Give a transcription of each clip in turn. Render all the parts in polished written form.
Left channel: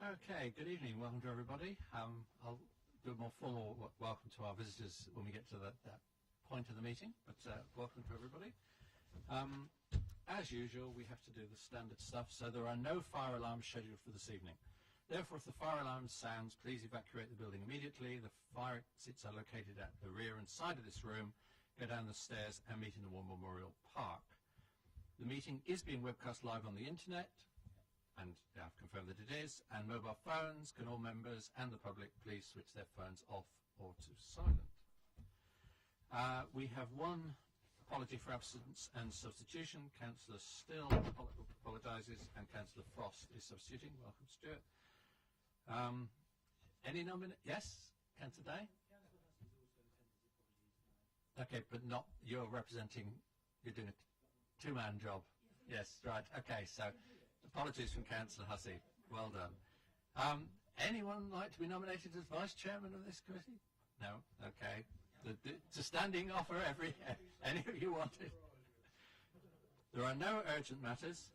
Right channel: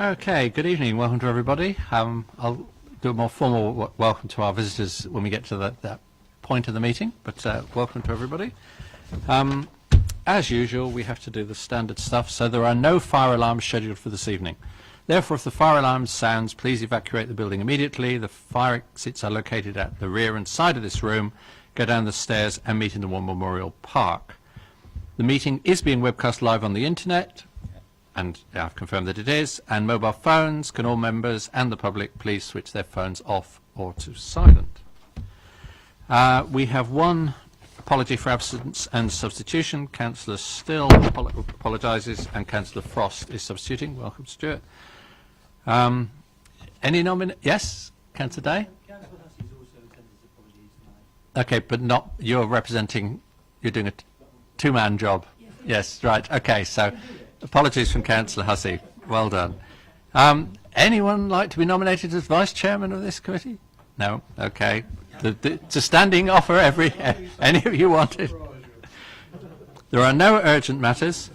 Okay, good evening. Welcome to everybody. I'll do a more formal welcome to our visitors when we get to that point of the meeting, but welcome to everybody. As usual, we have to do the standard stuff, so there are no fire alarms scheduled for this evening. Therefore, if the fire alarm sounds, please evacuate the building immediately. The fire exits are located at the rear and side of this room. Go down the stairs and meet in the War Memorial Park. The meeting is being webcast live on the internet, and I've confirmed that it is, and mobile phones. Can all members and the public please switch their phones off or to silent. We have one apology for absence and substitution. Councillor Still apologises and Councillor Frost is substituting. Welcome, Stuart. Any yes, Councillor Day? Councillor Hussey's also attended his apologies tonight. Okay, but not, you're representing, you're doing a two-man job. Yes, right, okay, so apologies from Councillor Hussey. Well done. Anyone like to be nominated as Vice Chairman of this committee? No? Okay. It's a standing offer, any of you wanted. There are no urgent matters.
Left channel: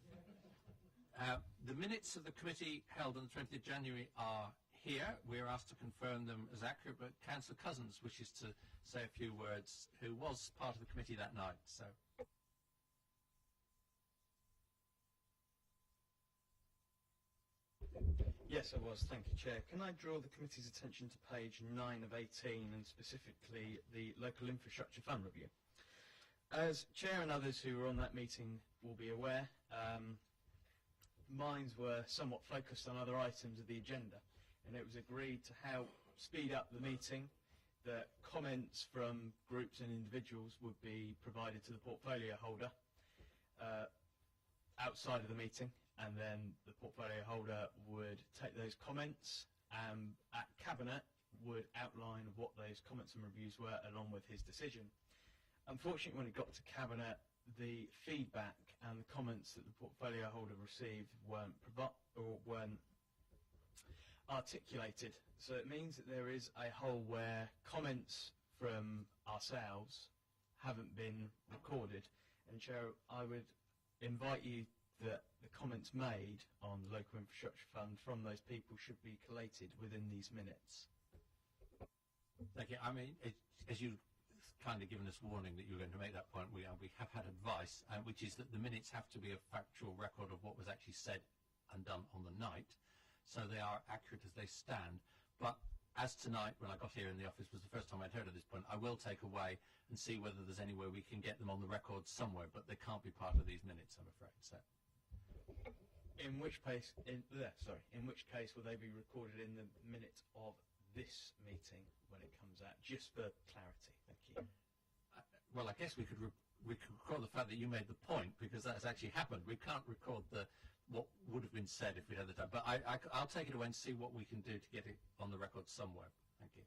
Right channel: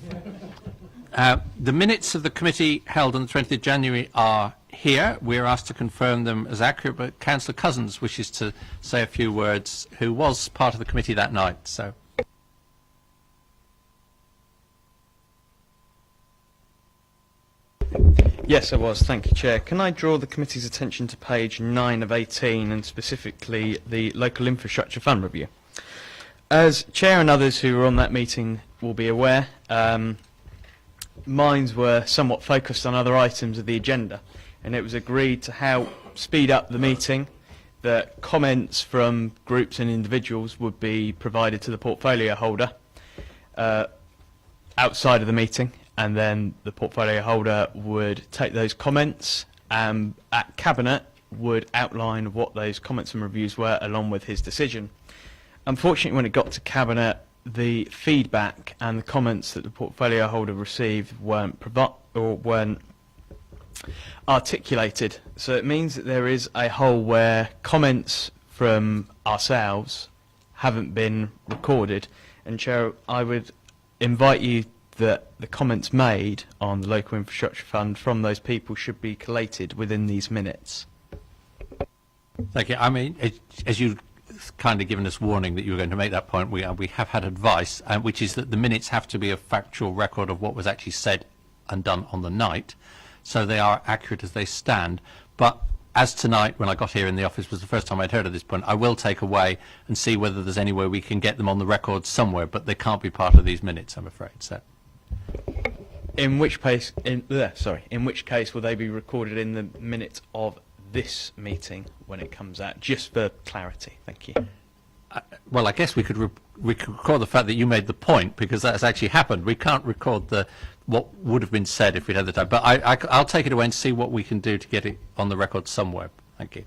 The minutes of the committee held on the 20th of January are here. We are asked to confirm them as accurate, but Councillor Cousins wishes to say a few words, who was part of the committee that night. So. Yes, I was. Thank you, Chair. Can I draw the committee's attention to page 9 of 18 and specifically the Local Infrastructure Fund review? As Chair and others who were on that meeting will be aware, minds were somewhat focused on other items of the agenda, and it was agreed to help speed up the meeting that comments from groups and individuals would be provided to the portfolio holder outside of the meeting, and then the portfolio holder would take those comments and at Cabinet would outline what those comments and reviews were along with his decision. Unfortunately, when it got to Cabinet, the feedback and the comments that the portfolio holder received weren't articulated. So it means that there is a hole where comments from ourselves haven't been recorded. And Chair, I would invite you that the comments made on the Local Infrastructure Fund from those people should be collated within these minutes. Thank you. I mean, as you kind of given us warning that you were going to make that point, we have had advice, which is that the minutes have to be a factual record of what was actually said and done on the night, so they are accurate as they stand. But as tonight, when I got here in the office, was the first time I'd heard of this point, I will take away and see whether there's any way we can get them on the record somewhere, but they can't be part of these minutes, I'm afraid. So. In which case, in which case will they be recorded in the minutes of this meeting when it comes out, just for clarity? Thank you. Well, I guess we could record the fact that you made the point, because that's actually happened. We can't record what would have been said if we'd had the time. But I'll take it away and see what we can do to get it on the record somewhere. Thank you.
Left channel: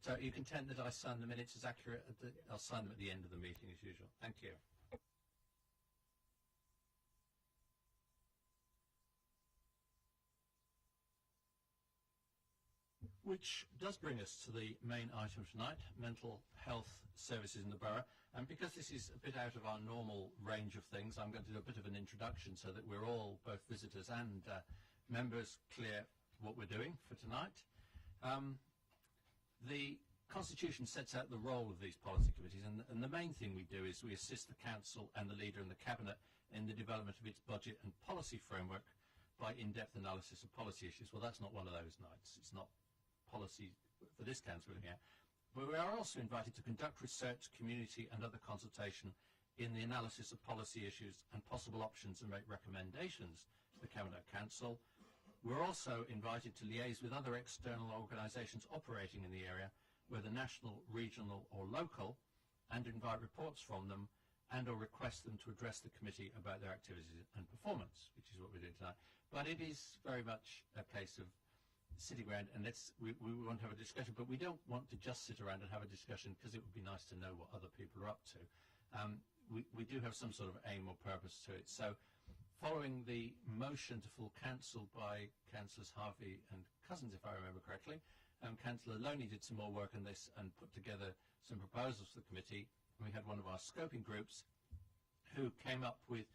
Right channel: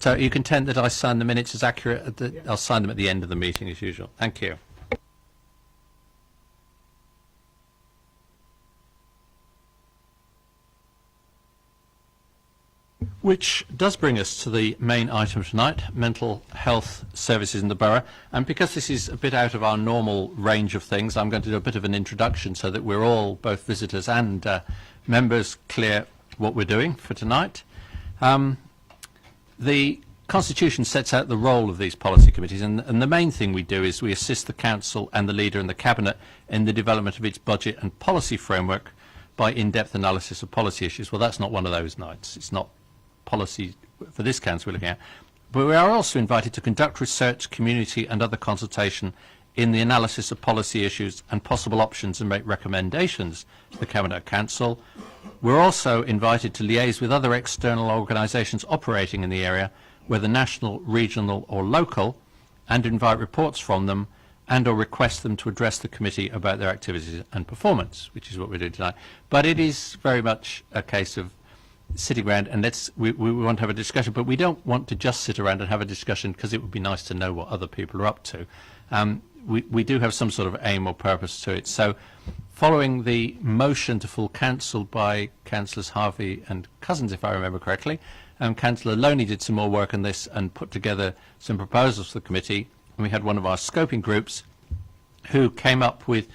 So you content that I sign the minutes as accurate? I'll sign them at the end of the meeting as usual. Thank you. Which does bring us to the main item tonight, mental health services in the borough. And because this is a bit out of our normal range of things, I'm going to do a bit of an introduction so that we're all, both visitors and members, clear what we're doing for tonight. The Constitution sets out the role of these policy committees, and the main thing we do is we assist the Council and the Leader and the Cabinet in the development of its budget and policy framework by in-depth analysis of policy issues. Well, that's not one of those nights. It's not policy for this council we're looking at, but we are also invited to conduct research, community and other consultation in the analysis of policy issues and possible options and make recommendations to the Cabinet Council. We're also invited to liaise with other external organisations operating in the area, whether national, regional or local, and invite reports from them and or request them to address the committee about their activities and performance, which is what we're doing tonight. But it is very much a case of sitting around and we want to have a discussion, but we don't want to just sit around and have a discussion because it would be nice to know what other people are up to. We do have some sort of aim or purpose to it. So following the motion to full council by Councillors Harvey and Cousins, if I remember correctly, Councillor Loney did some more work on this and put together some proposals for the committee, and we had one of our scoping groups who came up with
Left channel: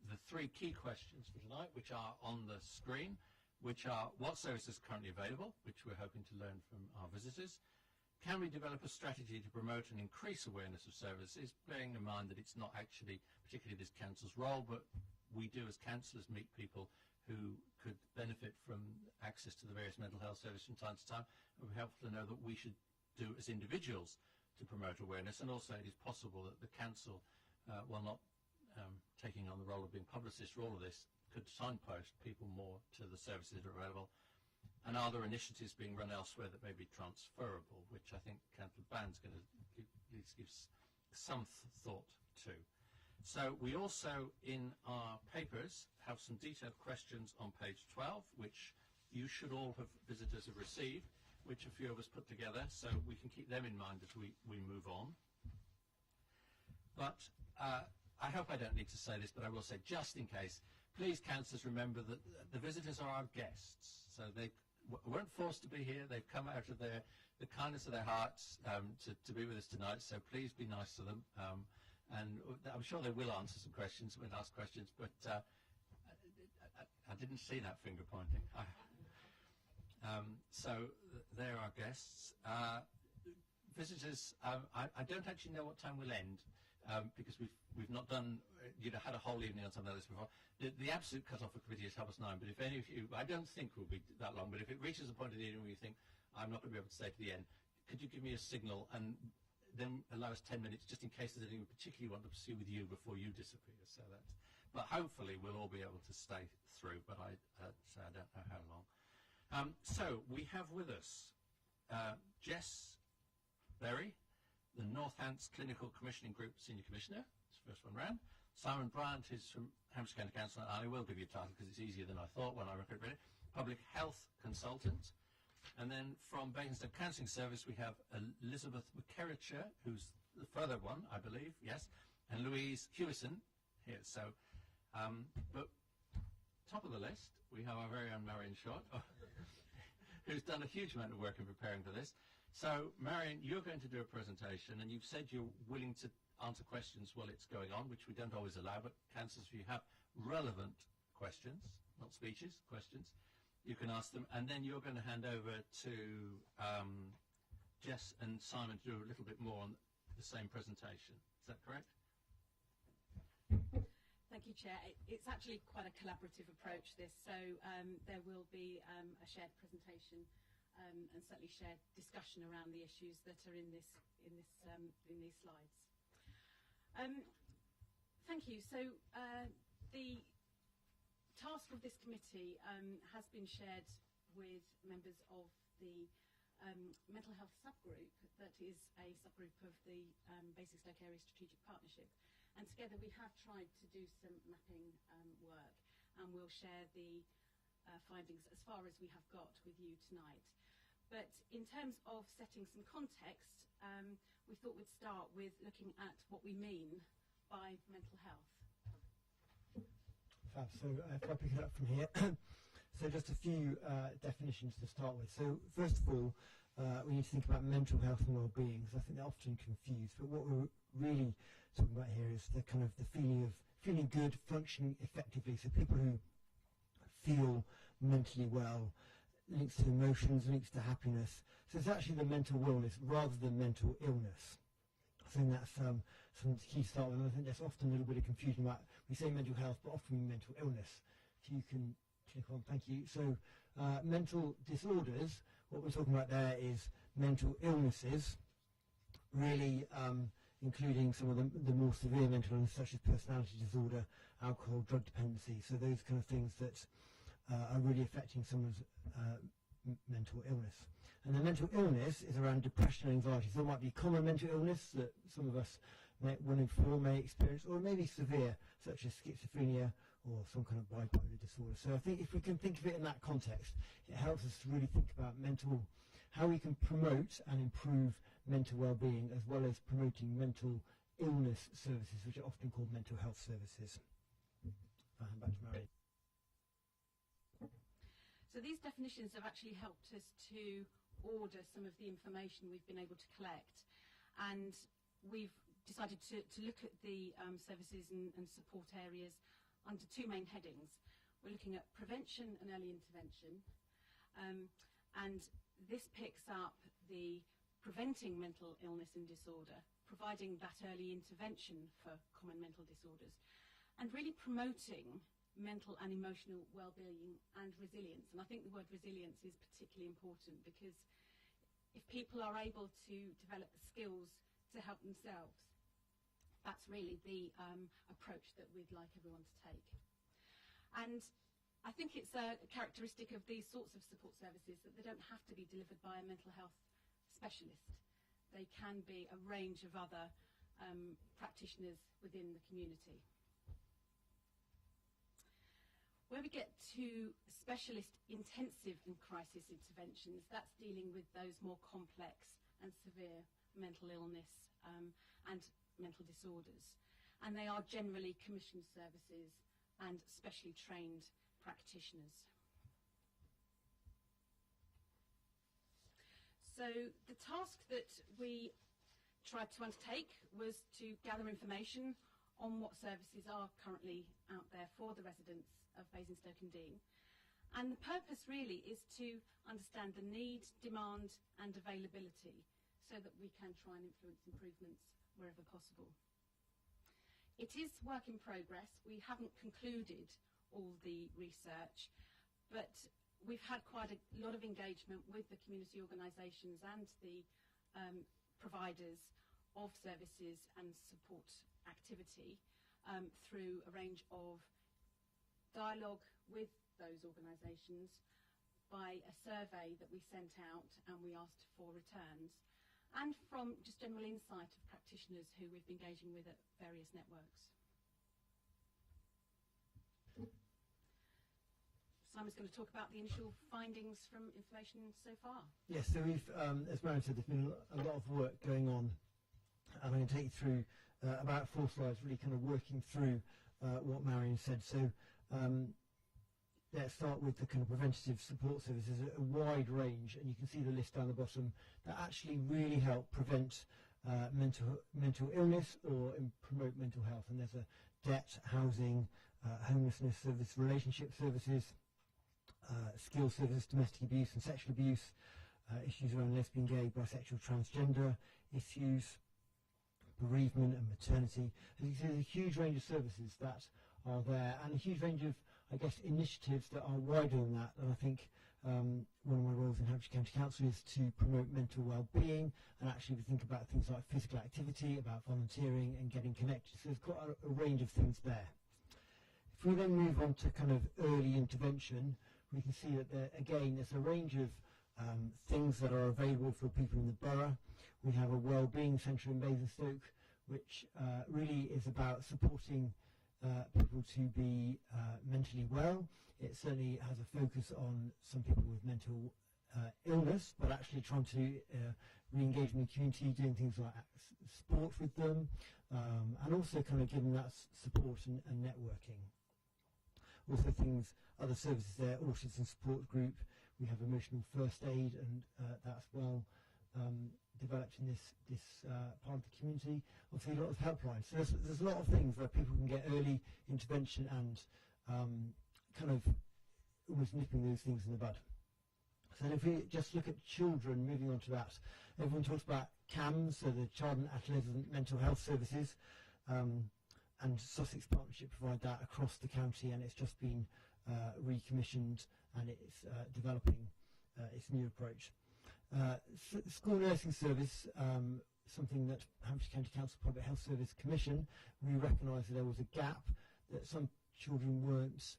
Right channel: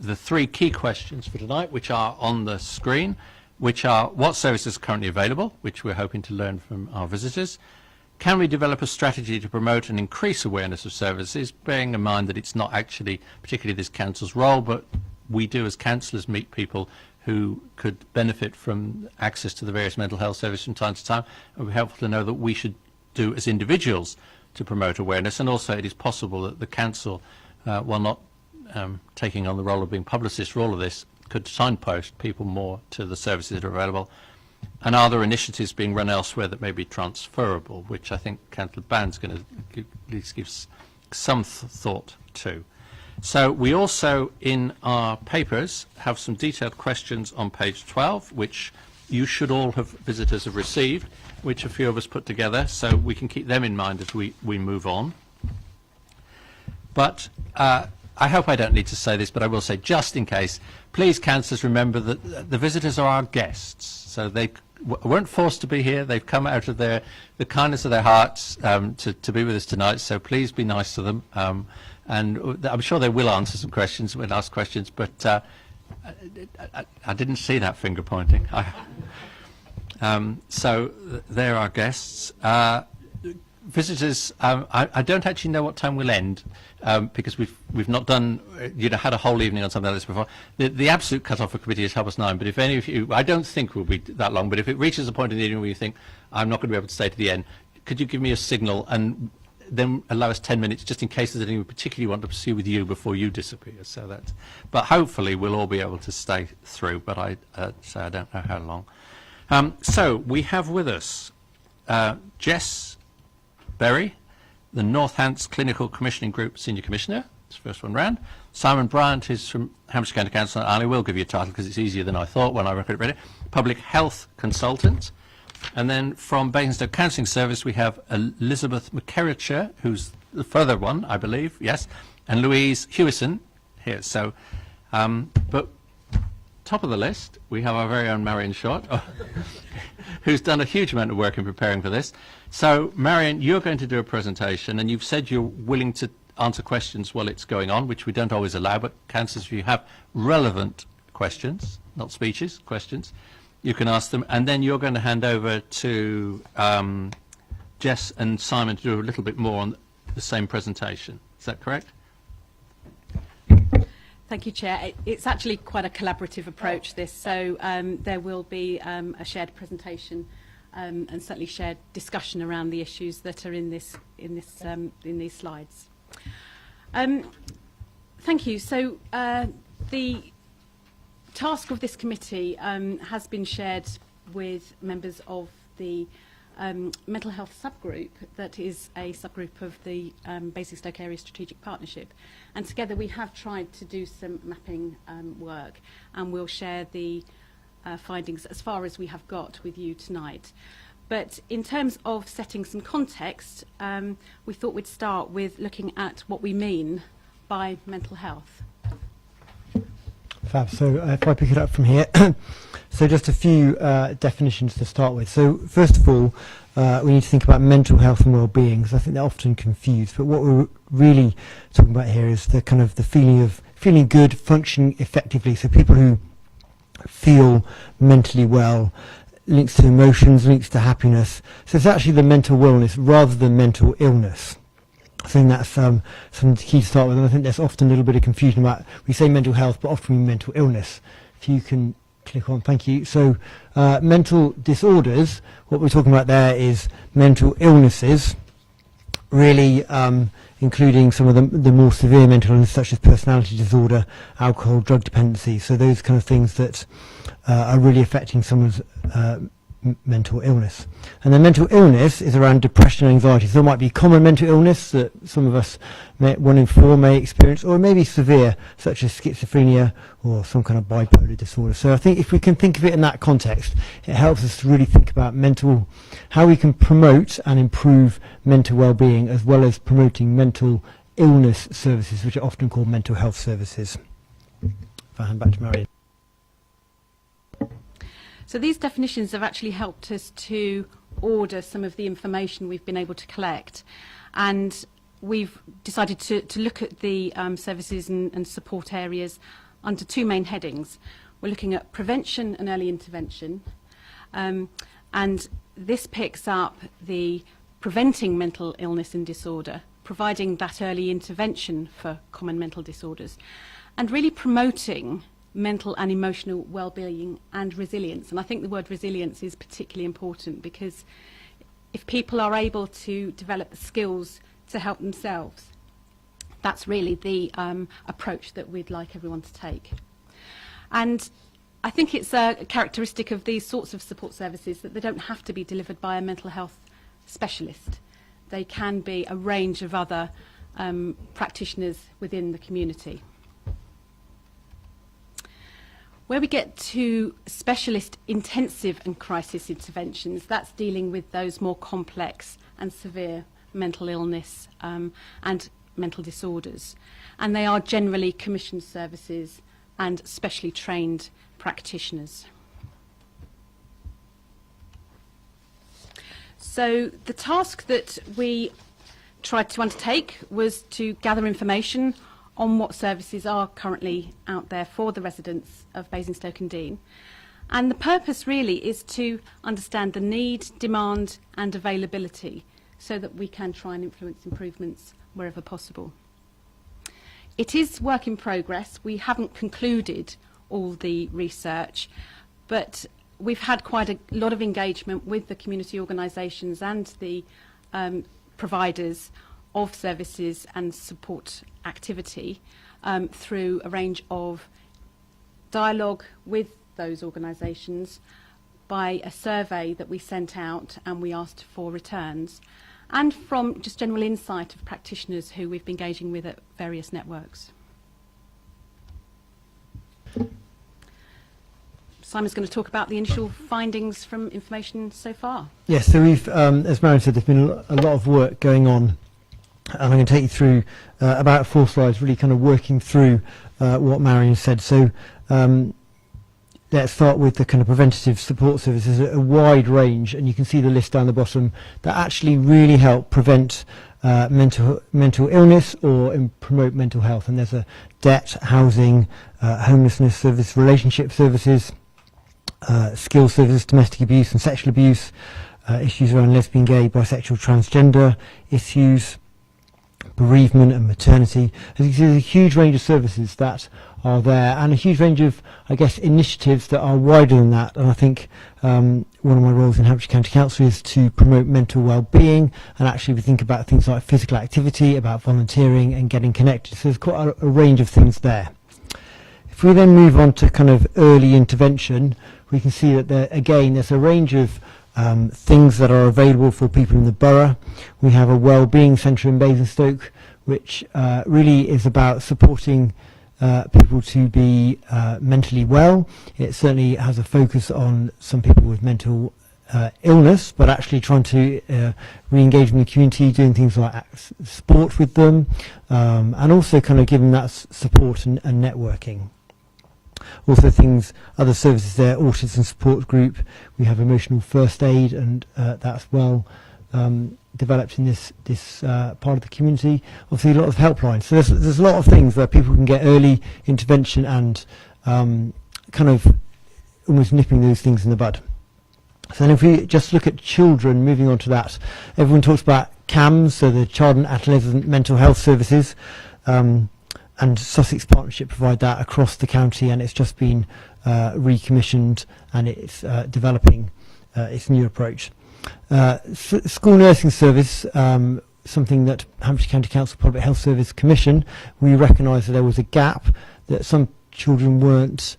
the three key questions for tonight, which are on the screen, which are what services are currently available, which we're hoping to learn from our visitors. Can we develop a strategy to promote and increase awareness of services, bearing in mind that it's not actually particularly this council's role, but we do as councillors meet people who could benefit from access to the various mental health services from time to time. It would be helpful to know that we should do as individuals to promote awareness, and also it is possible that the council, while not taking on the role of being publicist for all of this, could signpost people more to the services that are available. And are there initiatives being run elsewhere that may be transferable, which I think Councillor Band's going to at least give some thought to. So we also, in our papers, have some detailed questions on page 12, which you should all have, visitors have received, which a few of us put together, so we can keep them in mind as we move on. But I hope I don't need to say this, but I will say, just in case, please, councillors, remember that the visitors are our guests. So they weren't forced to be here. They've come out of the kindness of their hearts to be with us tonight. So please be nice to them. And I'm sure they will answer some questions when asked questions, but I didn't see that finger pointing. So they're our guests. Visitors, I don't actually know what time we'll end. Because we've not done, had a whole evening on something like this before. The absolute cut-off for committee is 9:30, but if any of you, I don't think we'll be that long, but if it reaches a point in the evening where you think, I'm not going to be able to stay to the end, could you give me a signal and then allow us 10 minutes just in case there's anything we particularly want to pursue with you before you disappear. So that, but hopefully we'll all be able to stay through, but I say I don't know how long. So we have with us Jess Berry, the North Hants Clinical Commissioning Group Senior Commissioner. It's the first one round. Simon Bryant, who's from Hampshire County Council. I will give you a title because it's easier than I thought when I read it. Public Health Consultant. And then from Basingstoke Counselling Service, we have Elizabeth McKerracher, who's the further one, I believe, yes, and Louise Hewison here. So, but top of the list, we have our very own Marion Short, who's done a huge amount of work in preparing for this. So, Marion, you're going to do a presentation, and you've said you're willing to answer questions while it's going on, which we don't always allow, but councillors, if you have relevant questions, not speeches, questions, you can ask them, and then you're going to hand over to Jess and Simon to do a little bit more on the same presentation. Is that correct? Thank you, Chair. It's actually quite a collaborative approach, this, so there will be a shared presentation and certainly shared discussion around the issues that are in these slides. Thank you. So the task of this committee has been shared with members of the mental health subgroup that is a subgroup of the Basingstoke Area Strategic Partnership, and together we have tried to do some mapping work, and we'll share the findings as far as we have got with you tonight. But in terms of setting some context, we thought we'd start with looking at what we mean by mental health. Fab. So if I pick it up from here, so just a few definitions to start with. So first of all, we need to think about mental health and well-being, because I think they're often confused. But what we're really talking about here is the kind of the feeling of feeling good, functioning effectively. So people who feel mentally well, links to emotions, links to happiness. So it's actually the mental wellness rather than mental illness. I think that's something key to start with, and I think there's often a little bit of confusion about, we say mental health, but often we mean mental illness. If you can click on, thank you. So mental disorders, what we're talking about there is mental illnesses, really including some of the more severe mental illness, such as personality disorder, alcohol, drug dependency. So those kind of things that are really affecting someone's mental illness. And then mental illness is around depression and anxiety. So there might be common mental illness that some of us, 1 in 4, may experience, or maybe severe, such as schizophrenia or some kind of bipolar disorder. So I think if we can think of it in that context, it helps us to really think about how we can promote and improve mental well-being, as well as promoting mental illness services, which are often called mental health services. If I hand back to Marion. So these definitions have actually helped us to order some of the information we've been able to collect, and we've decided to look at the services and support areas under two main headings. We're looking at prevention and early intervention, and this picks up the preventing mental illness and disorder, providing that early intervention for common mental disorders, and really promoting mental and emotional well-being and resilience. And I think the word resilience is particularly important, because if people are able to develop the skills to help themselves, that's really the approach that we'd like everyone to take. And I think it's a characteristic of these sorts of support services that they don't have to be delivered by a mental health specialist. They can be a range of other practitioners within the community. Where we get to specialist intensive and crisis interventions, that's dealing with those more complex and severe mental illness and mental disorders. And they are generally commissioned services and specially trained practitioners. So the task that we tried to undertake was to gather information on what services are currently out there for the residents of Basingstoke and Deane. And the purpose really is to understand the need, demand and availability, so that we can try and influence improvemements wherever possible. It is work in progress. We haven't concluded all the research, but we've had quite a lot of engagement with the community organisations and the providers of services and support activity through a range of dialogue with those organisations, by a survey that we sent out and we asked for returns, and from just general insight of practitioners who we've been engaging with at various networks. Simon's going to talk about the initial findings from information so far. Yes, so we've, as Marion said, there's been a lot of work going on, and I'm going to take you through about 4 slides, really kind of working through what Marion said. So let's start with the kind of preventative support services, a wide range, and you can see the list down the bottom, that actually really help prevent mental illness or promote mental health. And there's a debt, housing, homelessness service, relationship services, skills services, domestic abuse and sexual abuse, issues around lesbian, gay, bisexual, transgender issues, bereavement and maternity. As you can see, there's a huge range of services that are there, and a huge range of, I guess, initiatives that are wider than that. And I think one of my roles in Hampshire County Council is to promote mental well-being, and actually we think about things like physical activity, about volunteering and getting connected. So there's quite a range of things there. If we then move on to kind of early intervention, we can see that there, again, there's a range of things that are available for people in the borough. We have a wellbeing centre in Basingstoke, which really is about supporting people to be mentally well. It certainly has a focus on some people with mental illness, but actually trying to re-engage in the community, doing things like sport with them, and also kind of giving that support and networking. Also other services there, autism support group. We have emotional first aid, and that's well developed in this part of the community. Obviously a lot of helplines. So there's a lot of things where people can get early intervention and kind of almost nipping those things in the bud. So then if we just look at children, moving on to that, everyone talks about CAMS, so the Child and Adolescent Mental Health Services, and Sussex Partnership provide that across the county, and it's just been recommissioned, and it's developing its new approach. School nursing service, something that Hampshire County Council Public Health Service Commission, we recognised that there was a gap, that some children weren't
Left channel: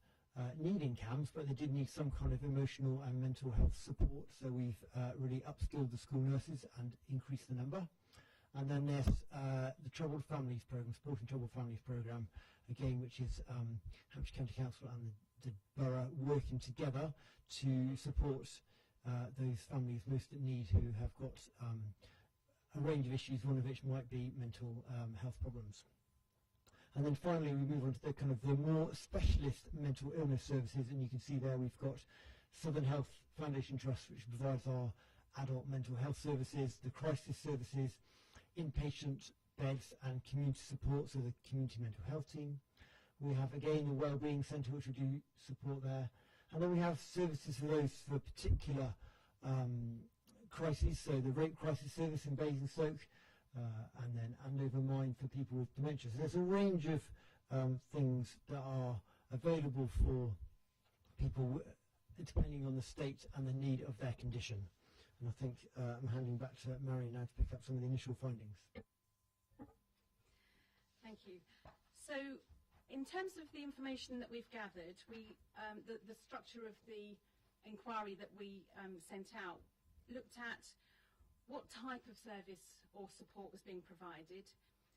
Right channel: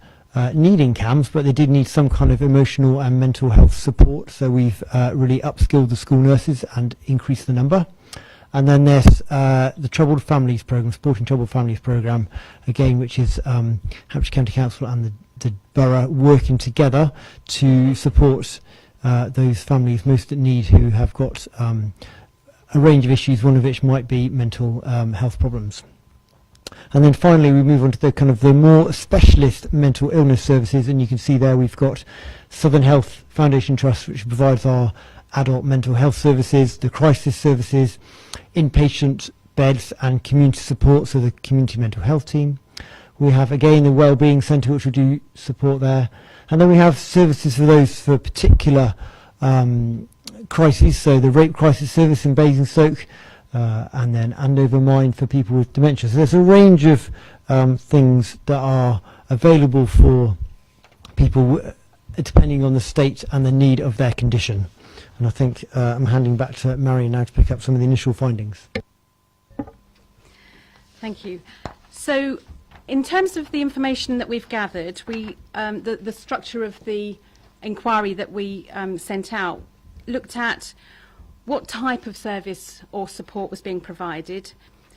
needing CAMS, but they did need some kind of emotional and mental health support, so we've really upskilled the school nurses and increased the number. And then there's the Troubled Families Programme, Supporting Troubled Families Programme, again, which is Hampshire County Council and the borough working together to support those families most at need who have got a range of issues, one of which might be mental health problems. And then finally we move on to the kind of the more specialist mental illness services, and you can see there we've got Southern Health Foundation Trust, which provides our adult mental health services, the crisis services, inpatient beds and community support, so the community mental health team. We have, again, the Wellbeing Centre, which will do support there. And then we have services for those for particular crises, so the rape crisis service in Basingstoke, and then Andover Mine for people with dementia. So there's a range of things that are available for people depending on the state and the need of their condition. And I think I'm handing back to Marion now to pick up some of the initial findings. Thank you. So, in terms of the information that we've gathered, the structure of the inquiry that we sent out looked at what type of service or support was being provided,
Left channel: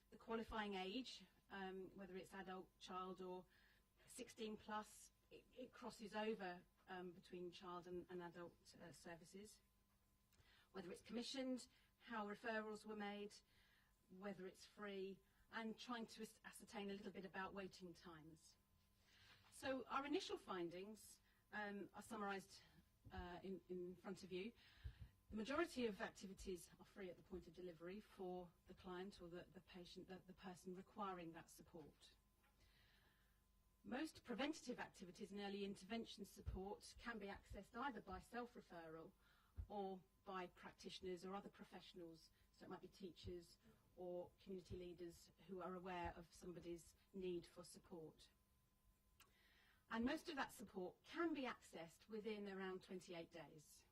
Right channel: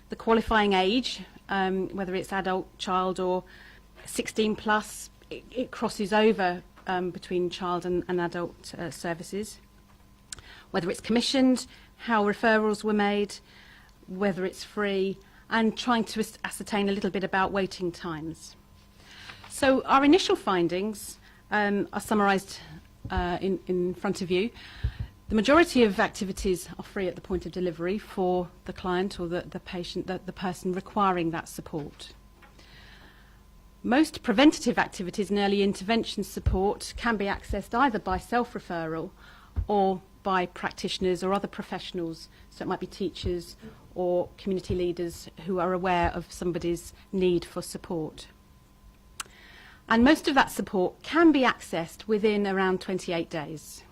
the qualifying age, whether it's adult, child or 16 plus, it crosses over between child and adult services, whether it's commissioned, how referrals were made, whether it's free, and trying to ascertain a little bit about waiting times. So our initial findings are summarised in front of you. The majority of activities are free at the point of delivery for the client or the patient, the person requiring that support. Most preventative activities and early intervention support can be accessed either by self-referral or by practitioners or other professionals, so it might be teachers or community leaders who are aware of somebody's need for support. And most of that support can be accessed within around 28 days.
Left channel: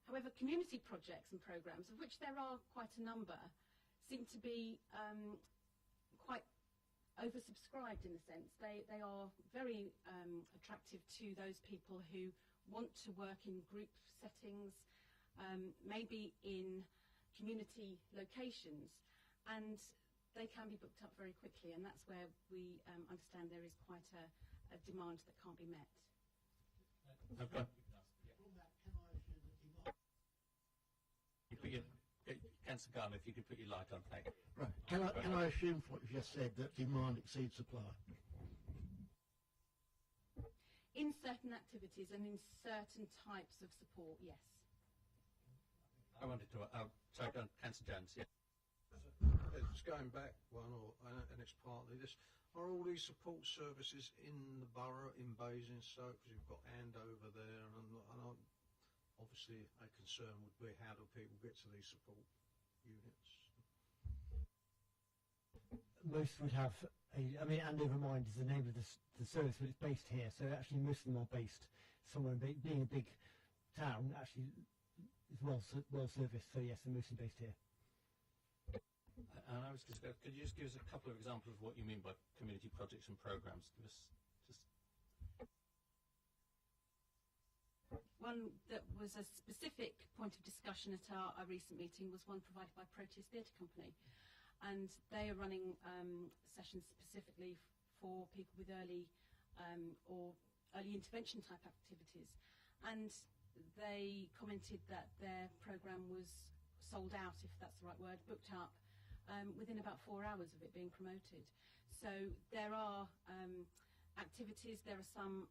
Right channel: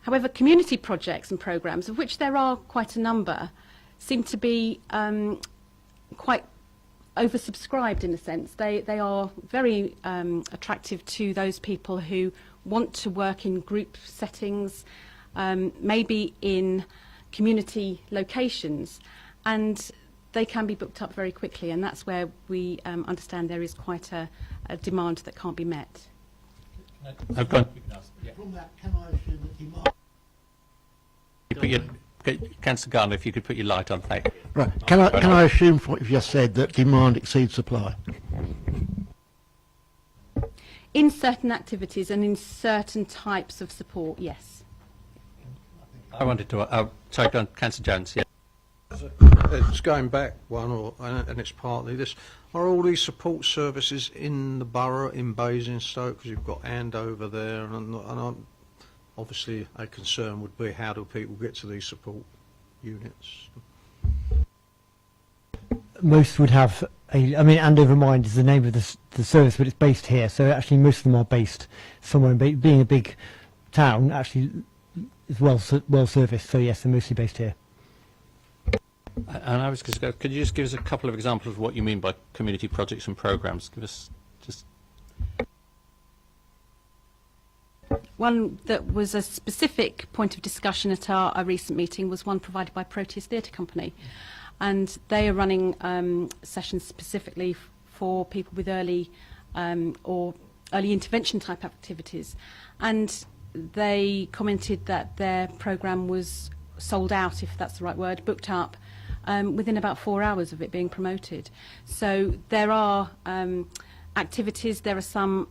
However, community projects and programmes, of which there are quite a number, seem to be quite oversubscribed in a sense. They are very attractive to those people who want to work in group settings, maybe in community locations, and they can be booked up very quickly, and that's where we understand there is quite a demand that can't be met. I've gone. From that, can I assume that demand... Councillor Garner, if you could put your light on, thank you. Right, can I assume from what you've just said that demand exceeds supply? In certain activities and in certain types of support, yes. I wanted to, sorry, go on, Councillor Jones, yeah. It's going back one, and it's partly this. Are all these support services in the borough, in Basingstoke? Because you've got Andover there, and obviously a concern would be how do people get to these support units? Most would have I mean, Andover Mine is the name of the service, but it's based here. So actually, most of them are based somewhere. Being a big town, actually, is well serviced. So yes, they're mostly based here. And I was going to go, could you just give us a couple of examples of what you mean by community projects and programmes? Give us just... One that was a specific point of discussion at our recent meeting was one provided by Proteus Theatre Company. And they are running sessions specifically for people with early or early intervention type activities. And they commented that their programme was sold out, if that's the right word, booked up, within about 4 hours of it being promoted. So there are activities, there are some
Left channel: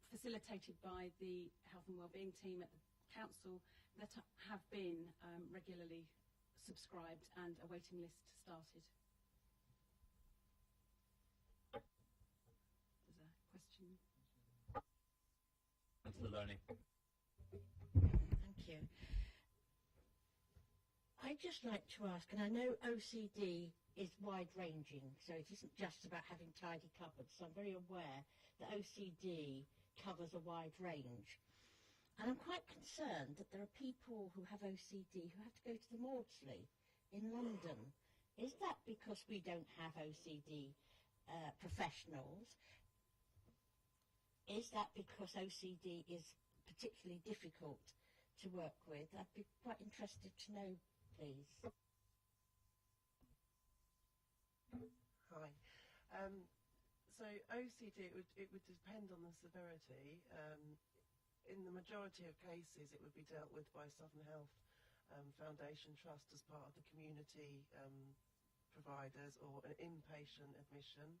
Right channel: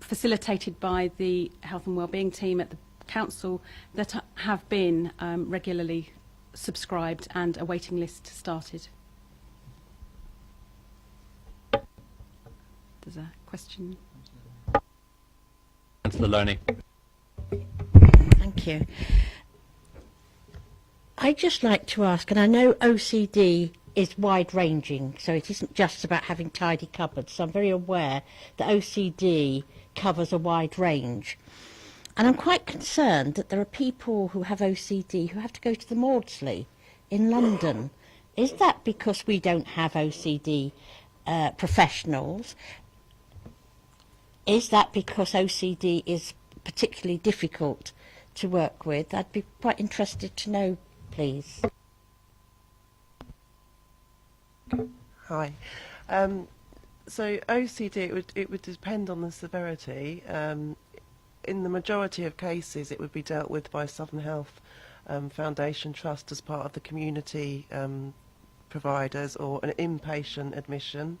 facilitated by the health and wellbeing team at the council that have been regularly subscribed and a waiting list started. There's a question. Councillor Loney. Thank you. I'd just like to ask, and I know OCD is wide-ranging, so it isn't just about having tidy cupboards, so I'm very aware that OCD covers a wide range. And I'm quite concerned that there are people who have OCD who have to go to the Maudsley in London. Is that because we don't have OCD professionals? Is that because OCD is particularly difficult to work with? I'd be quite interested to know, please. Hi. So OCD, it would depend on the severity. In the majority of cases, it would be dealt with by Southern Health Foundation Trust as part of the community providers or an inpatient admission.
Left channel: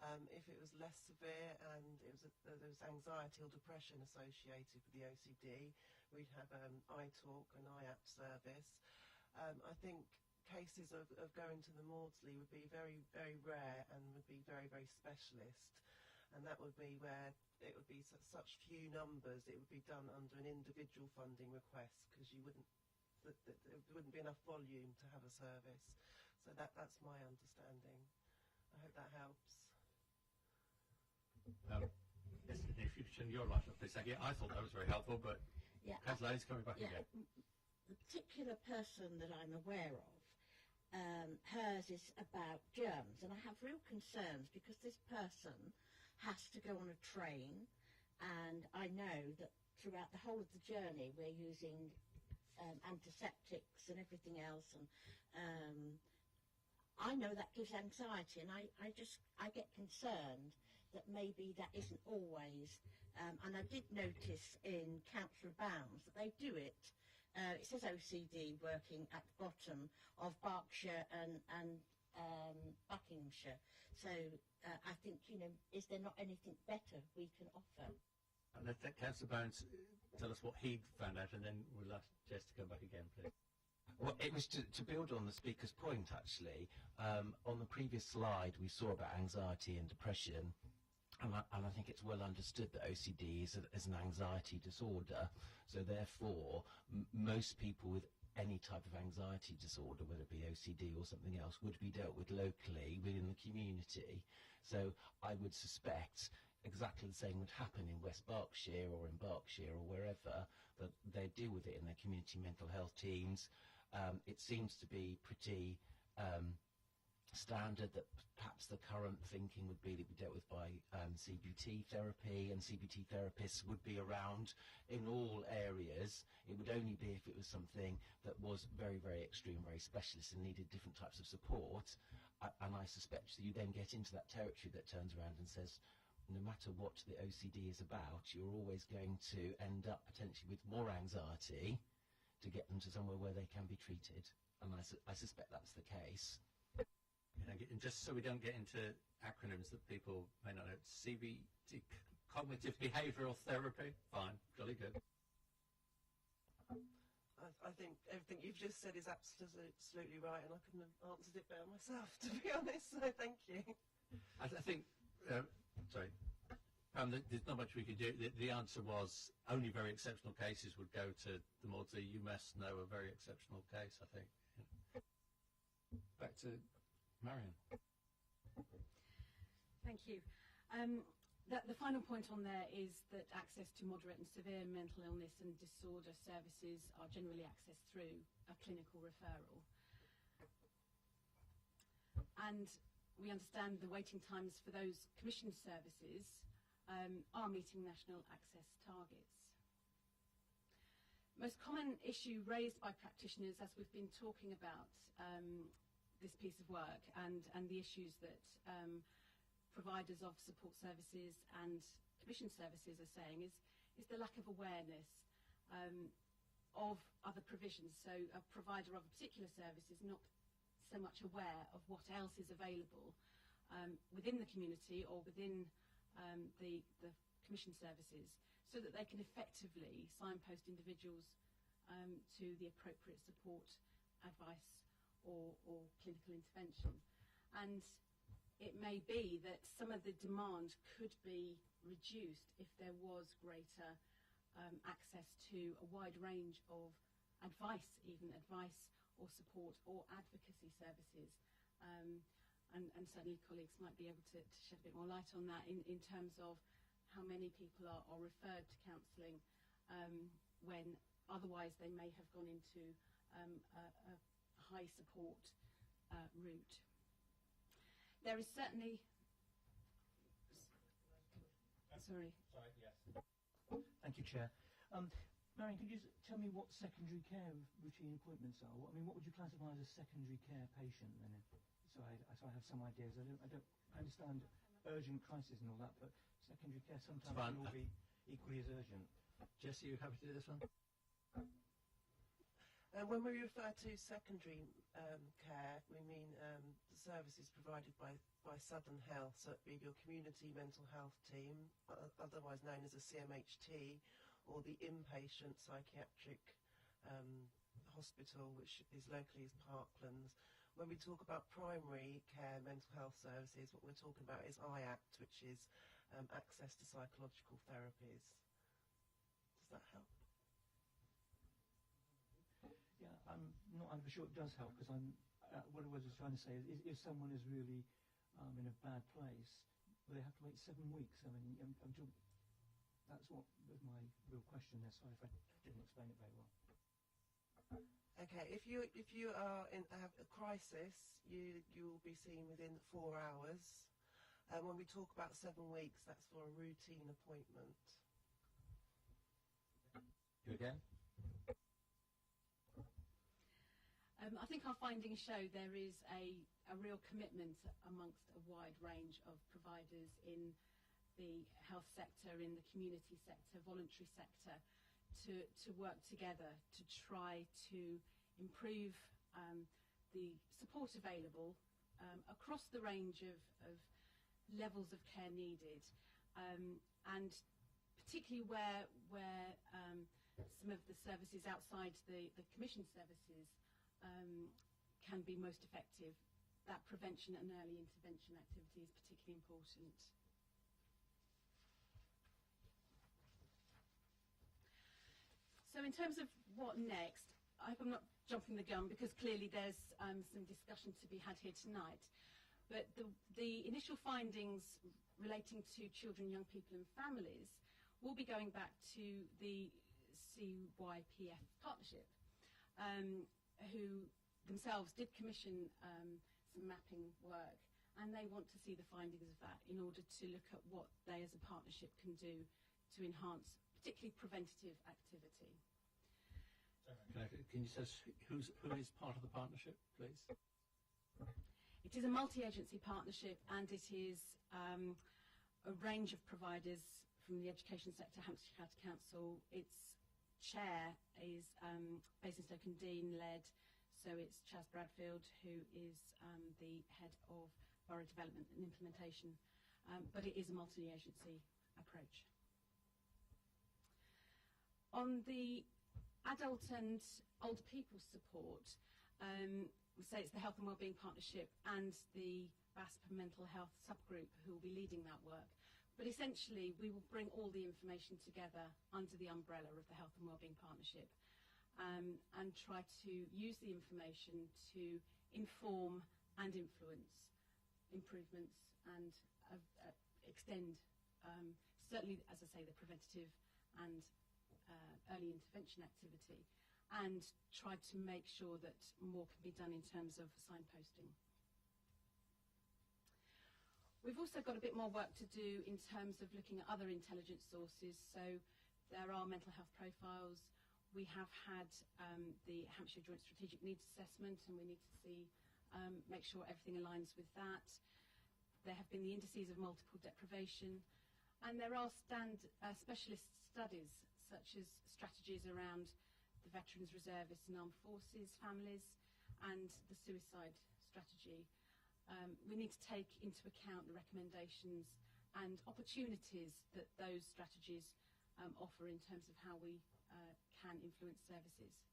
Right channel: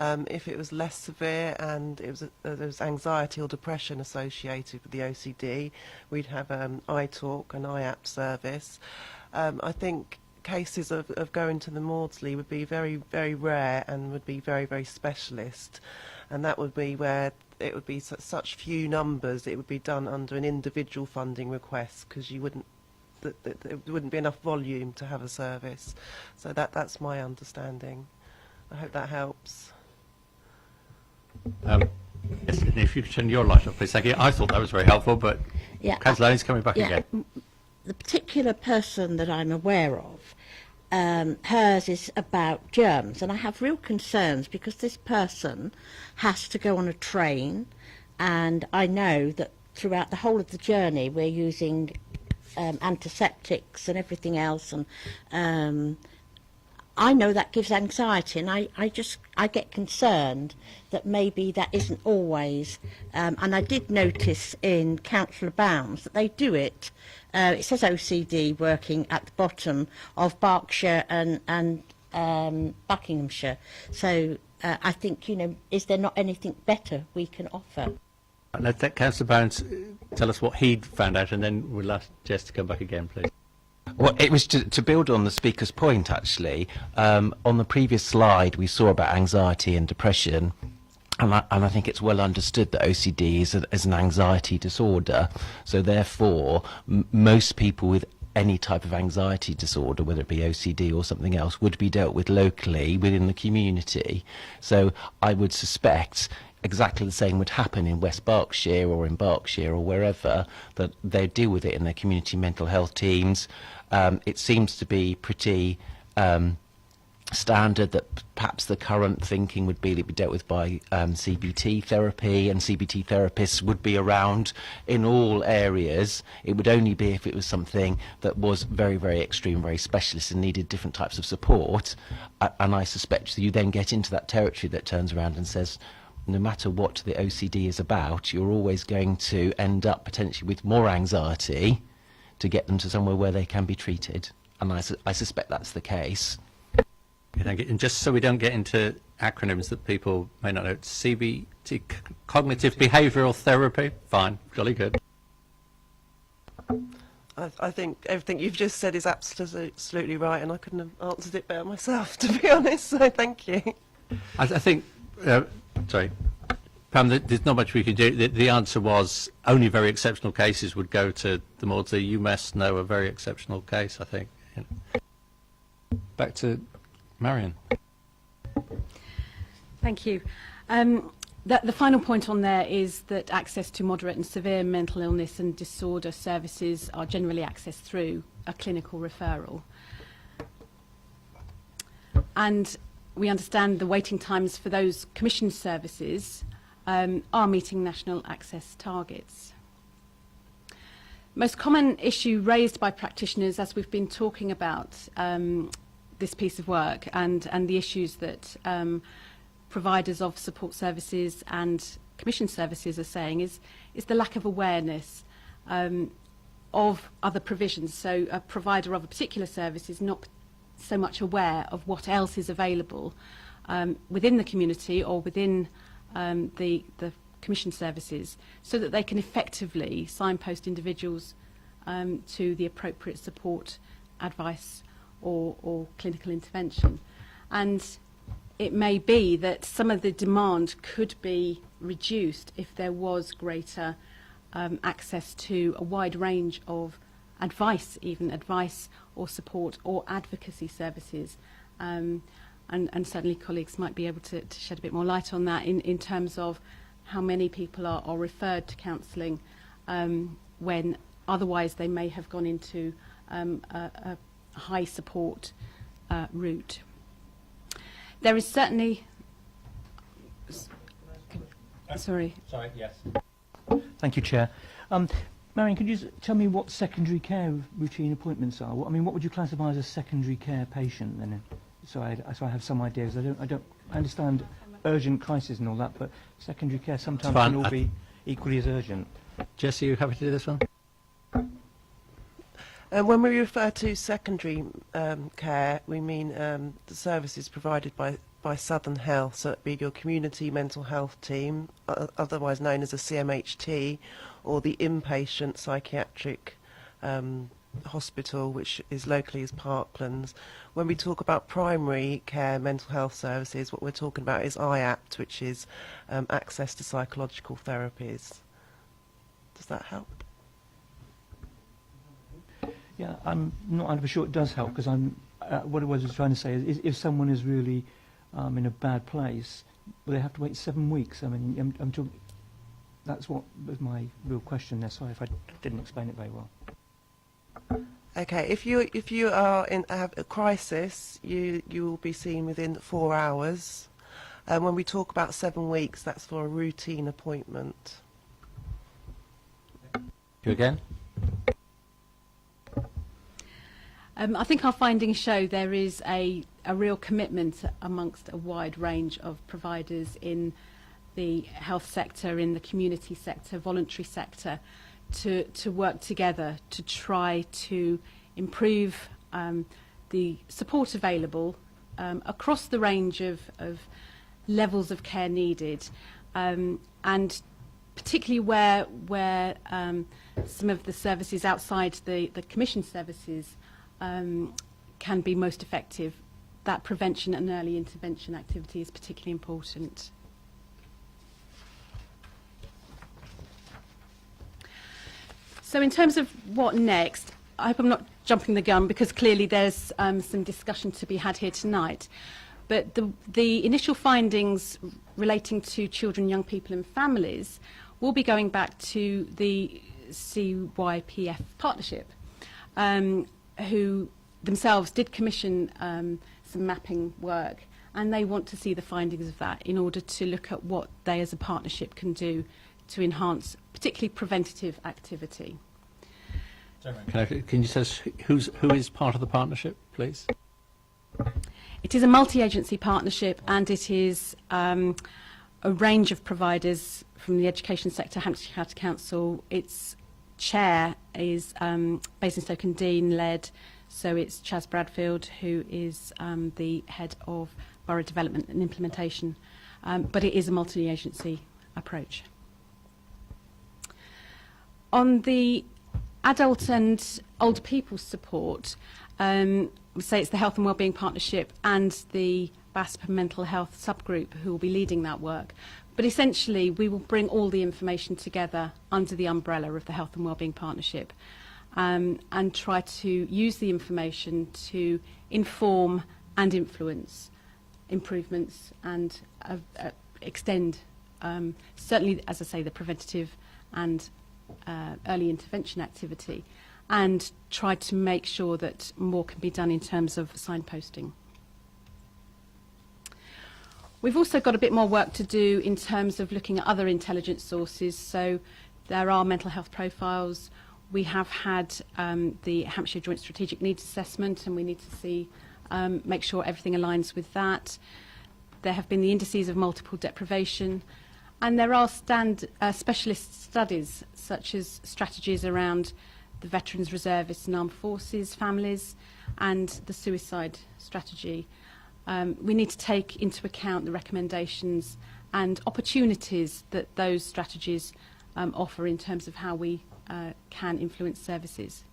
If it was less severe and it was there was anxiety or depression associated with the OCD, we'd have iTalk, an IAP service. I think cases of going to the Maudsley would be very, very rare and would be very, very specialist. And that would be where it would be such few numbers, it would be done under an individual funding request, because you wouldn't, there wouldn't be enough volume to have a service. So that's my understanding. I hope that helps. Yes, if you could turn your light off, please. Thank you. I thought that was very helpful, but Yeah, Councillor Lane's coming back again. the particular person that I'm aware of, hers is about germs, and I have real concerns because this person has to go on a train, and I know that throughout the whole of the journey we're using antiseptics and everything else, and I know that gives anxiety, and I get concerned that maybe that isn't always, and I did notice in Councillor Bounds that they do it. It says OCD working at the bottom of Berkshire and Buckinghamshire. So I think, is there not anything better we can offer? Let Councillor Bounds tell us what he'd found out, and then we'll ask Jess to come back again, please. Well, it was to build on the speaker's point, actually. On the previous slide, we saw about anxiety and depression, and I think it's well understood that OCD is an anxiety disorder. So therefore, most people with any type of anxiety disorder, whether it be OCD or something else, would be dealt with locally within the community. So I would suspect exactly the same would happen in West Berkshire or in Berkshire or wherever, that they deal with it in their community mental health teams. It seems to be pretty standard that perhaps the current thinking would be dealt with by CBT therapy, and CBT therapists would be around in all areas. It would only be if it was something that was very, very extreme, very specialist and needed different types of support. And I suspect that you then get into that territory that turns around and says, no matter what the OCD is about, you're always going to end up potentially with more anxiety to get them to somewhere where they can be treated. And I suspect that's the case. Okay, thank you. And just so we don't get into acronyms that people may not know, CBT, cognitive behavioural therapy, fine, jolly good. I think everything you've just said is absolutely right, and I couldn't have answered it better myself, to be honest, so thank you. I think, sorry, Pam, there's not much we can do. The answer was only very exceptional cases would go to the Maudsley. You must know a very exceptional case, I think. Back to Marion. Thank you. The final point on there is that access to moderate and severe mental illness and disorder services are generally accessed through a clinical referral. And we understand the waiting times for those commissioned services are meeting national access targets. Most common issue raised by practitioners as we've been talking about this piece of work and the issues that providers of support services and commissioned services are saying is the lack of awareness of other provisions. So a provider of a particular service is not so much aware of what else is available within the community or within the commissioned services, so that they can effectively signpost individuals to the appropriate support, advice or clinical intervention. And it may be that some of the demand could be reduced if there was greater access to a wide range of advice, even advice or support or advocacy services. And certainly colleagues might be able to shed a bit more light on that in terms of how many people are referred to counselling when otherwise they may have gone into a high support route. There is certainly... Sorry. Sorry, yes. Thank you, Chair. Marion, could you tell me what secondary care routine appointments are? What would you classify as a secondary care patient then? So I have some ideas. I understand urgent crisis and all that, but secondary care sometimes can all be equally as urgent. Jess, are you happy to do this one? When we refer to secondary care, we mean the services provided by Southern Health, so it'd be your community mental health team, otherwise known as a CMHT, or the inpatient psychiatric hospital, which is locally as Parklands. When we talk about primary care mental health services, what we're talking about is IAPT, which is access to psychological therapies. Does that help? Yeah, I'm not 100% sure it does help, because what I was trying to say is if someone is really in a bad place, will they have to wait 7 weeks? I mean, I'm talking, that's what was my real question there. Sorry if I didn't explain it very well. Okay, if you are in have a crisis, you will be seen within 4 hours. And when we talk about 7 weeks, that's for a routine appointment. You again? I think our findings show there is a real commitment amongst a wide range of providers in the health sector, in the community sector, voluntary sector, to work together to try to improve the support available across the range of levels of care needed, and particularly where some of the services outside the commission services can be most effective. That prevention and early intervention activity is particularly important. So in terms of what next, I hope I'm not jumping the gun, because clearly there's some discussion to be had here tonight. But the initial findings relating to children, young people and families will be going back to the CYPF partnership, who themselves did commission some mapping work, and they want to see the findings of that in order to look at what they as a partnership can do to enhance particularly preventative activity. Can you tell us who is part of the partnership, please? It is a multi-agency partnership, and it is a range of providers from the education sector, Hampshire County Council. Its chair is Basingstoke and Dean led, so it's Chas Bradfield, who is the head of borough development and implementation, but it is a multi-agency approach. On the adult and older people support, we say it's the Health and Wellbeing Partnership and the BASP Mental Health subgroup who will be leading that work. But essentially, we will bring all the information together under the umbrella of the Health and Wellbeing Partnership, and try to use the information to inform and influence improvements and extend, certainly, as I say, the preventative and early intervention activity, and try to make sure that more can be done in terms of signposting. We've also got a bit more work to do in terms of looking at other intelligence sources. So there are mental health profiles. We have had the Hampshire Joint Strategic Needs Assessment, and we need to see, make sure everything aligns with that. There have been the indices of multiple deprivation, and there are specialist studies, such as strategies around the veterans, reservists and armed forces families, and the suicide strategy. We need to take into account the recommendations and opportunities that those strategies offer in terms of how we can influence services.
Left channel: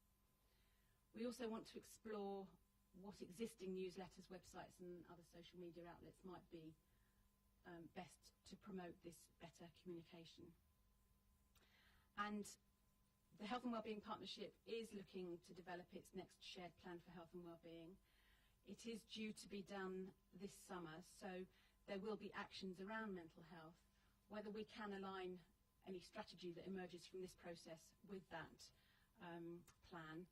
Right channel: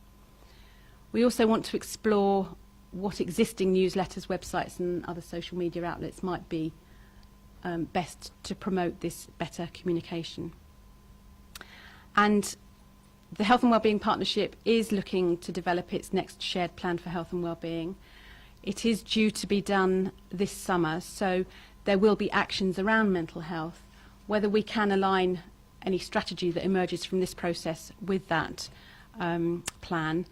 We also want to explore what existing newsletters, websites and other social media outlets might be best to promote this better communication. And the Health and Wellbeing Partnership is looking to develop its next shared plan for health and wellbeing. It is due to be done this summer, so there will be actions around mental health. Whether we can align any strategy that emerges from this process with that plan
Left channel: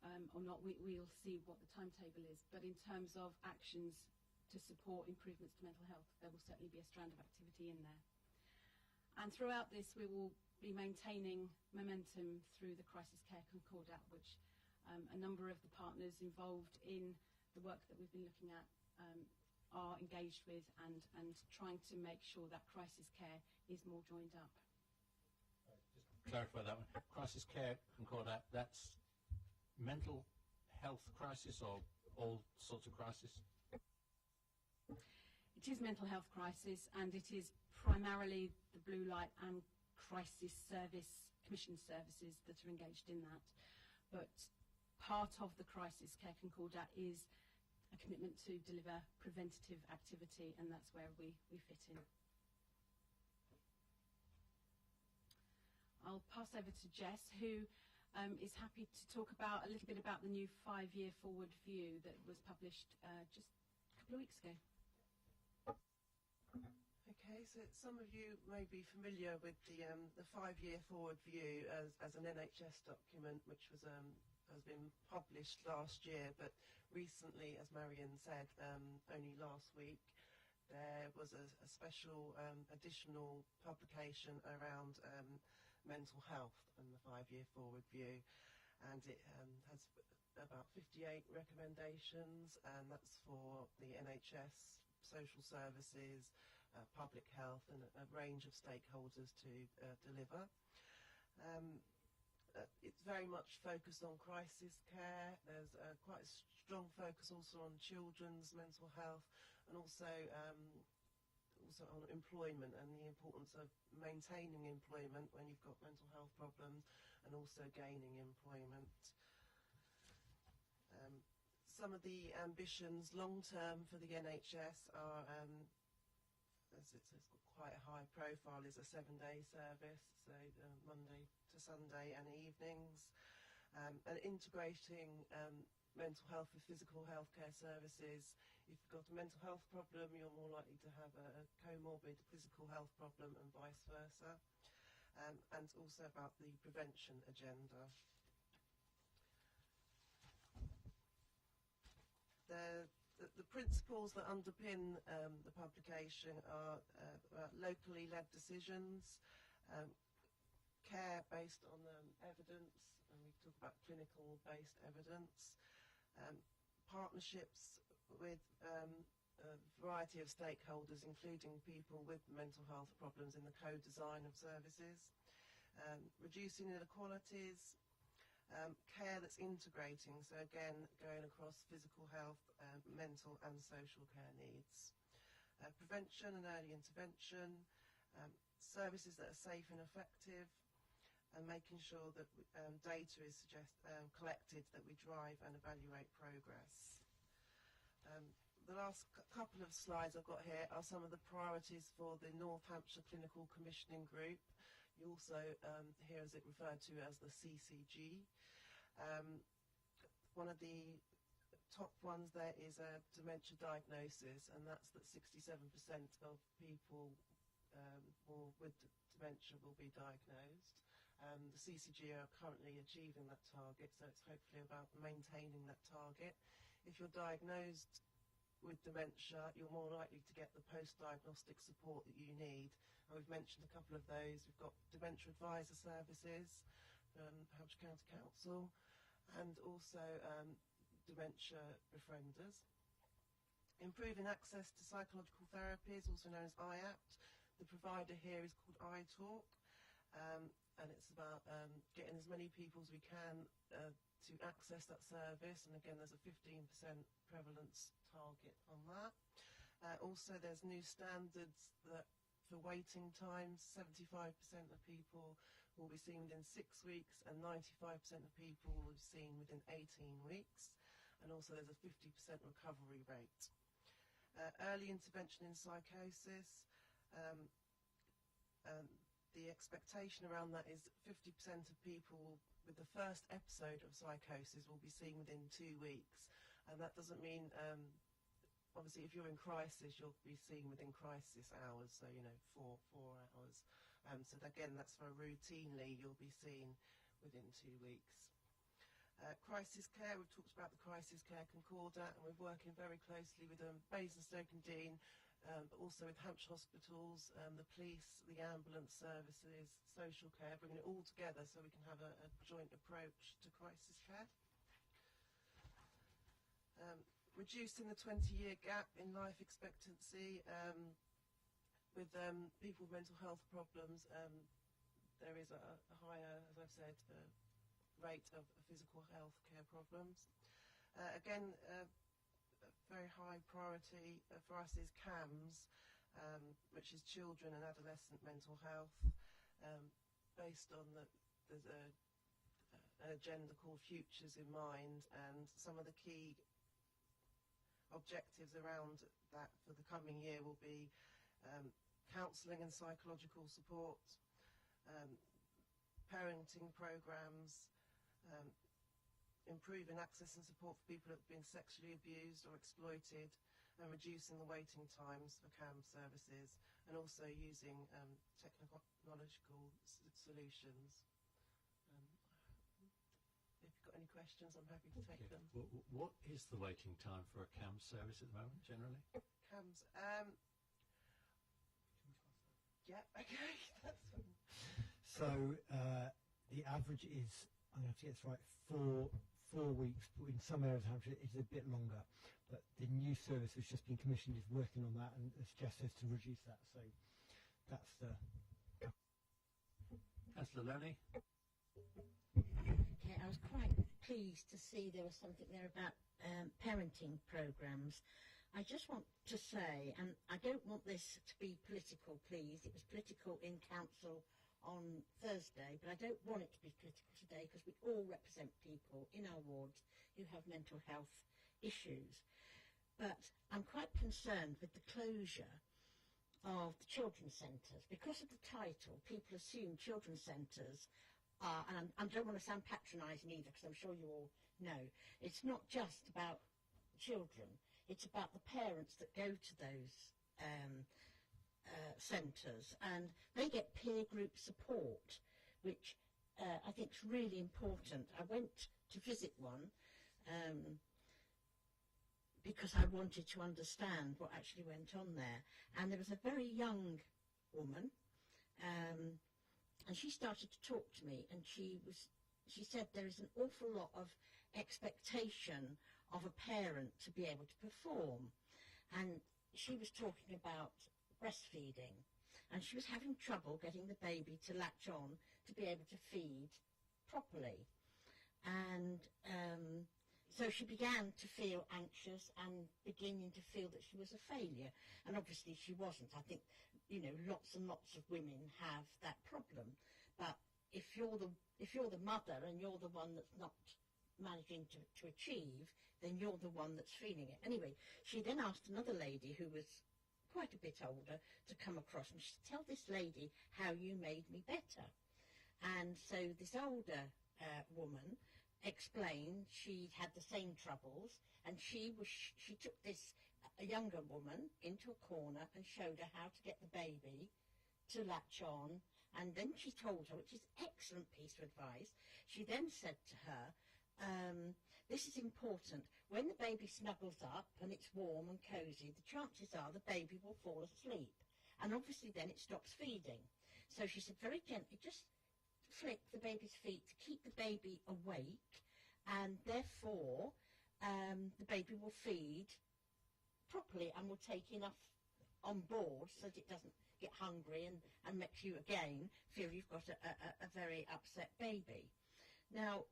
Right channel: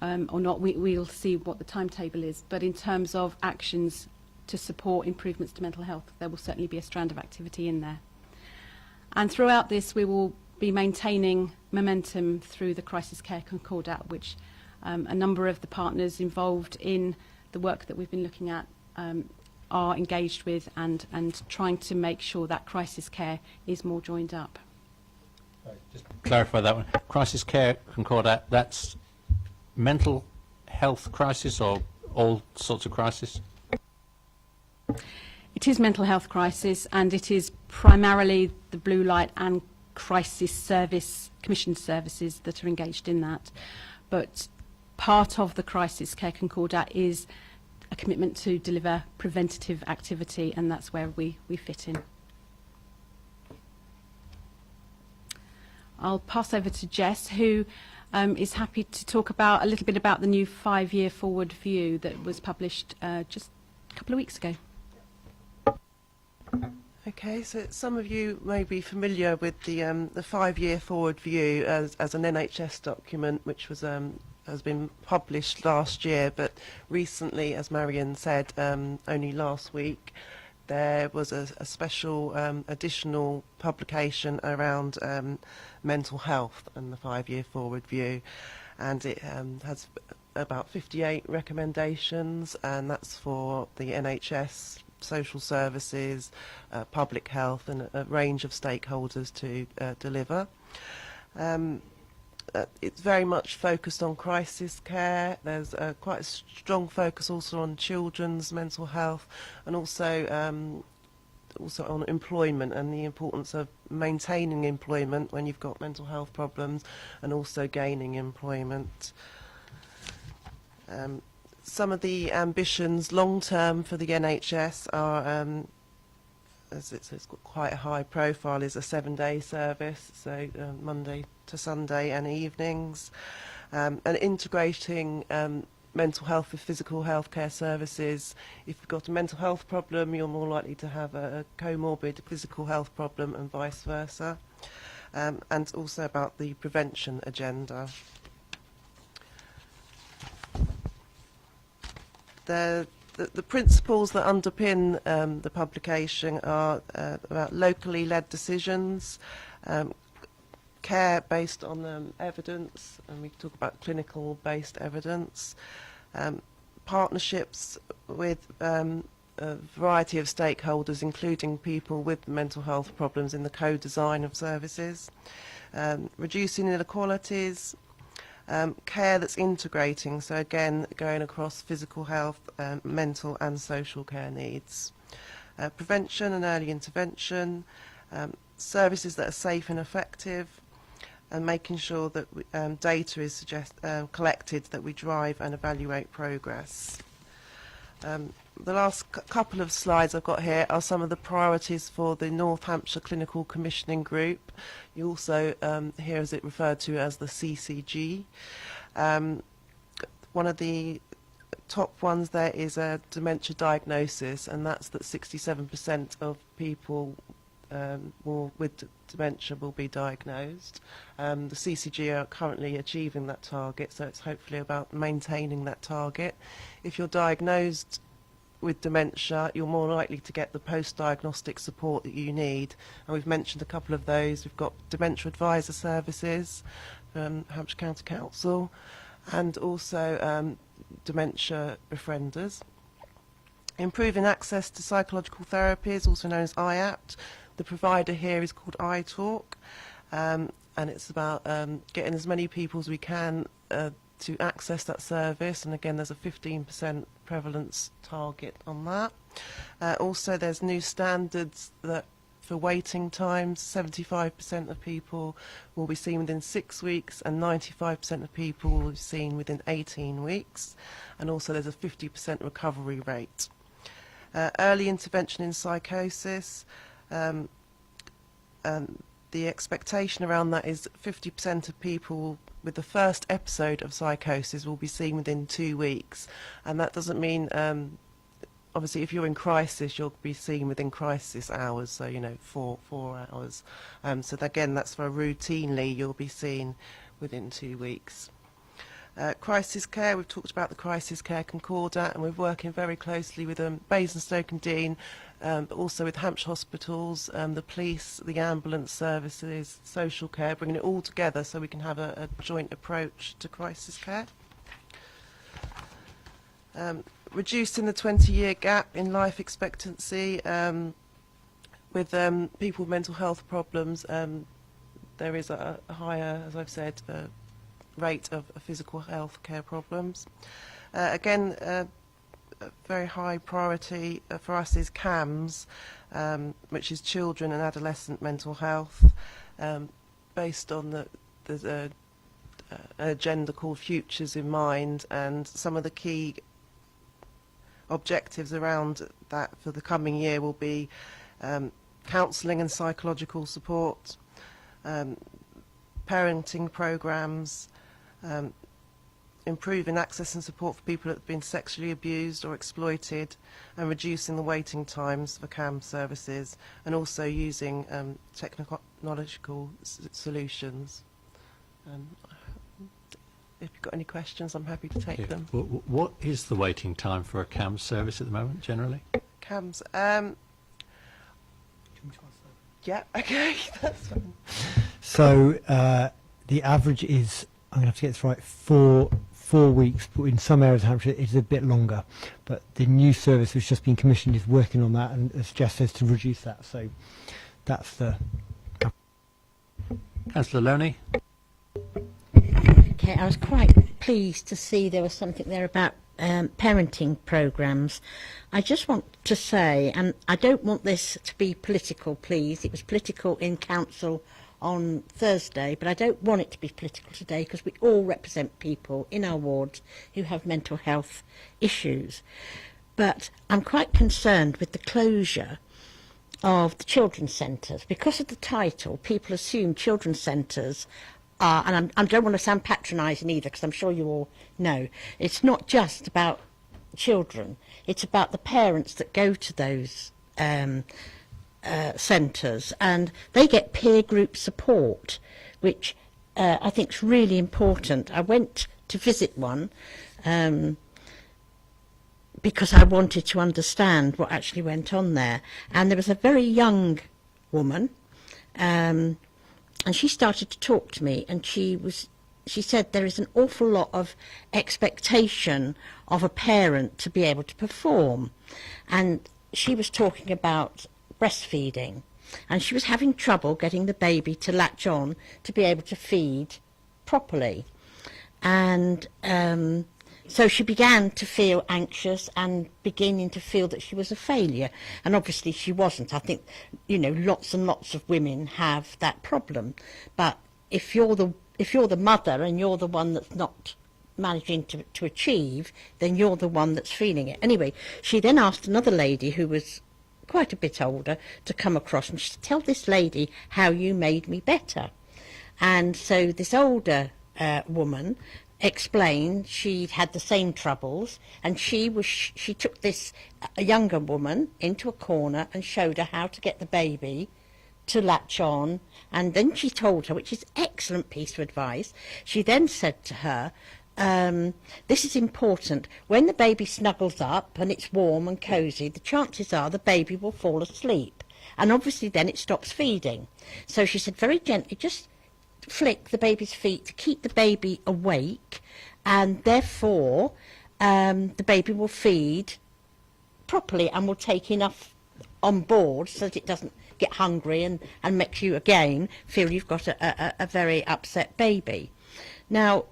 or not, we'll see what the timetable is. But in terms of actions to support improvements to mental health, there will certainly be a strand of activity in there. And throughout this, we will be maintaining momentum through the Crisis Care Concordat, which a number of the partners involved in the work that we've been looking at are engaged with, and trying to make sure that crisis care is more joined up. Just clarify that one. Crisis Care Concordat, that's mental health crisis or all sorts of crisis? It is mental health crisis, and it is primarily the blue light and crisis service, commissioned services that are engaged in that. But part of the Crisis Care Concordat is a commitment to deliver preventative activity, and that's where we fit in. I'll pass over to Jess, who is happy to talk about a little bit about the new 5-year forward view that was published just a couple of weeks ago. Okay, so some of you may be familiar with the 5-year forward view as an NHS document, which was has been published last year, but recently, as Marion said, only last week, there was a special additional publication around mental health and the 5-year forward view, and it has about 58 recommendations, and that's for the NHS, social services, public health, and a range of stakeholders to deliver. It's very much focused on crisis care. There's quite a strong focus also on children's mental health, and also on employment and the importance of maintaining employment when you've got mental health problems, and also gaining employment. Some of the ambitions long term for the NHS are, as it's got quite a high profile, is a 7-day service, so Monday to Sunday and evenings, and integrating mental health with physical healthcare services. If you've got a mental health problem, you're more likely to have a comorbid physical health problem, and vice versa, and also about the prevention agenda. The principles that underpin the publication are about locally led decisions, care based on evidence, and we talk about clinical based evidence, partnerships with a variety of stakeholders, including people with mental health problems, in the co-design of services, reducing inequalities, care that's integrating, so again going across physical health, mental and social care needs, prevention and early intervention, services that are safe and effective, and making sure that data is collected, that we drive and evaluate progress. The last couple of slides I've got here are some of the priorities for the North Hampshire Clinical Commissioning Group. You also hear as it referred to as the CCG. One of the top ones there is a dementia diagnosis, and that's that 67% of people with dementia will be diagnosed. The CCG are currently achieving that target, so it's hopefully about maintaining that target. If you're diagnosed with dementia, you're more likely to get the post-diagnostic support that you need, and we've mentioned a couple of those. We've got dementia advisor services from Hampshire County Council, and also dementia befrienders. Improving access to psychological therapies, also known as IAPT. The provider here is called iTalk, and it's about getting as many people as we can to access that service, and again there's a 15% prevalence target on that. Also there's new standards that for waiting times, 75% of people will be seen within 6 weeks, and 95% of people will be seen within 18 weeks, and also there's a 50% recovery rate. Early intervention in psychosis, the expectation around that is 50% of people with the first episode of psychosis will be seen within 2 weeks, and that doesn't mean obviously if you're in crisis you'll be seen within crisis hours, so 4 hours, so again that's for routinely you'll be seen within 2 weeks. Crisis care, we've talked about the Crisis Care Concordat, and we're working very closely with Basingstoke and Dean, but also with Hampshire Hospitals, the police, the ambulance services, social care, bringing it all together so we can have a joint approach to crisis care. Reducing the 20-year gap in life expectancy with people with mental health problems. There is a higher, as I've said, rate of physical health care problems. Again, a very high priority for us is CAMS, which is children and adolescent mental health, based on the an agenda called Futures in mind, and some of the key objectives around that for the coming year will be counselling and psychological support, parenting programmes, improving access and support for people that have been sexually abused or exploited, and reducing the waiting times for CAM services, and also using technological solutions. If you've got any questions, I'm happy to take them. What is the waiting time for a CAM service at the moment, generally? CAMs, yeah, okay, that's fine. So the average is, I'm going to have to get this right, four weeks, but in some areas of Hampshire it's a bit longer. But the new service which has just been commissioned is working on that, and as Jess says, to reduce that. So that's the... Councillor Loney? Okay, I was quite pleased to see there was something there about parenting programmes. I just want to say, and I don't want this to be political, please. It was political in council on Thursday, but I don't want it to be political today, because we all represent people in our wards who have mental health issues. But I'm quite concerned with the closure of the children's centres. Because of the title, people assume children's centres are, and I don't want to sound patronising either, because I'm sure you all know, it's not just about children, it's about the parents that go to those centres, and they get peer group support, which I think is really important. I went to visit one because I wanted to understand what actually went on there, and there was a very young woman, and she started to talk to me, and she said there is an awful lot of expectation of a parent to be able to perform, and she was talking about breastfeeding, and she was having trouble getting the baby to latch on to be able to feed properly, and so she began to feel anxious and beginning to feel that she was a failure, and obviously she wasn't. I think, you know, lots and lots of women have that problem, but if you're the mother and you're the one that's not managing to achieve, then you're the one that's feeling it. Anyway, she then asked another lady who was quite a bit older to come across, and she said, "Tell this lady how you made me better." And so this older woman explained she'd had the same troubles, and she took this a younger woman into a corner and showed her how to get the baby to latch on, and then she told her, which is excellent piece of advice, she then said to her, this is important, when the baby snuggles up and it's warm and cosy, the chances are the baby will fall asleep, and obviously then it stops feeding. So she said very gently, just flick the baby's feet to keep the baby awake, and therefore the baby will feed properly and will take enough on board so that it doesn't get hungry and makes you again feel you've got a very upset baby. Now,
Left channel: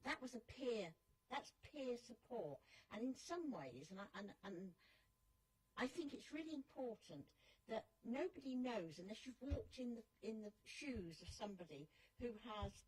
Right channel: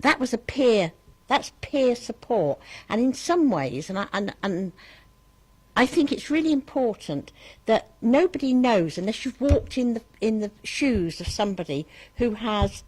that was that's peer support, and in some ways, and I think it's really important that nobody knows, unless you've walked in the shoes of somebody who has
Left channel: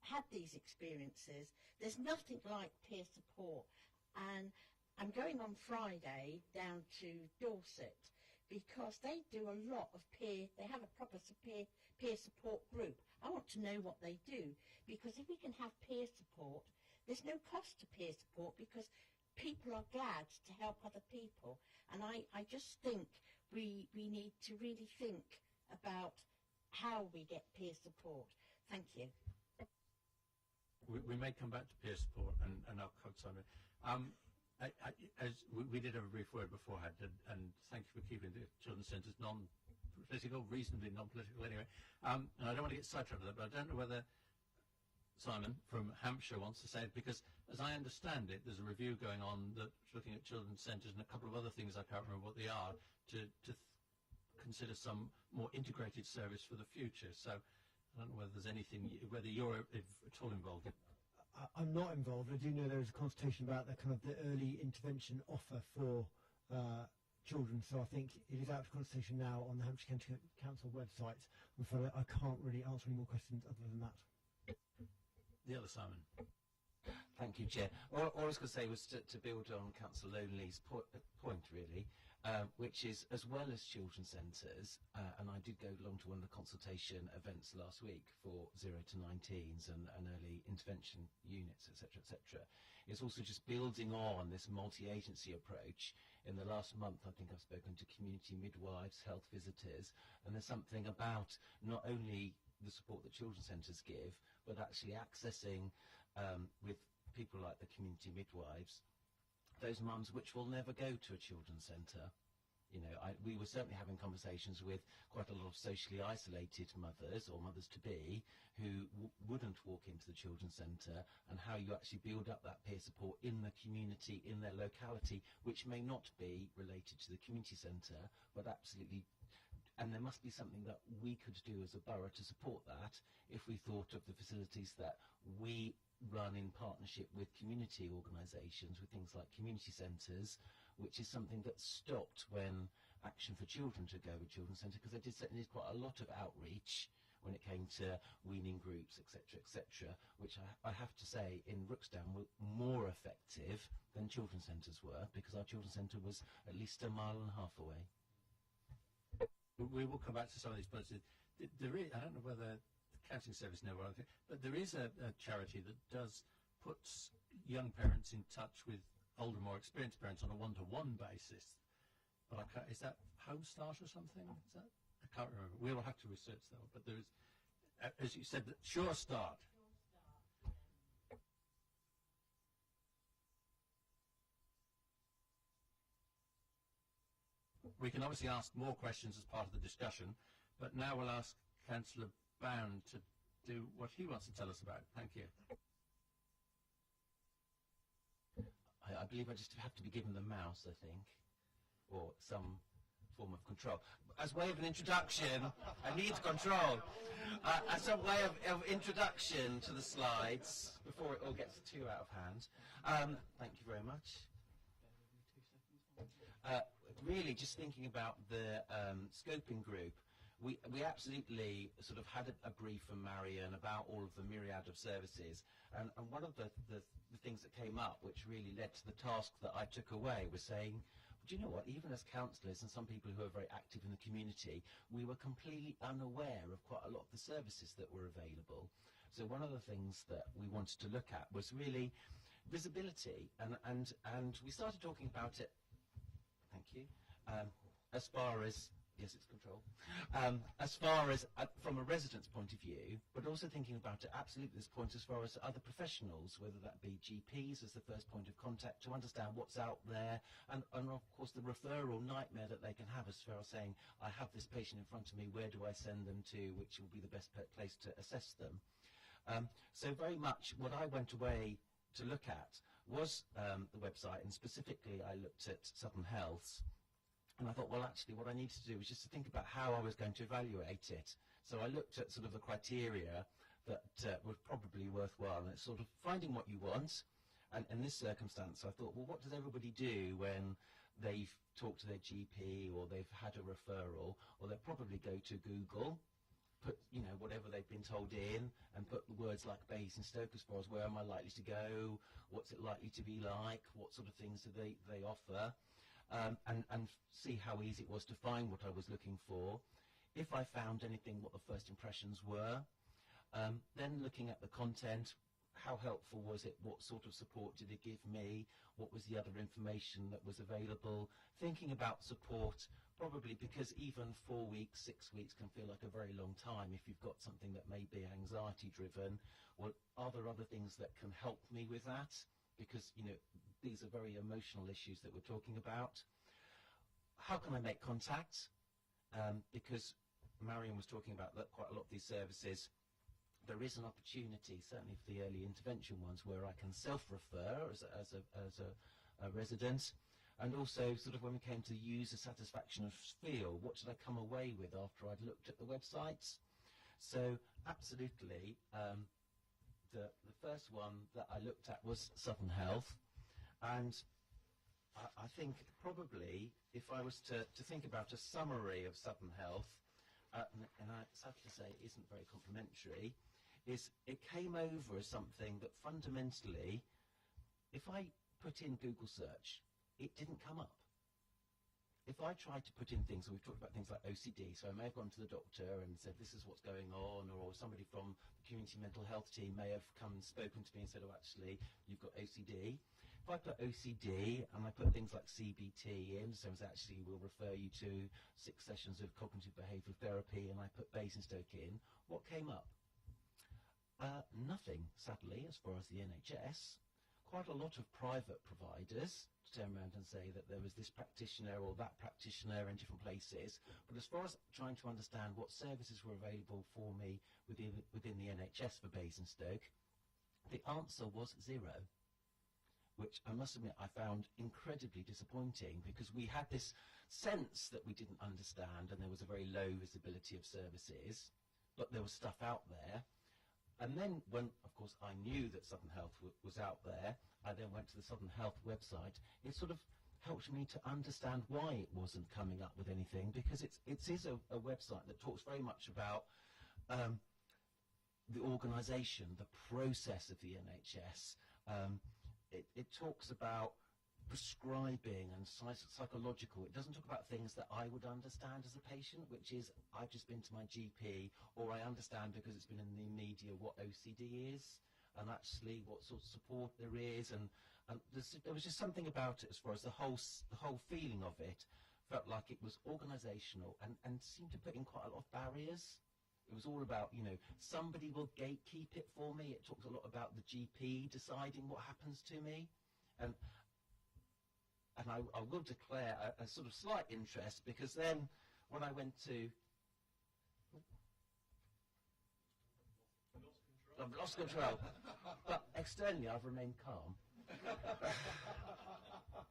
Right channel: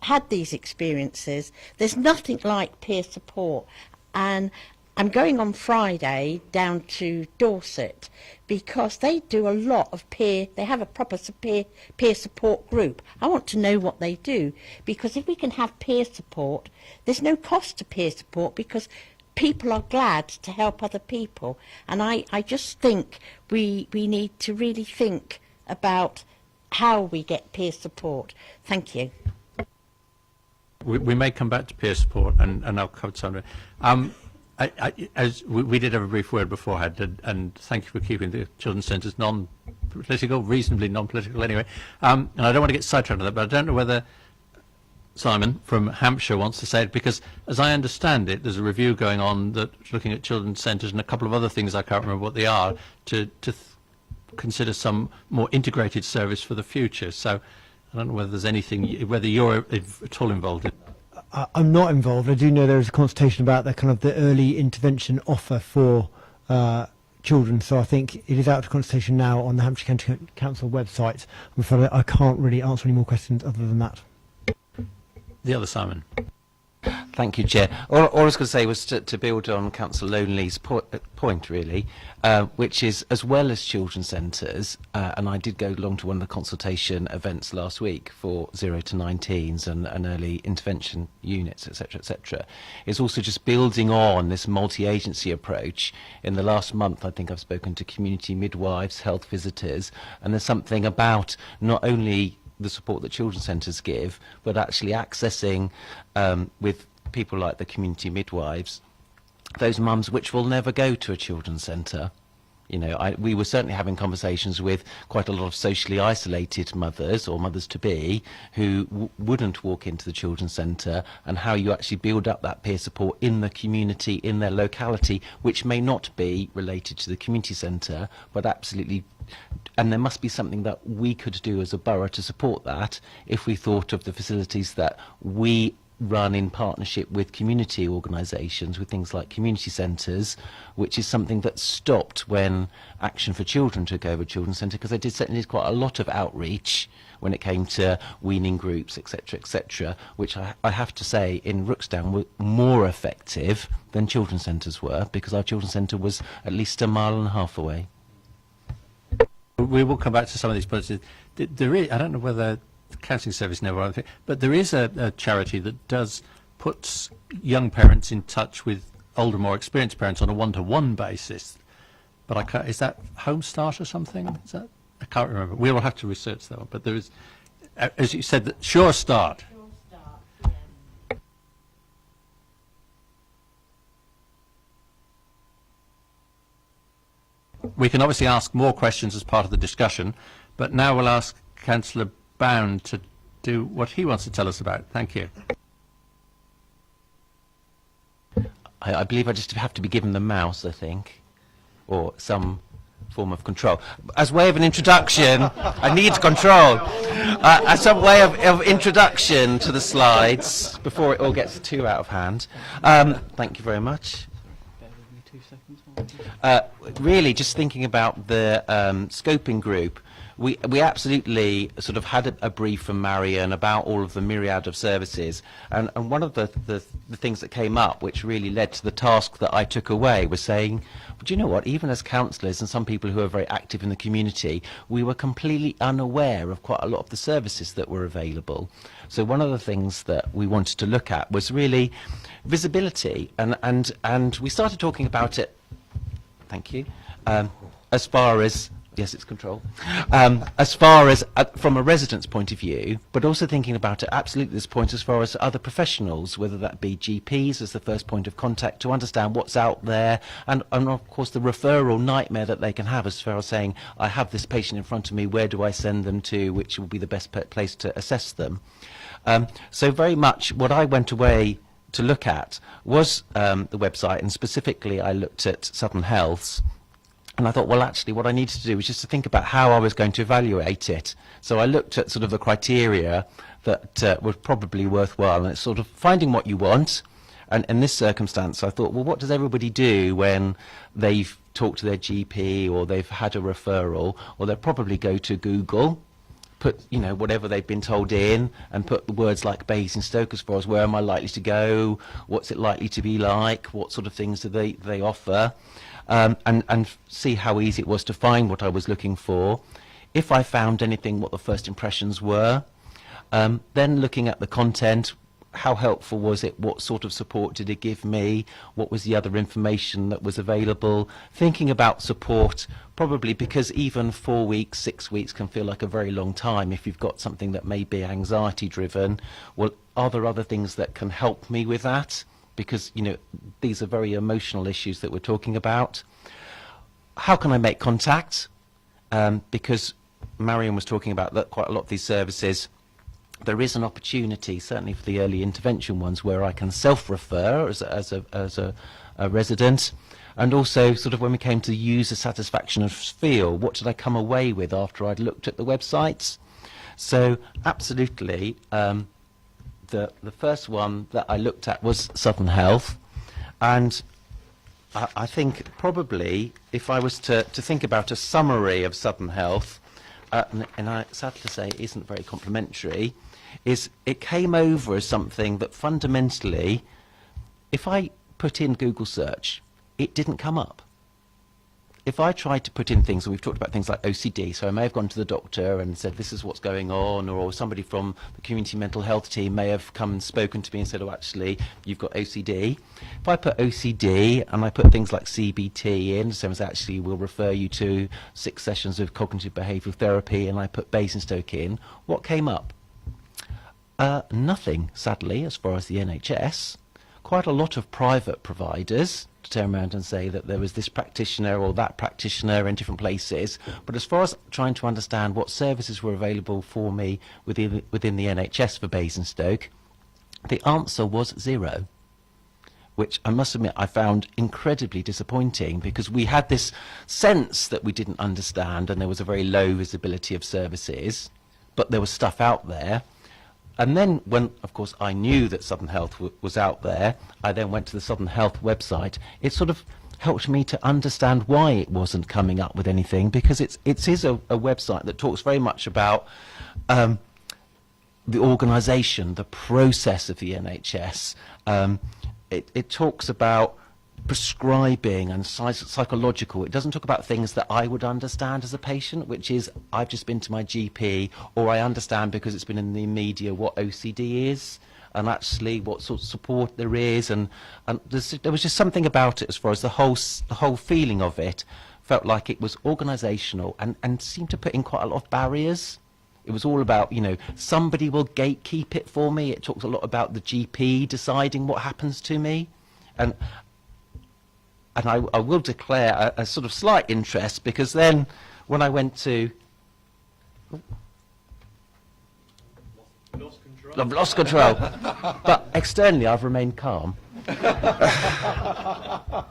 had these experiences, there's nothing like peer support. And I'm going on Friday down to Dorset because they do a lot of they have a proper peer support group. I want to know what they do, because if we can have peer support, there's no cost to peer support, because people are glad to help other people. And I just think we need to really think about how we get peer support. Thank you. We may come back to peer support, and I'll cover some of it. As we did have a brief word beforehand, and thank you for keeping the children's centres non-political, reasonably non-political anyway. And I don't want to get sidetracked on that, but I don't know whether Simon from Hampshire wants to say it, because as I understand it, there's a review going on that's looking at children's centres and a couple of other things, I can't remember what they are, to consider some more integrated service for the future. So I don't know whether there's anything, whether you're at all involved in. I'm not involved. I do know there is a consultation about the early intervention offer for children. So I think it is out of consultation now on the Hampshire County Council website. I'm afraid I can't really answer any more questions other than that. The other Simon. Thank you, Chair. All I was going to say was to build on Councillor Lonely's point, really, which is, as well as children's centres, and I did go along to one of the consultation events last week for 0 to 19s and early intervention units, etc., is also just building on this multi-agency approach. In the last month, I think I've spoken to community midwives, health visitors, and there's something about not only the support that children's centres give, but actually accessing with people like the community midwives, those mums which will never go to a children's centre. You know, we were certainly having conversations with quite a lot of socially isolated mothers or mothers-to-be who wouldn't walk into the children's centre, and how you actually build up that peer support in the community, in their locality, which may not be related to the community centre, but absolutely. And there must be something that we could do as a borough to support that if we thought of the facilities that we run in partnership with community organisations, with things like community centres, which is something that stopped when Action for Children took over Children's Centre, because they certainly did quite a lot of outreach when it came to weaning groups, etc., which I have to say in Rooksdown were more effective than children's centres were, because our children's centre was at least 1.5 miles away. We will come back to some of these points. There is, I don't know whether the counselling service know anything, but there is a charity that does puts young parents in touch with older, more experienced parents on a one-to-one basis. But I can't, is that Home Start or something? Is that, I can't remember. We will have to research that one. But there is, as you said, Sure Start. We can obviously ask more questions as part of the discussion, but now we'll ask Councillor Bound to do what he wants to tell us about. Thank you. I believe I just have to be given the mouse, I think, or some form of control. As way of an introduction, I need control. As some way of introduction to the slides, before it all gets too out of hand. Thank you very much. Really, just thinking about the scoping group, we absolutely sort of had a brief from Marion about all of the myriad of services, and one of the things that came up, which really led to the task that I took away, was saying, do you know what, even as councillors and some people who are very active in the community, we were completely unaware of quite a lot of the services that were available. So one of the things that we wanted to look at was really visibility, and we started talking about it. Thank you. As far as, yes, it's control. As far as from a resident's point of view, but also thinking about it absolutely this point as far as other professionals, whether that be GPs as the first point of contact to understand what's out there, and of course the referral nightmare that they can have as far as saying, I have this patient in front of me, where do I send them to, which will be the best place to assess them. So very much what I went away to look at was the website, and specifically I looked at Southern Health's, and I thought, well, actually what I needed to do was just to think about how I was going to evaluate it. So I looked at sort of the criteria that were probably worthwhile, and it's sort of finding what you want. And in this circumstance, I thought, well, what does everybody do when they've talked to their GP or they've had a referral? Well, they'll probably go to Google, put, you know, whatever they've been told in, and put the words like Basingstoke as far as where am I likely to go, what's it likely to be like, what sort of things do they offer, and see how easy it was to find what I was looking for. If I found anything, what the first impressions were. Then looking at the content, how helpful was it, what sort of support did it give me, what was the other information that was available, thinking about support, probably because even 4 weeks, 6 weeks can feel like a very long time if you've got something that may be anxiety driven. Well, are there other things that can help me with that? Because, you know, these are very emotional issues that we're talking about. How can I make contact? Because Marion was talking about that quite a lot of these services, there is an opportunity, certainly for the early intervention ones, where I can self-refer as a resident, and also sort of when we came to user satisfaction and feel, what did I come away with after I'd looked at the websites? So absolutely, the first one that I looked at was Southern Health, and I think probably if I was to think about a summary of Southern Health, and I sad to say it isn't very complimentary, is it came over as something that fundamentally, if I put in Google search, it didn't come up. If I tried to put in things, and we've talked about things like OCD, so I may have gone to the doctor and said, this is what's going on, or somebody from the community mental health team may have come and spoken to me and said, oh, actually, you've got OCD. If I put OCD and I put things like CBT in, so it's actually we'll refer you to 6 sessions of cognitive behavioural therapy, and I put Basingstoke in, what came up? Nothing, sadly, as far as the NHS. Quite a lot of private providers to turn around and say that there was this practitioner or that practitioner in different places. But as far as trying to understand what services were available for me within the NHS for Basingstoke, the answer was 0, which I must admit I found incredibly disappointing, because we had this sense that we didn't understand and there was a very low visibility of services, but there was stuff out there. And then when, of course, I knew that Southern Health was out there, I then went to the Southern Health website. It sort of helped me to understand why it wasn't coming up with anything, because it is a website that talks very much about the organisation, the process of the NHS. It talks about prescribing and psychological. It doesn't talk about things that I would understand as a patient, which is I've just been to my GP, or I understand because it's been in the media what OCD is and actually what sort of support there is, and there was just something about it as far as the whole feeling of it felt like it was organisational and seemed to put in quite a lot of barriers. It was all about, you know, somebody will gatekeep it for me. It talks a lot about the GP deciding what happens to me, and I will declare a sort of slight interest, because then when I went to... I've lost control. But externally, I've remained calm.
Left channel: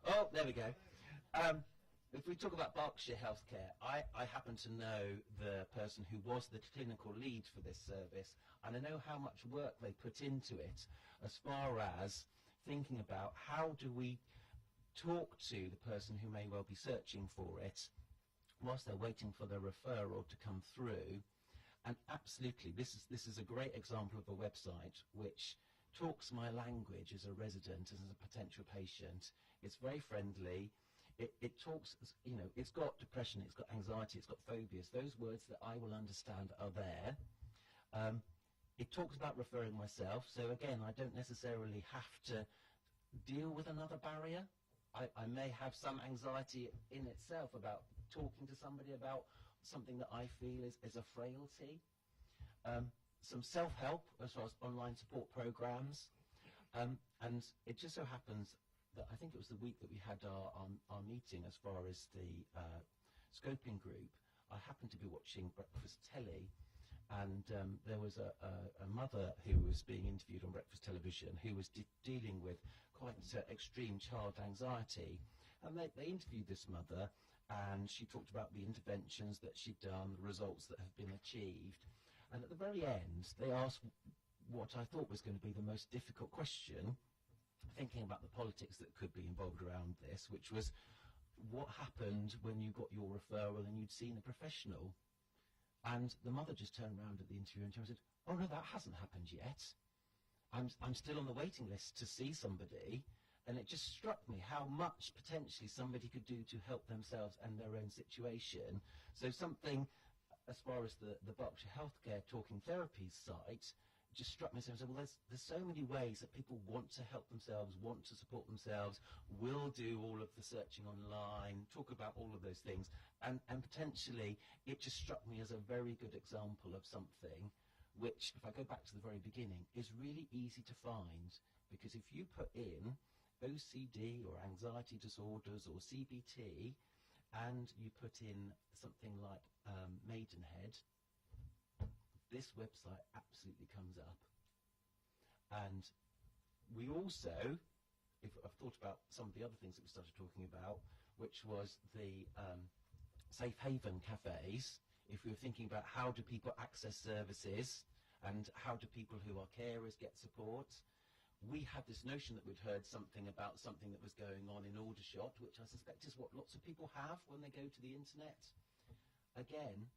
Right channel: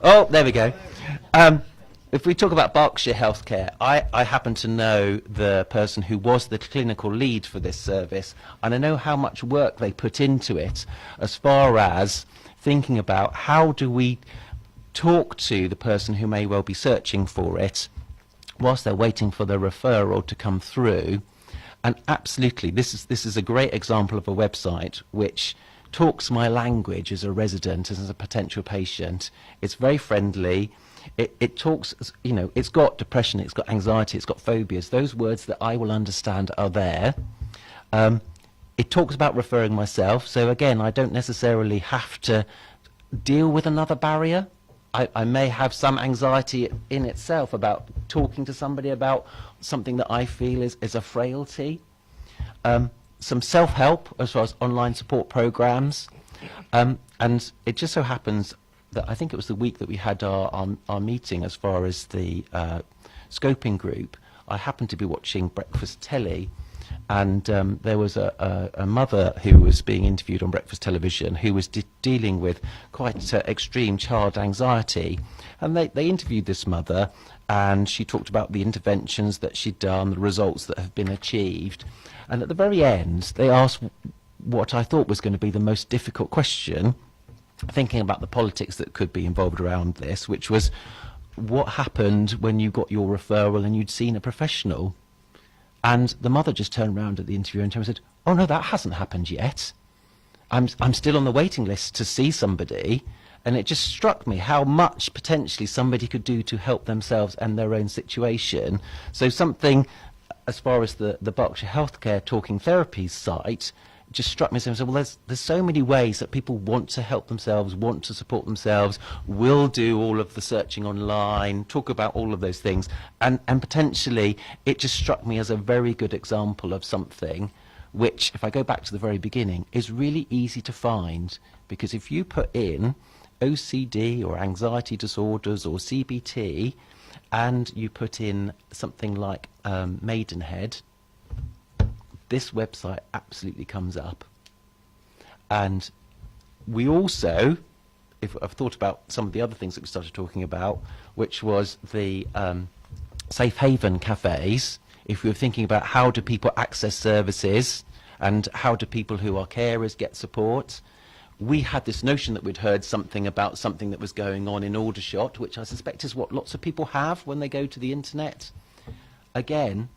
Oh, there we go. If we talk about Berkshire Healthcare, I happen to know the person who was the clinical lead for this service, and I know how much work they put into it as far as thinking about how do we talk to the person who may well be searching for it whilst they're waiting for the referral to come through. And absolutely, this is a great example of a website which talks my language as a resident, as a potential patient. It's very friendly. It talks, you know, it's got depression, it's got anxiety, it's got phobias. Those words that I will understand are there. It talks about referring myself. So again, I don't necessarily have to deal with another barrier. I may have some anxiety in itself about talking to somebody about something that I feel is a frailty. Some self-help as well as online support programs. And it just so happens that I think it was the week that we had our meeting as far as the scoping group. I happened to be watching breakfast telly, and there was a mother who was being interviewed on breakfast television who was dealing with quite extreme child anxiety. And they interviewed this mother, and she talked about the interventions that she'd done, the results that have been achieved. And at the very end, they asked what I thought was going to be the most difficult question, thinking about the politics that could be involved around this, which was, what happened when you got your referral and you'd seen a professional? And the mother just turned around at the interviewer and said, oh no, that hasn't happened yet. I'm still on the waiting list to see somebody. And it just struck me how much potentially somebody could do to help themselves and their own situation. So something, as far as the Berkshire Healthcare Talking Therapies site, just struck me as, well, there's so many ways that people want to help themselves, want to support themselves, will do all of the searching online, talk about all of those things, and potentially it just struck me as a very good example of something which, if I go back to the very beginning, is really easy to find, because if you put in OCD or anxiety disorders or CBT and you put in something like Maidenhead, this website absolutely comes up. And we also, if I've thought about some of the other things that we started talking about, which was the safe haven cafes, if we were thinking about how do people access services and how do people who are carers get support, we had this notion that we'd heard something about something that was going on in Aldershot, which I suspect is what lots of people have when they go to the internet. Again,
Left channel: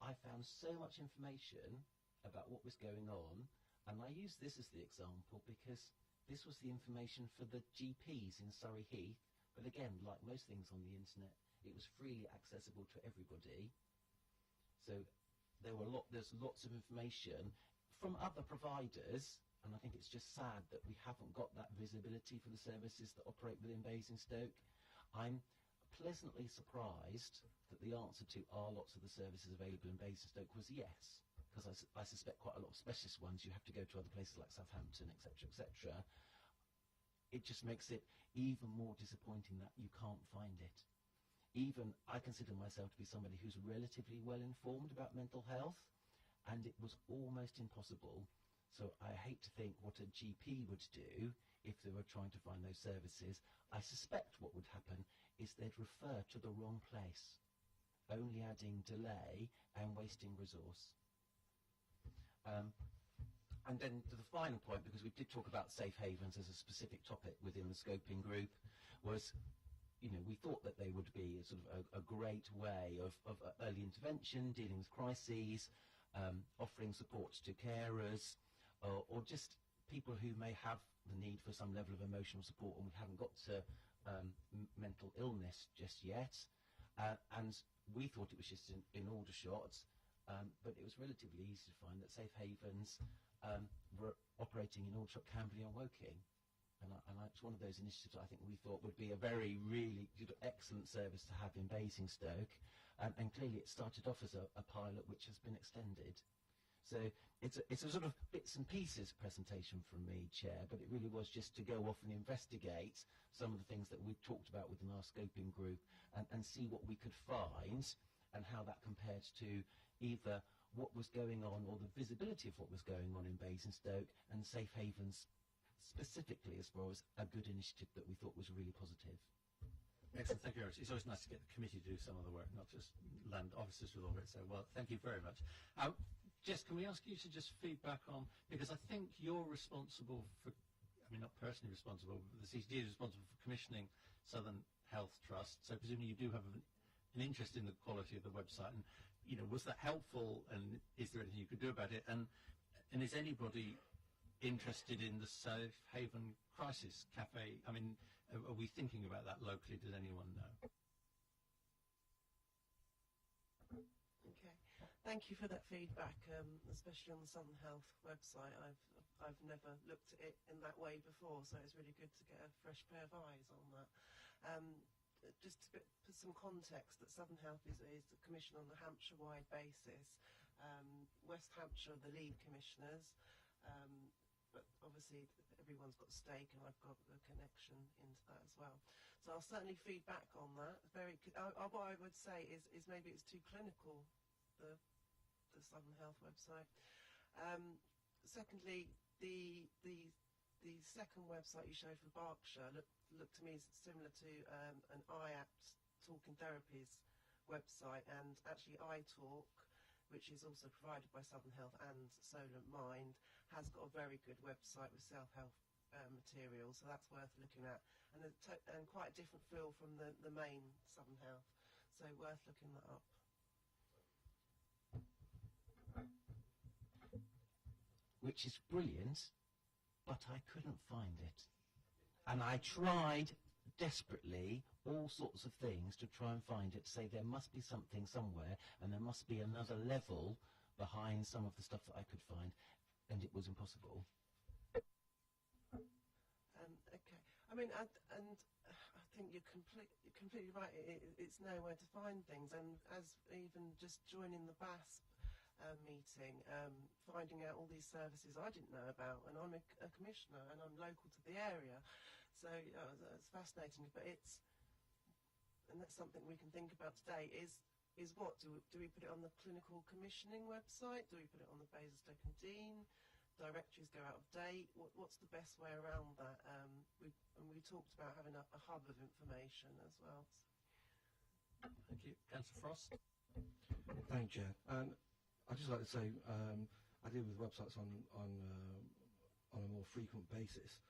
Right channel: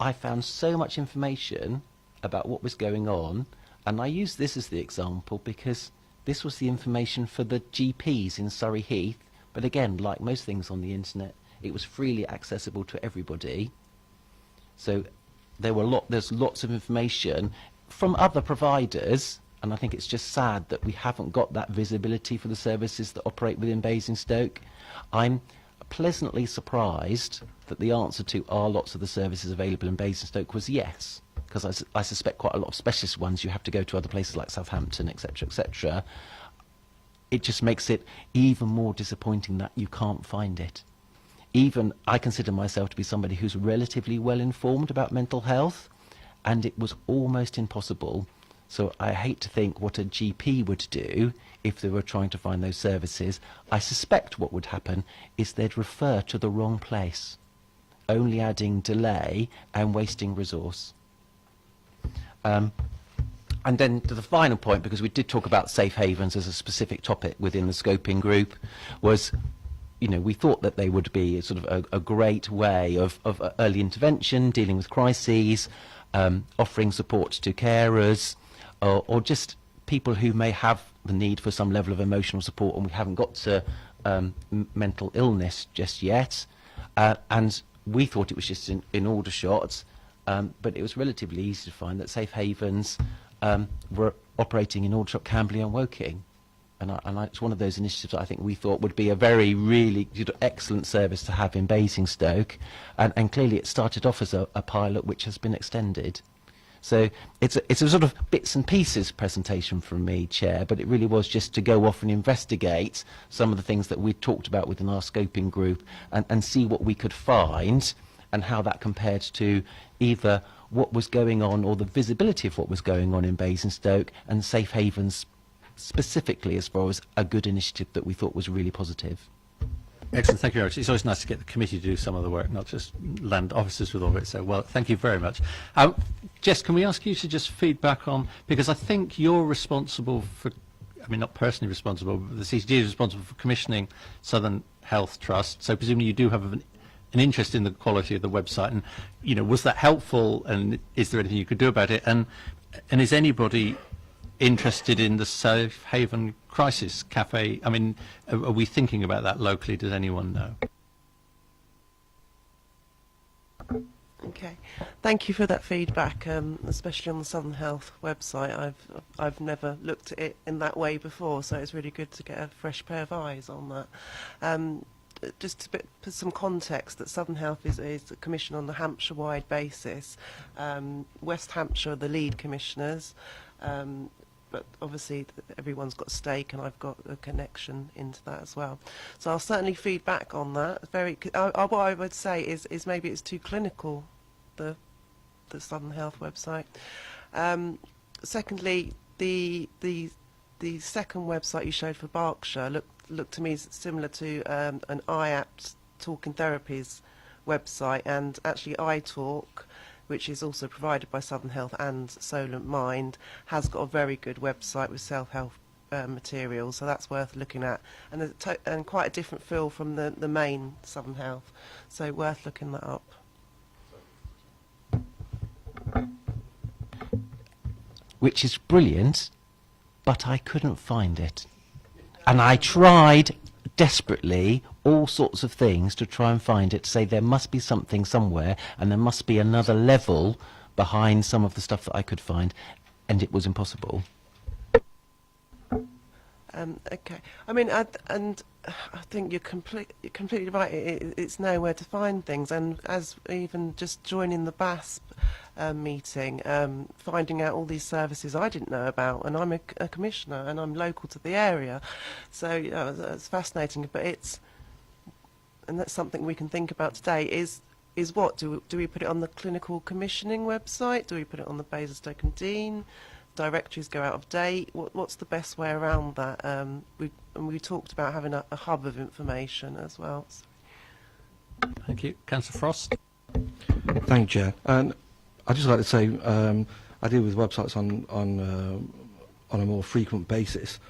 I found so much information about what was going on, and I use this as the example because this was the information for the GPs in Surrey Heath, but again, like most things on the internet, it was freely accessible to everybody. So there's lots of information from other providers, and I think it's just sad that we haven't got that visibility for the services that operate within Basingstoke. I'm pleasantly surprised that the answer to are lots of the services available in Basingstoke was yes, because I suspect quite a lot of specialist ones you have to go to other places like Southampton, etc., etc. It just makes it even more disappointing that you can't find it. Even I consider myself to be somebody who's relatively well informed about mental health, and it was almost impossible. So I hate to think what a GP would do if they were trying to find those services. I suspect what would happen is they'd refer to the wrong place, only adding delay and wasting resource. And then to the final point, because we did talk about safe havens as a specific topic within the scoping group, was, you know, we thought that they would be a sort of a great way of early intervention, dealing with crises, offering support to carers, or just people who may have the need for some level of emotional support, and we haven't got to mental illness just yet. And we thought it was just in Aldershot, but it was relatively easy to find that safe havens were operating in Aldershot, Camberley and Woking. And it's one of those initiatives that I think we thought would be a really excellent service to have in Basingstoke. And clearly it started off as a pilot which has been extended. So it's a sort of bits and pieces presentation from me, Chair, but it really was just to go off and investigate some of the things that we talked about within our scoping group and see what we could find and how that compared to either what was going on or the visibility of what was going on in Basingstoke and safe havens specifically as far as a good initiative that we thought was really positive. Excellent, thank you very much. It's always nice to get the committee to do some of the work, not just land officers with all of it. So, well, thank you very much. Jess, can we ask you to just feedback on, because I think you're responsible for, I mean, not personally responsible, but the CCG is responsible for commissioning Southern Health Trust. So presumably you do have an interest in the quality of the website. And, you know, was that helpful? And is there anything you could do about it? And is anybody interested in the Safe Haven Crisis Cafe? I mean, are we thinking about that locally? Does anyone know? Okay, thank you for that feedback, especially on the Southern Health website. I've never looked at it in that way before, so it's really good to get a fresh pair of eyes on that. Just to put some context, that Southern Health is a commission on a Hampshire-wide basis. West Hampshire are the lead commissioners, but obviously everyone's got a stake, and I've got a connection into that as well. So I'll certainly feedback on that. What I would say is maybe it's too clinical, the Southern Health website. Secondly, the second website you showed for Berkshire looked to me similar to an iApt Talking Therapies website, and actually iTalk, which is also provided by Southern Health and Solent Mind, has got a very good website with self-help materials, so that's worth looking at, and quite a different feel from the main Southern Health, so worth looking that up. Which is brilliant, but I couldn't find it. And I tried desperately all sorts of things to try and find it, to say there must be something somewhere and there must be another level behind some of the stuff that I could find, and it was impossible. Okay, I mean, and I think you're completely right. It's nowhere to find things, and as even just joining the BASP meeting, finding out all these services I didn't know about, and I'm a commissioner and I'm local to the area, so you know, it's fascinating. But and that's something we can think about today. Is what do we put it on the clinical commissioning website? Do we put it on the Basingstoke and Dean? Directories go out of date. What's the best way around that? We talked about having a hub of information as well. Thank you. Councillor Frost. Thank you, Chair. And I'd just like to say I deal with websites on a more frequent basis,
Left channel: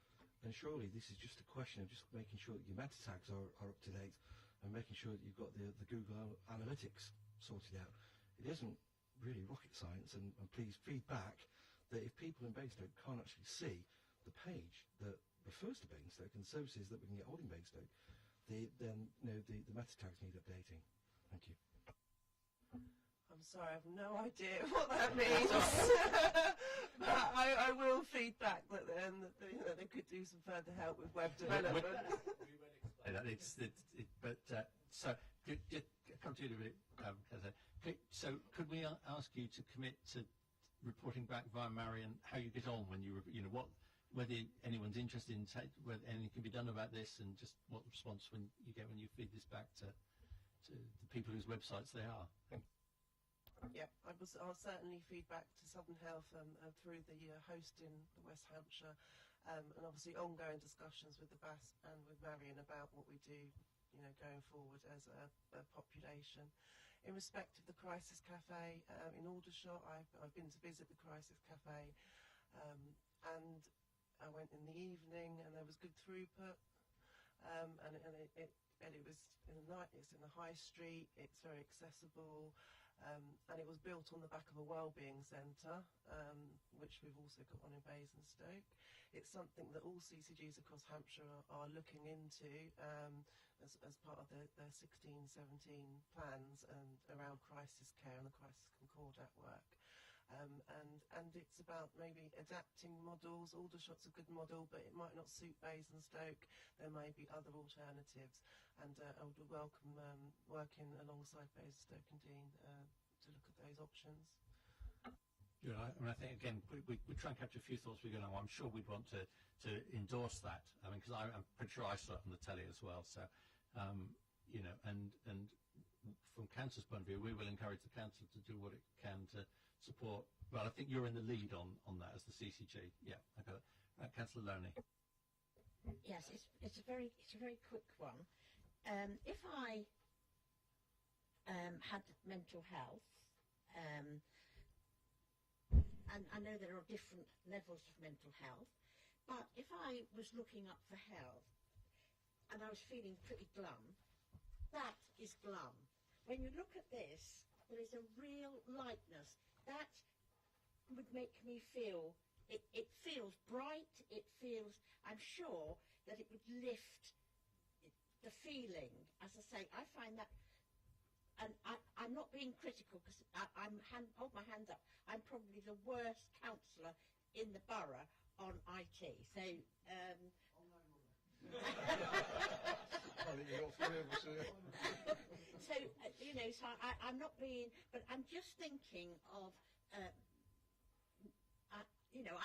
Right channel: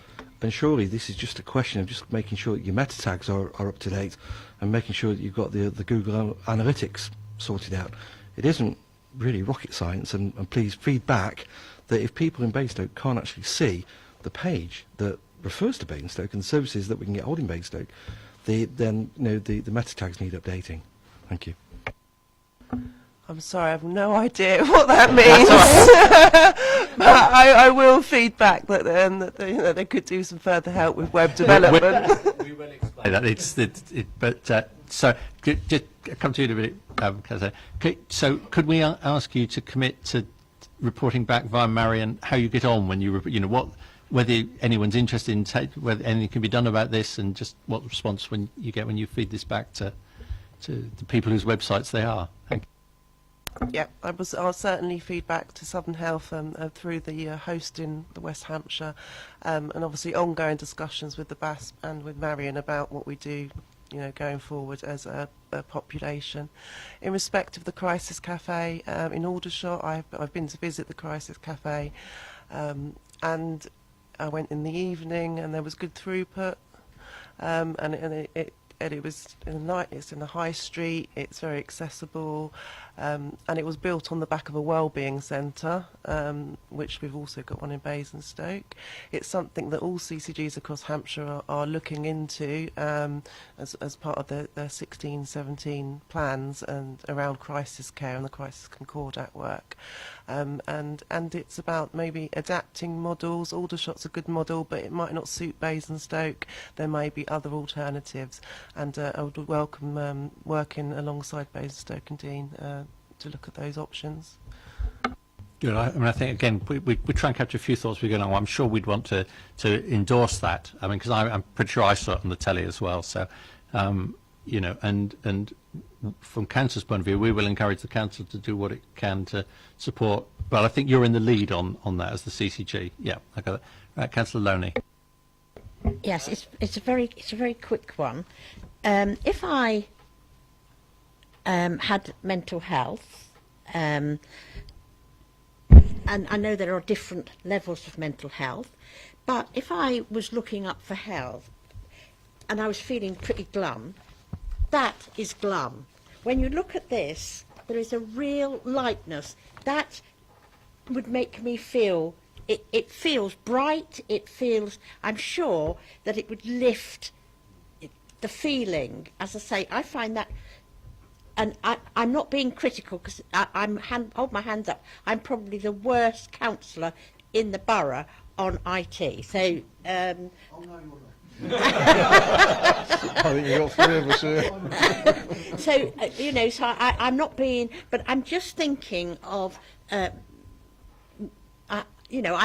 and surely this is just a question of just making sure that your meta tags are up to date and making sure that you've got the Google Analytics sorted out. It isn't really rocket science, and please feed back that if people in Basingstoke can't actually see the page that refers to Basingstoke and services that we can get hold in Basingstoke, then the meta tags need updating. Thank you. I'm sorry, I have no idea what that means. But I will feed back that, they could do some further help with web development. We will explain that. So just come to you in a minute, Kaz. So could we ask you to commit to reporting back via Marion how you get on when you whether anyone's interested in whether anything can be done about this, and just what response when you feed this back to the people whose websites they are. Thank you. Yeah, I'll certainly feed back to Southern Health through the host in the West Hampshire, and obviously ongoing discussions with the BAS and with Marion about what we do, going forward as a population. In respect of the Crisis Cafe in Aldershot, I've been to visit the Crisis Cafe, and I went in the evening, and there was good throughput, and it was in the night. It's in the high street. It's very accessible, and it was built on the back of a wellbeing centre, which we've also got one in Basingstoke. It's something that all CCGs across Hampshire are looking into as part of their 16-17 plans and around crisis care and the Crisis Concordat work. And it's about maybe adapting models. Aldershot's a good model, but it might not suit Basingstoke. There may be other alternatives, and I would welcome working alongside Basingstoke and Dean to look at those options. Good. I think again we try and capture a few thoughts we go on. I'm sure we'd want to endorse that. I mean, because I'm pretty sure I saw it on the telly as well. So, and from council's point of view, we will encourage the council to do what it can to support. Well, I think you're in the lead on that as the CCG. Yeah, I got it. Right, Councillor Loney. Yes, it's a very quick one. If I had mental health, and I know there are different levels of mental health, but if I was looking up for health and I was feeling pretty glum, that is glum. When you look at this, there is a real lightness that would make me feel, it feels bright, it feels, I'm sure that it would lift the feeling. As I say, I find that, and I'm not being critical, because hold my hands up, I'm probably the worst councillor in the borough on IT. So, I think you've got three of us here. So, so I'm not being, but I'm just thinking of, I've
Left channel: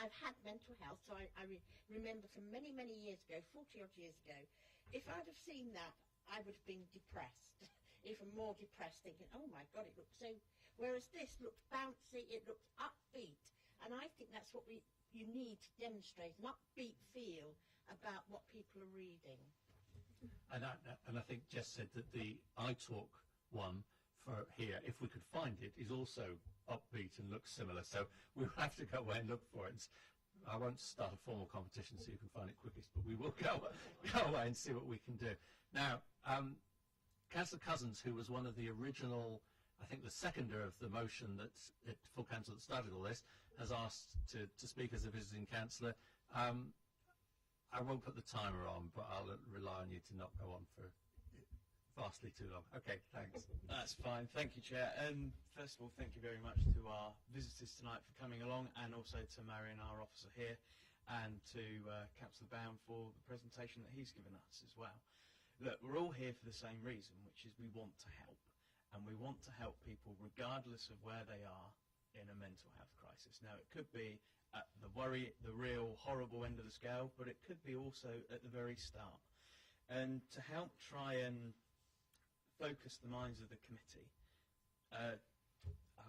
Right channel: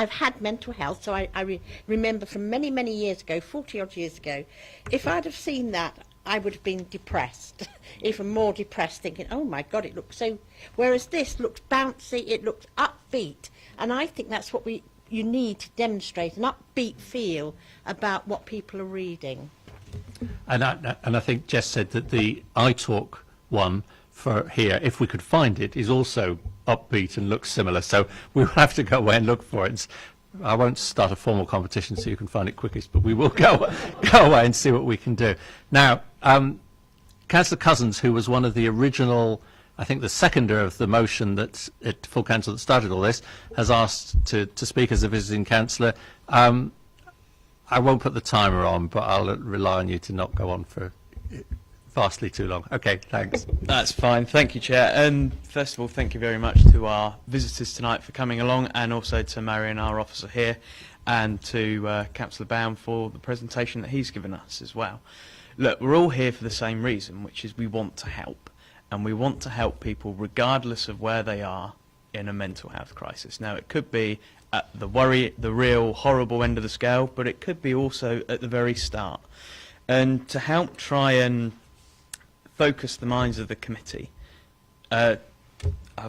had mental health, so I remember from many, many years ago, 40-odd years ago, if I'd have seen that, I would have been depressed, even more depressed, thinking, oh my God, it looks so, whereas this looks bouncy, it looks upbeat, and I think that's what you need to demonstrate, an upbeat feel about what people are reading. And I think Jess said that the iTalk one for here, if we could find it, is also upbeat and looks similar. So we'll have to go away and look for it. I won't start a formal competition so you can find it quickest, but we will go away and see what we can do. Now, Councillor Cousins, who was one of the original, I think the seconder of the motion that at full council that started all this, has asked to speak as a visiting councillor. I won't put the timer on, but I'll rely on you to not go on for vastly too long. Okay, thanks. That's fine. Thank you, Chair. And first of all, thank you very much to our visitors tonight for coming along, and also to Marion, our officer here, and to Councillor Baum for the presentation that he's given us as well. Look, we're all here for the same reason, which is we want to help. And we want to help people regardless of where they are in a mental health crisis. Now, it could be at the real horrible end of the scale, but it could be also at the very start. And to help try and focus the minds of the committee, I've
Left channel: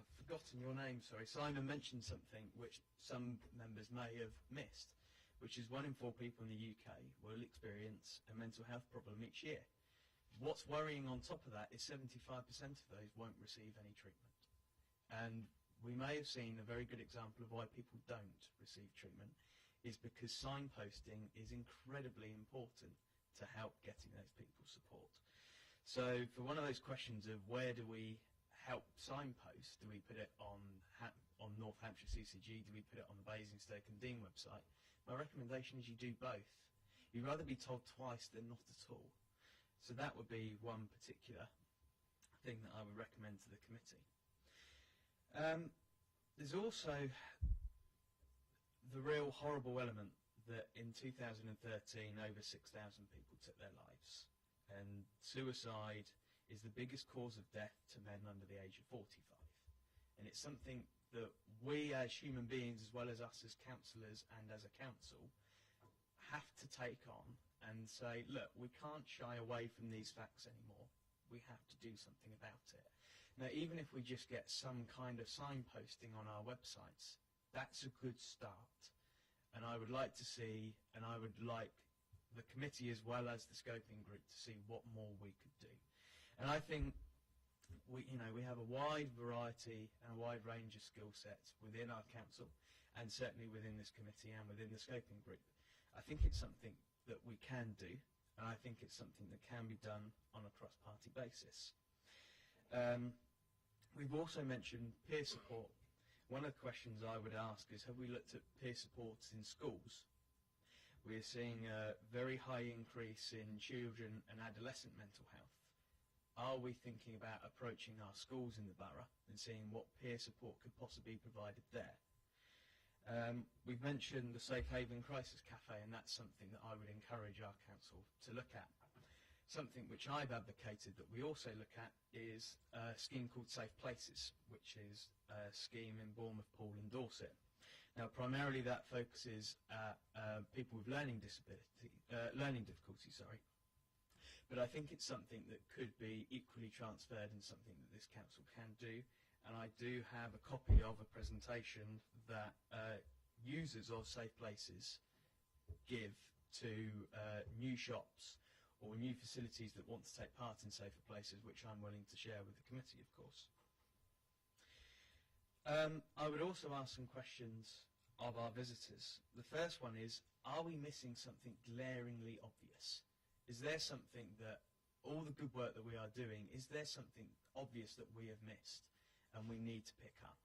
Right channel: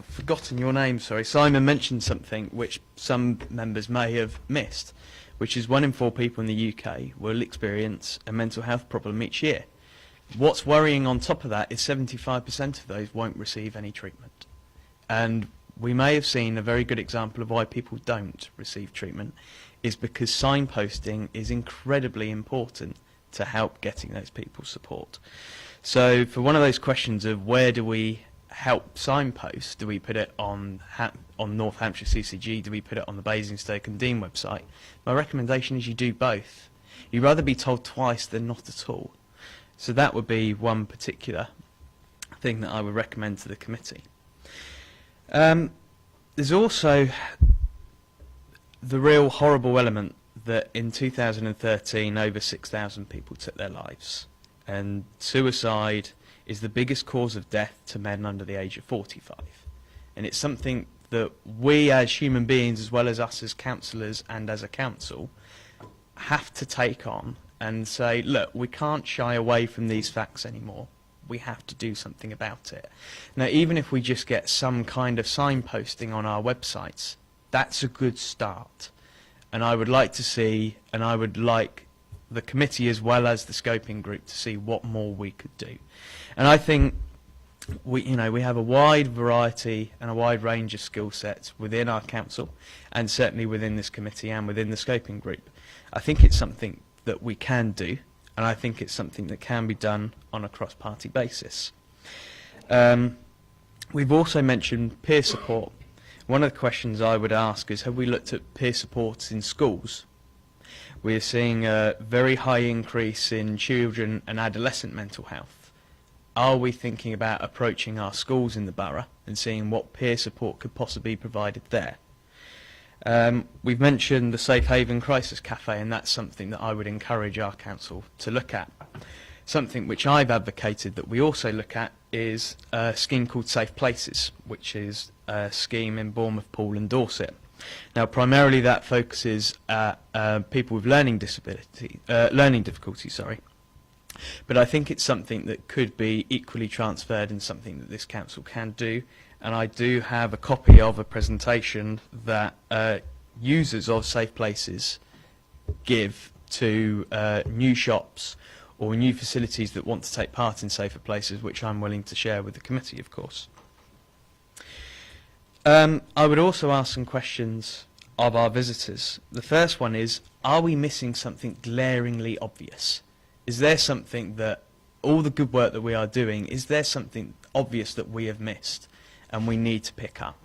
forgotten your name, sorry. Simon mentioned something which some members may have missed, which is 1 in 4 people in the UK will experience a mental health problem each year. What's worrying on top of that is 75% of those won't receive any treatment. And we may have seen a very good example of why people don't receive treatment is because signposting is incredibly important to help getting those people support. So for one of those questions of where do we help signpost? Do we put it on North Hampshire CCG? Do we put it on the Basingstoke and Dean website? My recommendation is you do both. You'd rather be told twice than not at all. So that would be one particular thing that I would recommend to the committee. There's also the real horrible element that in 2013 over 6,000 people took their lives, and suicide is the biggest cause of death to men under the age of 45, and it's something that we as human beings, as well as us as councillors and as a council, have to take on and say, look, we can't shy away from these facts anymore. We have to do something about it. Now, even if we just get some kind of signposting on our websites, that's a good start. And I would like to see, and I would like the committee as well as the scoping group to see what more we could do. And I think we have a wide variety and a wide range of skill sets within our council, and certainly within this committee and within the scoping group. I think it's something that we can do, and I think it's something that can be done on a cross-party basis. We've also mentioned peer support. One of the questions I would ask is, have we looked at peer support in schools? We're seeing a very high increase in children and adolescent mental health. Are we thinking about approaching our schools in the borough and seeing what peer support could possibly be provided there? We've mentioned the Safe Haven Crisis Cafe, and that's something that I would encourage our council to look at. Something which I've advocated that we also look at is a scheme called Safe Places, which is a scheme in Bournemouth, Poole and Dorset. Now, primarily that focuses at people with learning difficulties, but I think it's something that could be equally transferred and something that this council can do. And I do have a copy of a presentation that users of Safe Places give to new shops or new facilities that want to take part in Safer Places, which I'm willing to share with the committee, of course. I would also ask some questions of our visitors. The first one is, are we missing something glaringly obvious? Is there something that, all the good work that we are doing, is there something obvious that we have missed and we need to pick up?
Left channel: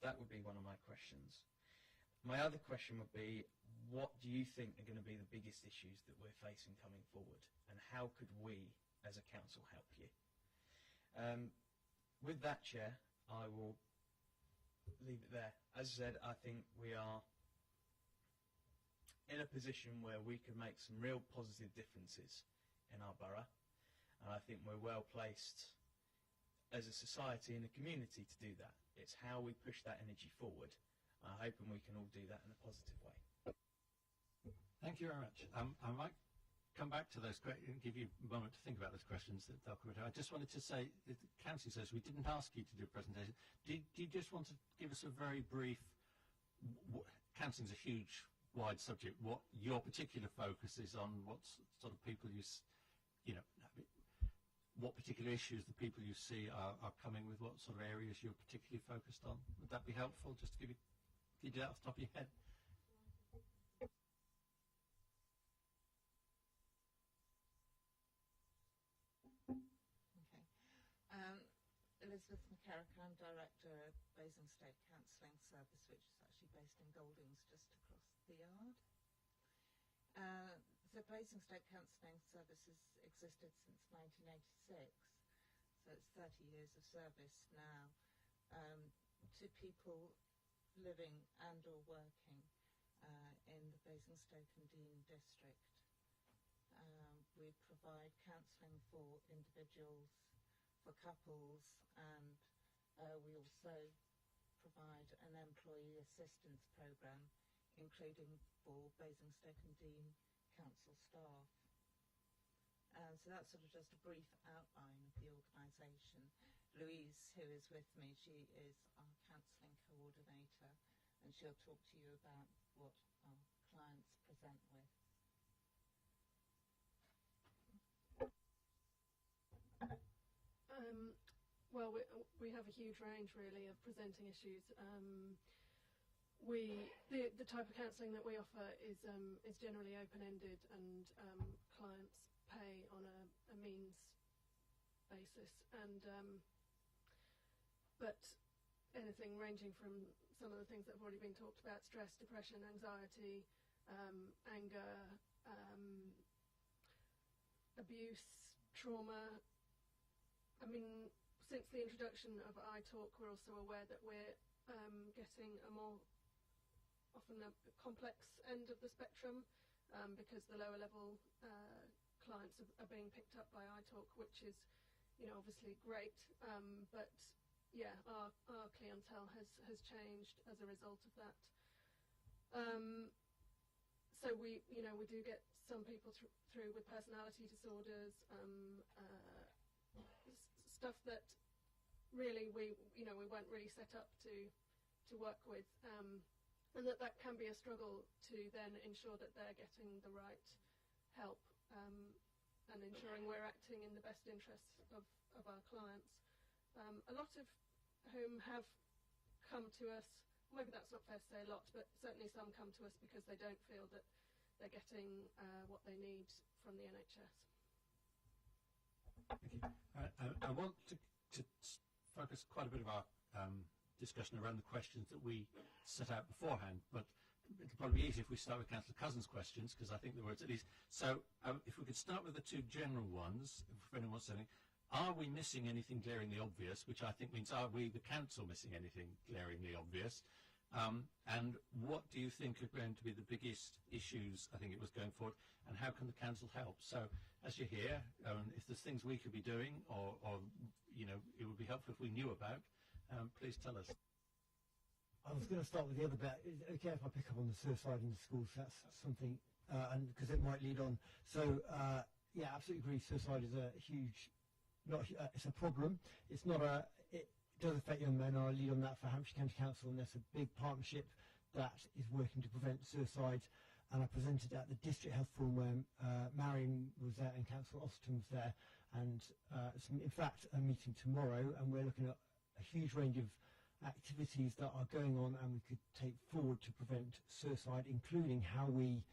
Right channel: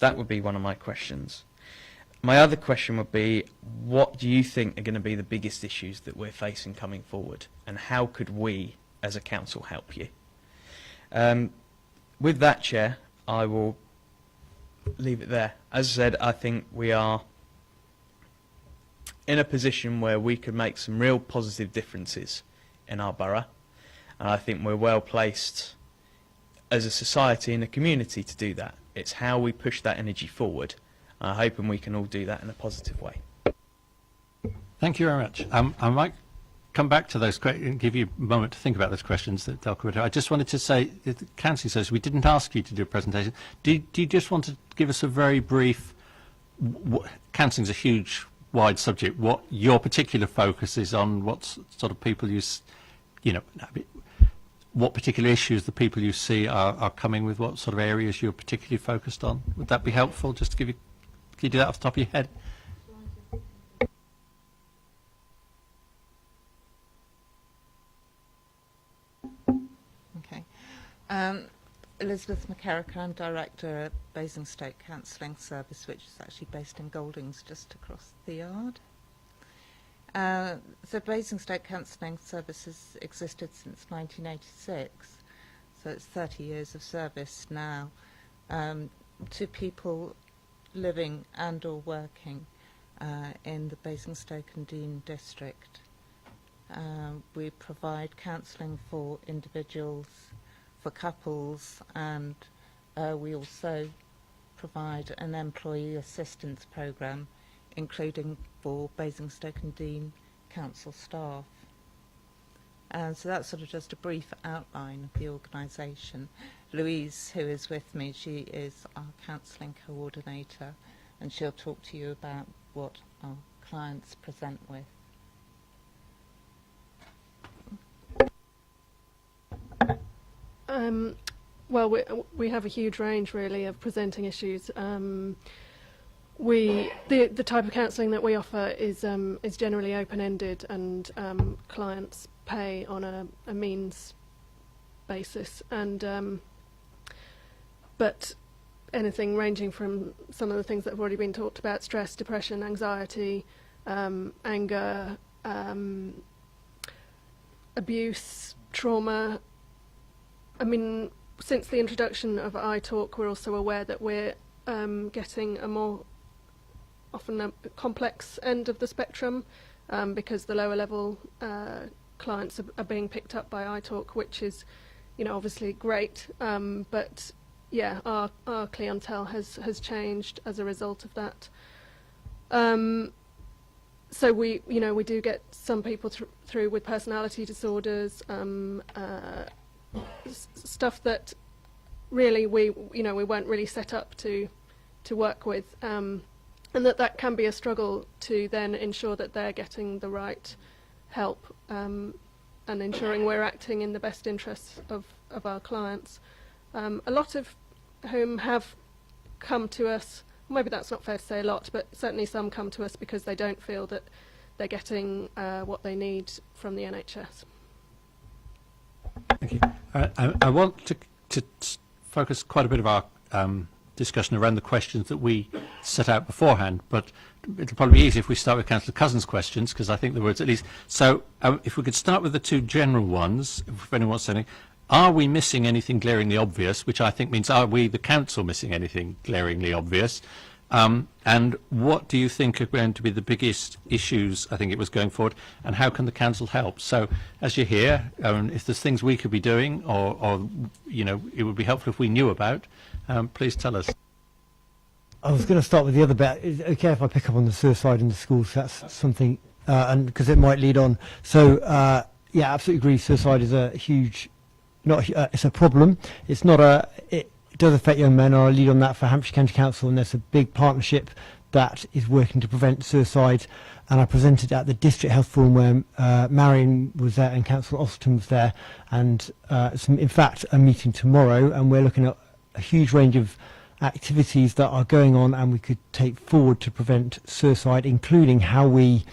That would be one of my questions. My other question would be, what do you think are going to be the biggest issues that we're facing coming forward, and how could we as a council help you? With that, Chair, I will leave it there. As I said, I think we are in a position where we could make some real positive differences in our borough, and I think we're well placed as a society and a community to do that. It's how we push that energy forward. I'm hoping we can all do that in a positive way. Thank you very much. I might come back to those questions and give you a moment to think about those questions that they'll cover. I just wanted to say, the Council says we didn't ask you to do a presentation. Do you just want to give us a very brief, councilling's a huge, wide subject, what your particular focus is on, what sort of people what particular issues the people you see are coming with, what sort of areas you're particularly focused on? Would that be helpful, just to give you, can you do that off the top of your head? Okay. Elizabeth McCarrick, I'm Director at Basingstoke Counselling Service, which is actually based in Goldings, just across the yard. So Basingstoke Counselling Service has existed since 1986, so it's 30 years of service now to people living and or working in the Basingstoke and Dean district. We provide counselling for individuals, for couples, and we also provide an employee assistance programme, including for Basingstoke and Dean council staff. So that's sort of just a brief outline of the organisation. Louise, who is with me, she is our counselling coordinator, and she'll talk to you about what our clients present with. Well, we have a huge range, really, of presenting issues. The type of counselling that we offer is generally open-ended, and clients pay on a means basis. And but anything ranging from some of the things that have already been talked about: stress, depression, anxiety, anger, abuse, trauma. I mean, since the introduction of iTalk, we're also aware that we're getting a more often a complex end of the spectrum, because the lower level clients are being picked up by iTalk, which is, obviously great, but yeah, our clientele has changed as a result of that. So we do get some people through with personality disorders, stuff that really we weren't really set up to work with, and that can be a struggle to then ensure that they're getting the right help, and ensuring we're acting in the best interests of our clients. A lot of whom have come to us, maybe that's not fair to say a lot, but certainly some come to us because they don't feel that they're getting what they need from the NHS. Thank you. I want to focus quite a bit of our discussion around the questions that we set out beforehand, but it'll probably be easier if we start with Councillor Cousins' questions, because I think there was at least... So if we could start with the two general ones, if anyone wants anything. Are we missing anything glaringly obvious, which I think means, are we, the council, missing anything glaringly obvious? And what do you think are going to be the biggest issues, I think it was, going forward, and how can the council help? So, as you hear, if there's things we could be doing, or it would be helpful if we knew about, please tell us. I was going to start with the other bit. Is it okay if I pick up on the suicide in the schools? That's something, and because it might lead on. So, yeah, absolutely agree. Suicide is a huge... it's a problem. It's not a... It does affect young men. I lead on that for Hampshire County Council, and there's a big partnership that is working to prevent suicide. And I presented at the District Health Forum where Marion was there and Councillor Austin was there, and in fact a meeting tomorrow, and we're looking at a huge range of activities that are going on and we could take forward to prevent suicide, including how we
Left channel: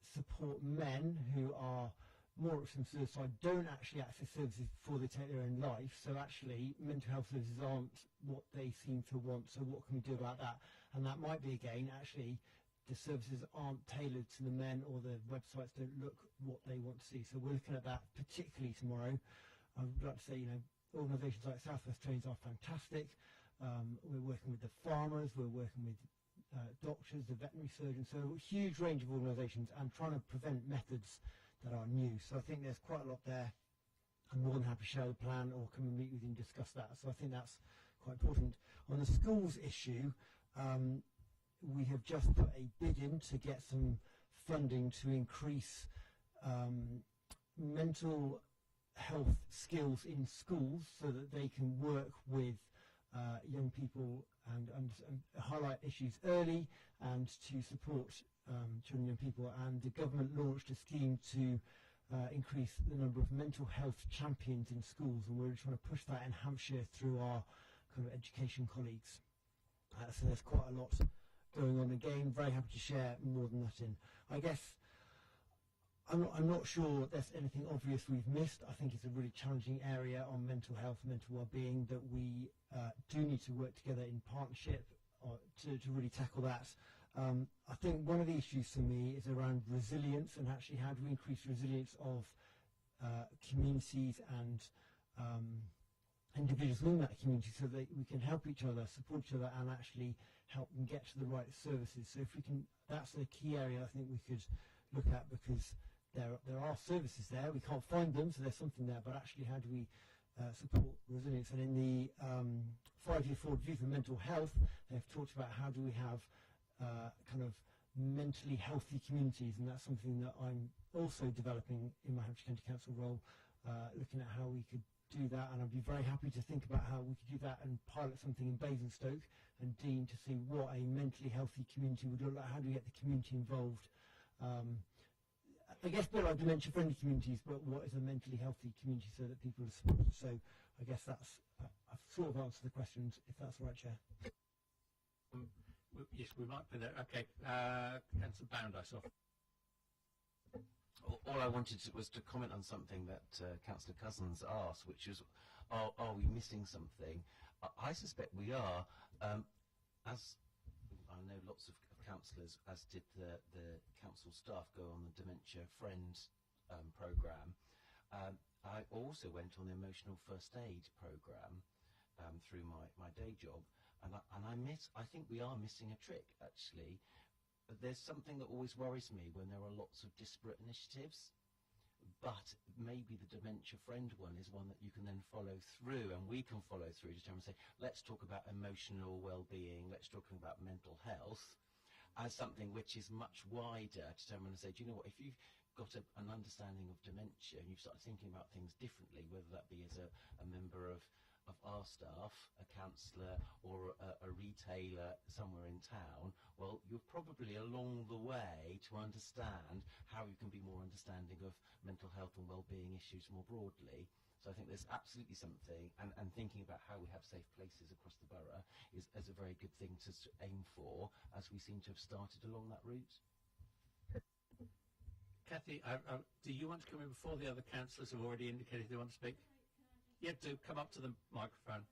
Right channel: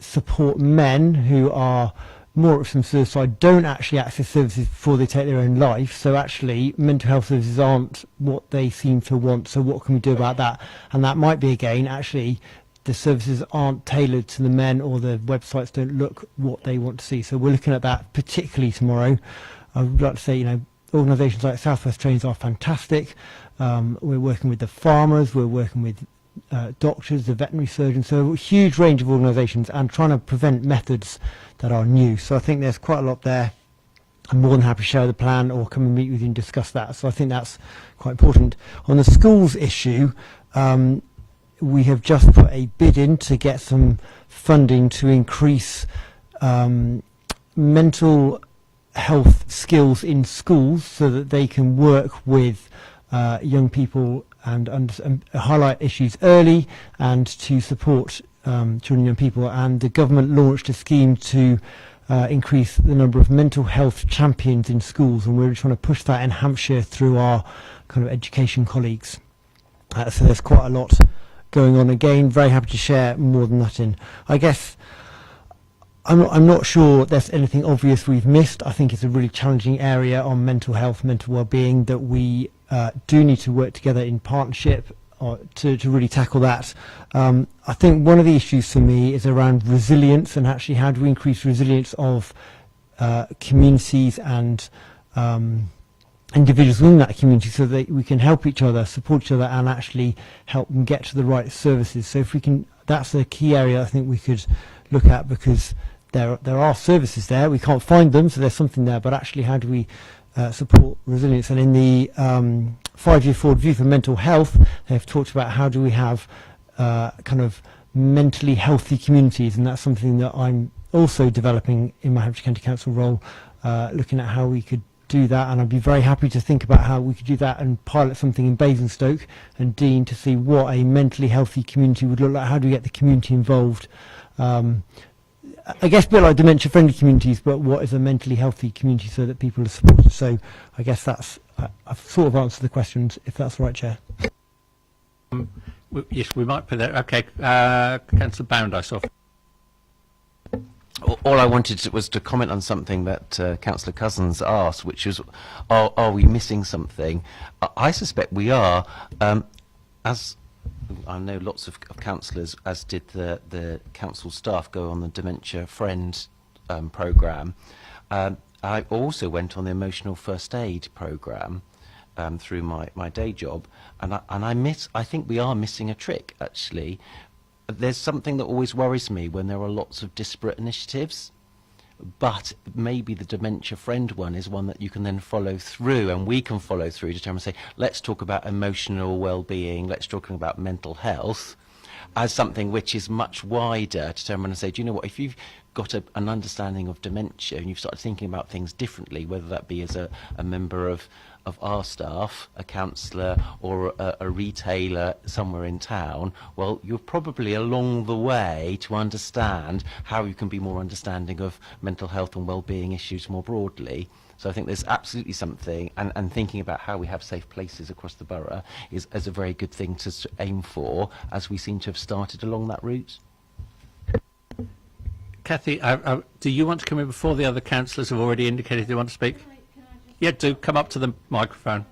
support men who are more at risk from suicide, don't actually access services before they take their own life. So actually mental health services aren't what they seem to want. So what can we do about that? And that might be, again, actually the services aren't tailored to the men, or the websites don't look what they want to see. So we're looking at that particularly tomorrow. I would like to say, organisations like South West Trains are fantastic. We're working with the farmers, we're working with doctors, the veterinary surgeons, so a huge range of organisations, and trying to prevent methods that are new. So I think there's quite a lot there. I'm more than happy to share the plan or come and meet with you and discuss that. So I think that's quite important. On the schools issue, we have just put a bid in to get some funding to increase mental health skills in schools so that they can work with young people and highlight issues early and to support children and young people. And the government launched a scheme to increase the number of mental health champions in schools, and we're trying to push that in Hampshire through our kind of education colleagues. So there's quite a lot going on. Again, very happy to share more than that in. I guess I'm not sure there's anything obvious we've missed. I think it's a really challenging area on mental health, mental well-being, that we do need to work together in partnership to really tackle that. I think one of the issues for me is around resilience, and actually how do we increase resilience of communities and individuals within that community, so that we can help each other, support each other, and actually help them get to the right services. So if we can, that's a key area I think we could look at, because there are services there, we can't find them, so there's something there, but actually how do we support resilience? And in the 5-year forward view for mental health, they've talked about how do we have kind of mentally healthy communities, and that's something that I'm also developing in my Hampshire County Council role, looking at how we could do that. And I'd be very happy to think about how we could do that and pilot something in Basingstoke and Dean to see what a mentally healthy community would look like. How do we get the community involved? I guess a bit like dementia-friendly communities, but what is a mentally healthy community so that people are supported? So I guess that's, I've sort of answered the questions, if that's the right, Chair. Yes, we might put that. Okay, Councillor Bound, I saw. All I wanted was to comment on something that Councillor Cousins asked, which is, are we missing something? I suspect we are. As I know lots of councillors, as did the council staff, go on the Dementia Friend programme. I also went on the Emotional First Aid programme through my day job, and I think we are missing a trick, actually. There's something that always worries me when there are lots of disparate initiatives, but maybe the Dementia Friend one is one that you can then follow through, and we can follow through to try and say, let's talk about emotional well-being, let's talk about mental health as something which is much wider, to turn around and say, do you know what, if you've got an understanding of dementia and you've started thinking about things differently, whether that be as a member of our staff, a councillor, or a retailer somewhere in town, well, you're probably along the way to understand how you can be more understanding of mental health and well-being issues more broadly. So I think there's absolutely something, and thinking about how we have safe places across the borough is a very good thing to aim for, as we seem to have started along that route. Kathy, do you want to come in before the other councillors have already indicated they want to speak? Yeah, do come up to the microphone.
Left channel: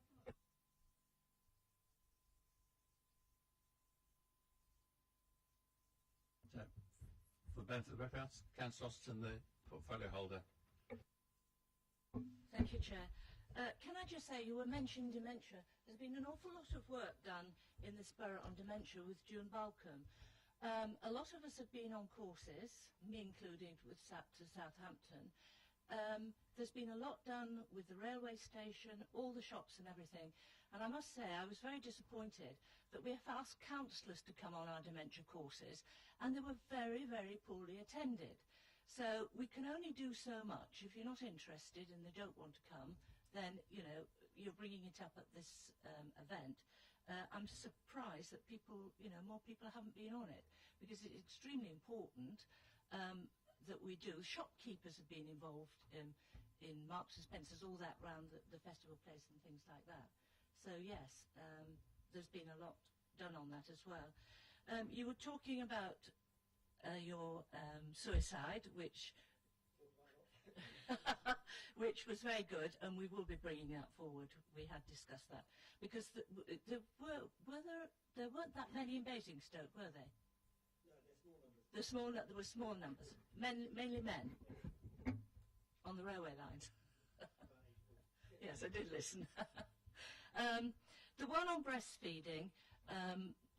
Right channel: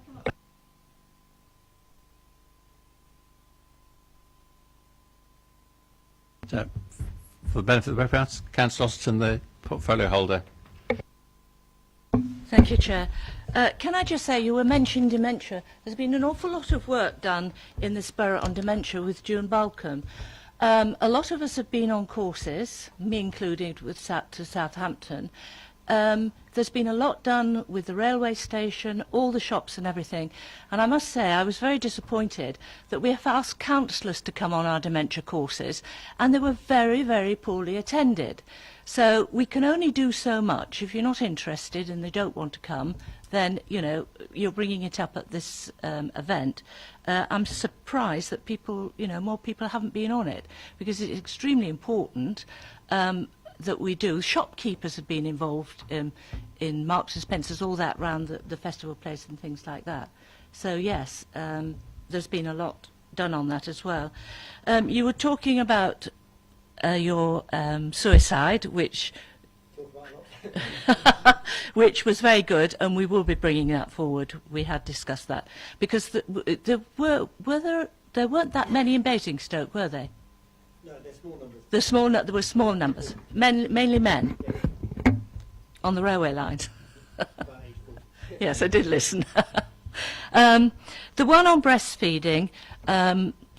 So, for the benefit of the reference, Councillor Austin, the portfolio holder. Thank you, Chair. Can I just say, you were mentioning dementia. There's been an awful lot of work done in this borough on dementia with June Balcom. A lot of us have been on courses, me included, with to Southampton. There's been a lot done with the railway station, all the shops and everything. And I must say, I was very disappointed that we have asked councillors to come on our dementia courses, and they were very, very poorly attended. So we can only do so much. If you're not interested and they don't want to come, then, you know, you're bringing it up at this event. I'm surprised that people, you know, more people haven't been on it, because it's extremely important that we do. Shopkeepers have been involved in Marks and Spencer's, all that round the festival place and things like that. So yes, there's been a lot done on that as well. You were talking about your suicide, which which was very good, and we will be bringing that forward. We had discussed that, because there weren't that many in Basingstoke, were they? No, they're small numbers. There were small numbers, mainly men, on the railway lines. Yes, I did listen. The one on breastfeeding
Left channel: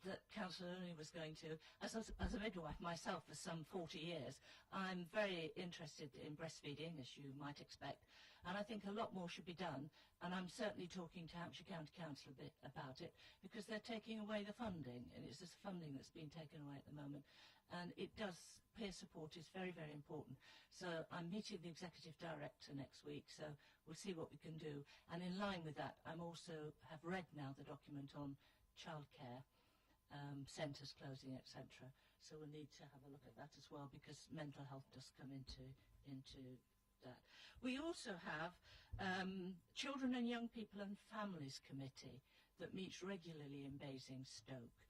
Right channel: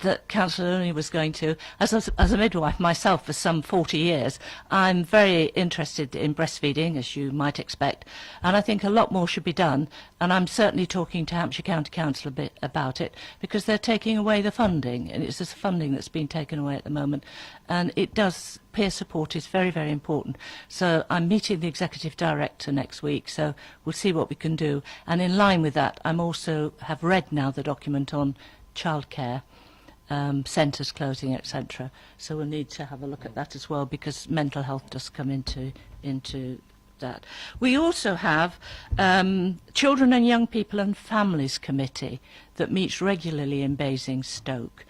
that Councillor Looney was going to, as a midwife myself for some 40 years, I'm very interested in breastfeeding, as you might expect, and I think a lot more should be done, and I'm certainly talking to Hampshire County Council a bit about it, because they're taking away the funding, and it's this funding that's been taken away at the moment, and it does, peer support is very, very important. So I'm meeting the Executive Director next week, so we'll see what we can do, and in line with that, I'm also have read now the document on childcare, centres closing, etc. So we'll need to have a look at that as well, because mental health does come into that. We also have Children and Young People and Families Committee that meets regularly in Basingstoke.